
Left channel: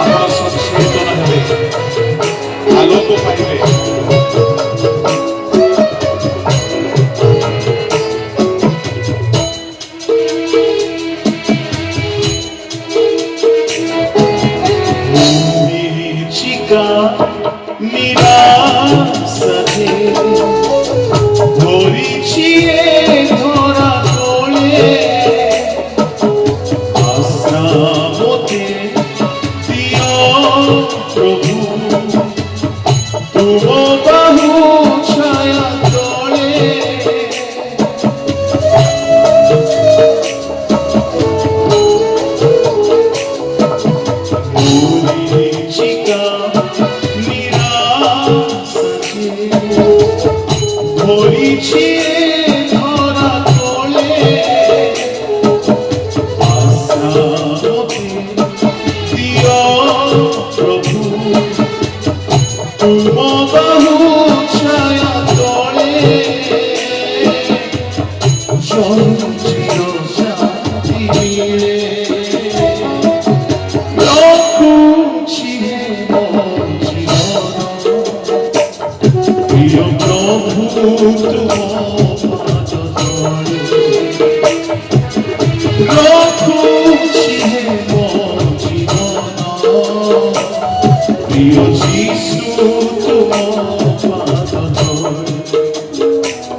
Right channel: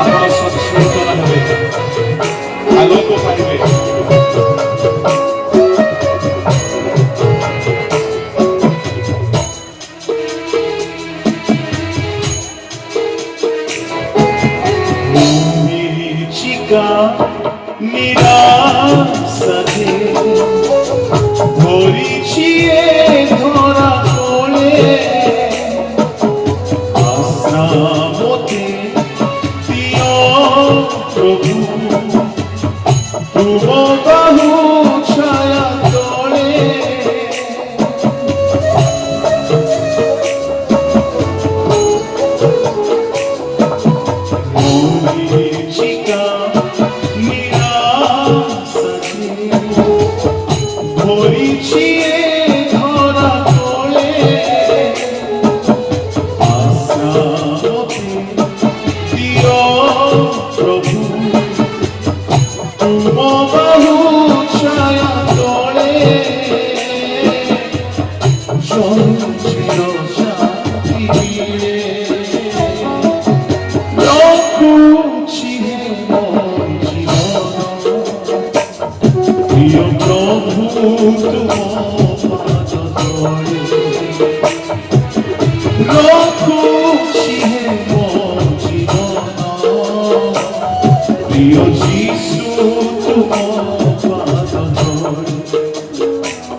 ଆପଣ ସଚେତନ ହେବେ, ଆଲୋକ ପାଇବେ। নিরাশাতে ভরিছি এ ধরা তলে, আশা মতে দিও প্রভু তুম বাহু ছায়া তলে। মরিচিকা ধরিছি এ ধরা তলে, আশা মতে দিও প্রভু তুম বাহু ছায়া তলে। চঞ্চল শান্তি মিলে রক্ষুছি মোর জীবন, প্রিয় প্রভু তুম পাদ তলে। রক্ষুছি মোর জীবন, প্রিয় যিশু তুম পাদ তলে।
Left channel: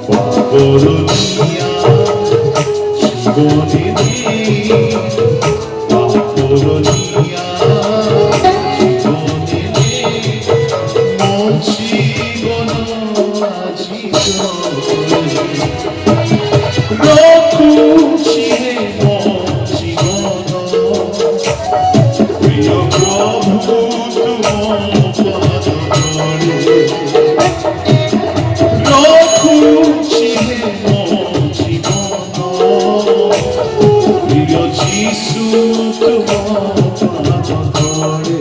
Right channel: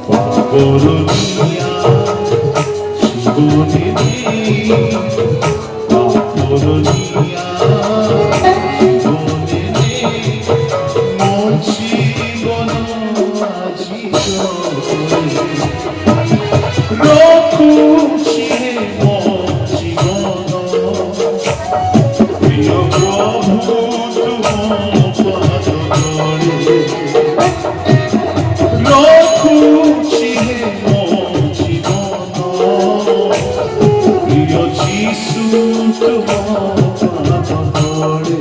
পাপরনিয়া জীবনে পাপরনিয়া জীবনে মোর জীবন আজি রক্ষুছি মোর জীবন, প্রিয় প্রভু তুম পাদ তলে। রক্ষুছি মোর জীবন, প্রিয় যিশু তুম পাদ তলে।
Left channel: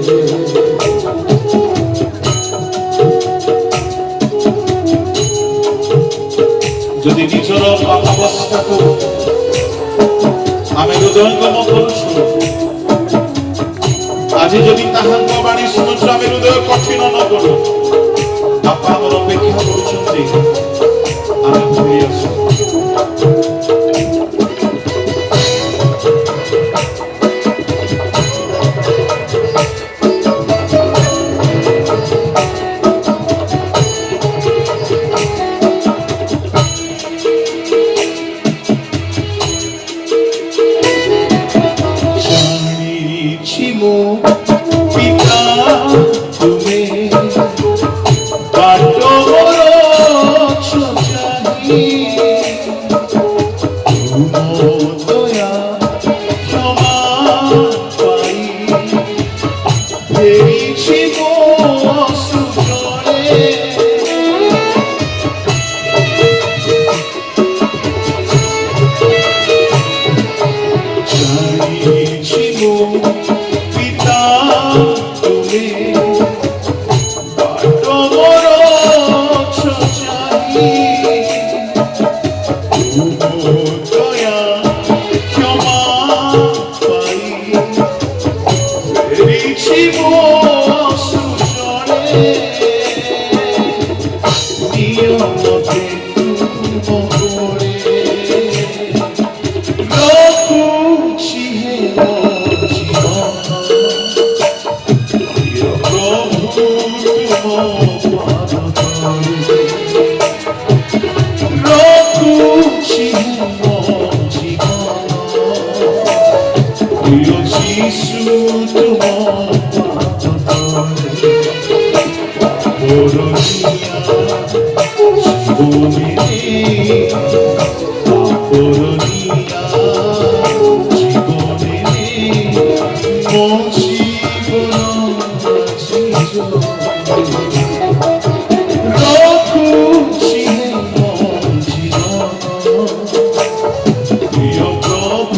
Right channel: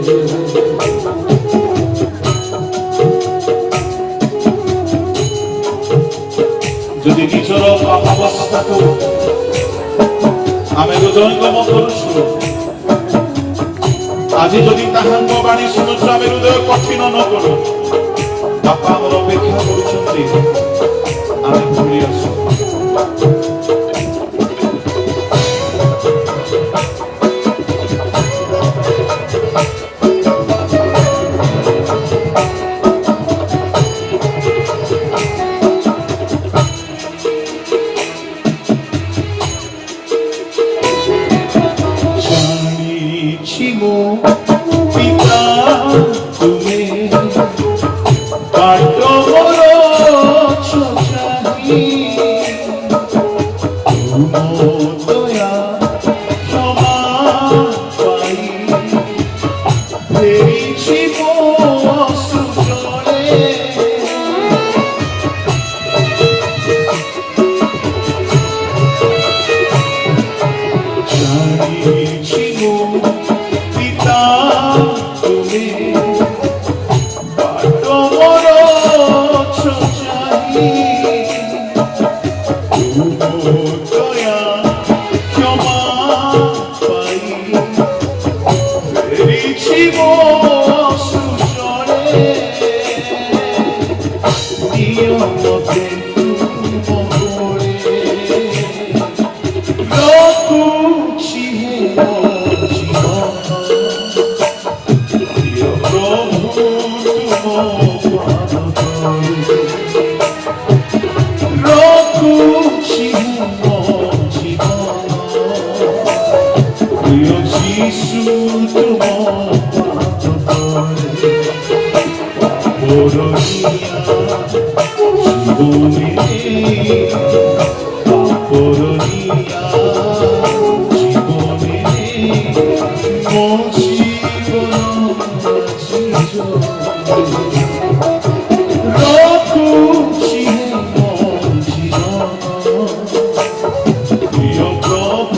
যদি ନିଜର ପାପାବସ୍ଥାକୁ ଆମେ ହୃଦୟଙ୍ଗମ କରୁଛୁ, ଆଜି ଯଦି ତାହାଙ୍କ ବାଣୀ ଶୁଣୁଛୁ, ଆମେ ହୃଦୟ କଠିନ ନ କରୁ। ବାପା ଆମର ଅପେକ୍ଷା କରୁଛନ୍ତି, ଆମେ ଫେରି ଆସୁ। জানিছি মো পিতা তুমি বাট বড়ছ জানি, তুম দয়া ক্ষমা পাই ফেরিছি মো সুজনে। জানিছি মো পিতা তুমি বাট বড়ছ জানি, তুম দয়া ক্ষমা পাই ফেরিছি মো সুজনে। দিও মতে তুম করে রক্ষুছি মোর জীবন, প্রিয় প্রভু তুম পাদ তলে। রক্ষুছি মোর জীবন, প্রিয় যিশু তুম পাদ তলে। পাপরনিয়া জীবনে পাপরনিয়া জীবনে ରଖୁଛି ମୋ ଜୀବନ ପ୍ରିୟ ପ୍ରଭୁ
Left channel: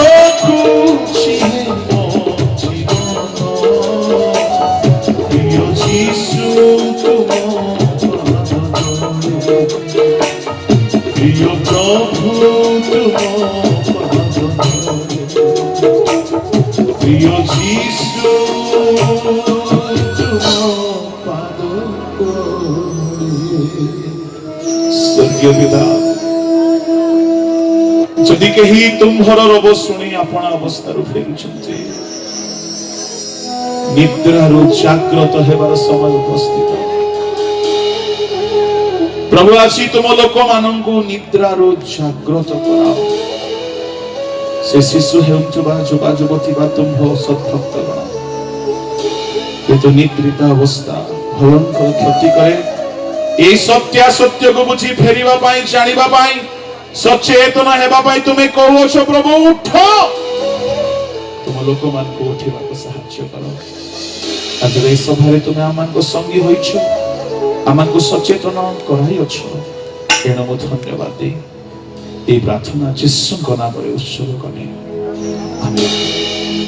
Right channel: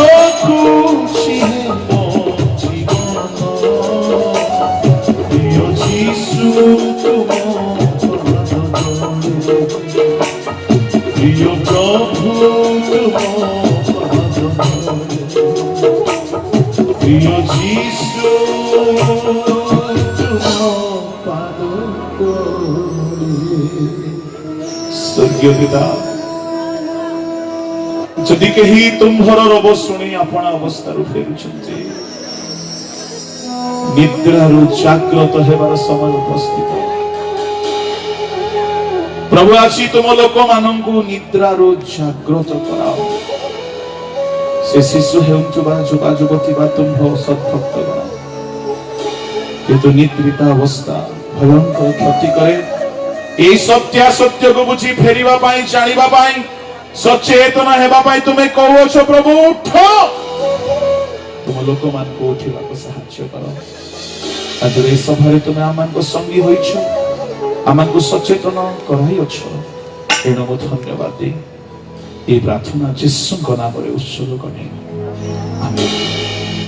ରଖୁଛି ମୋ ଜୀବନ ପ୍ରିୟ ଯୀଶୁ প্রিয় প্রভু প্রিয় যিশু স্বর্গীয় পিতা যদি কেহি তুম্ভর রব শুনি আপন অবস্থাରୁ ଫେରୁଛନ୍ତି ନିଦ୍ରାରୁ ଜାଗ୍ରତ ହେବାର ସମୟ ଉପସ୍ଥିତ प्रभु आसी तुम लोक मानू निद्रारू जागृत कराओ से शिशु हेउथुबा युवा युवती बा तुम्भ सद्भक्त किंतु निद्रित अवस्था भवन को क्षति करे ए सत्य को बुझी फेरिबा पाई जानिबा पाई सचेतन हेबा पाई तुमे कहउछ प्रभु उठ तुम लोक मान को उठिबा को सहायता करो तापर ए सभारे तुमे आमान को संगी होइछ आमको सचेतन कराइछ एणु म धन्यवाद दे प्रार्थना जीशुको नामरे उत्सर्ग गर्ने आमेन।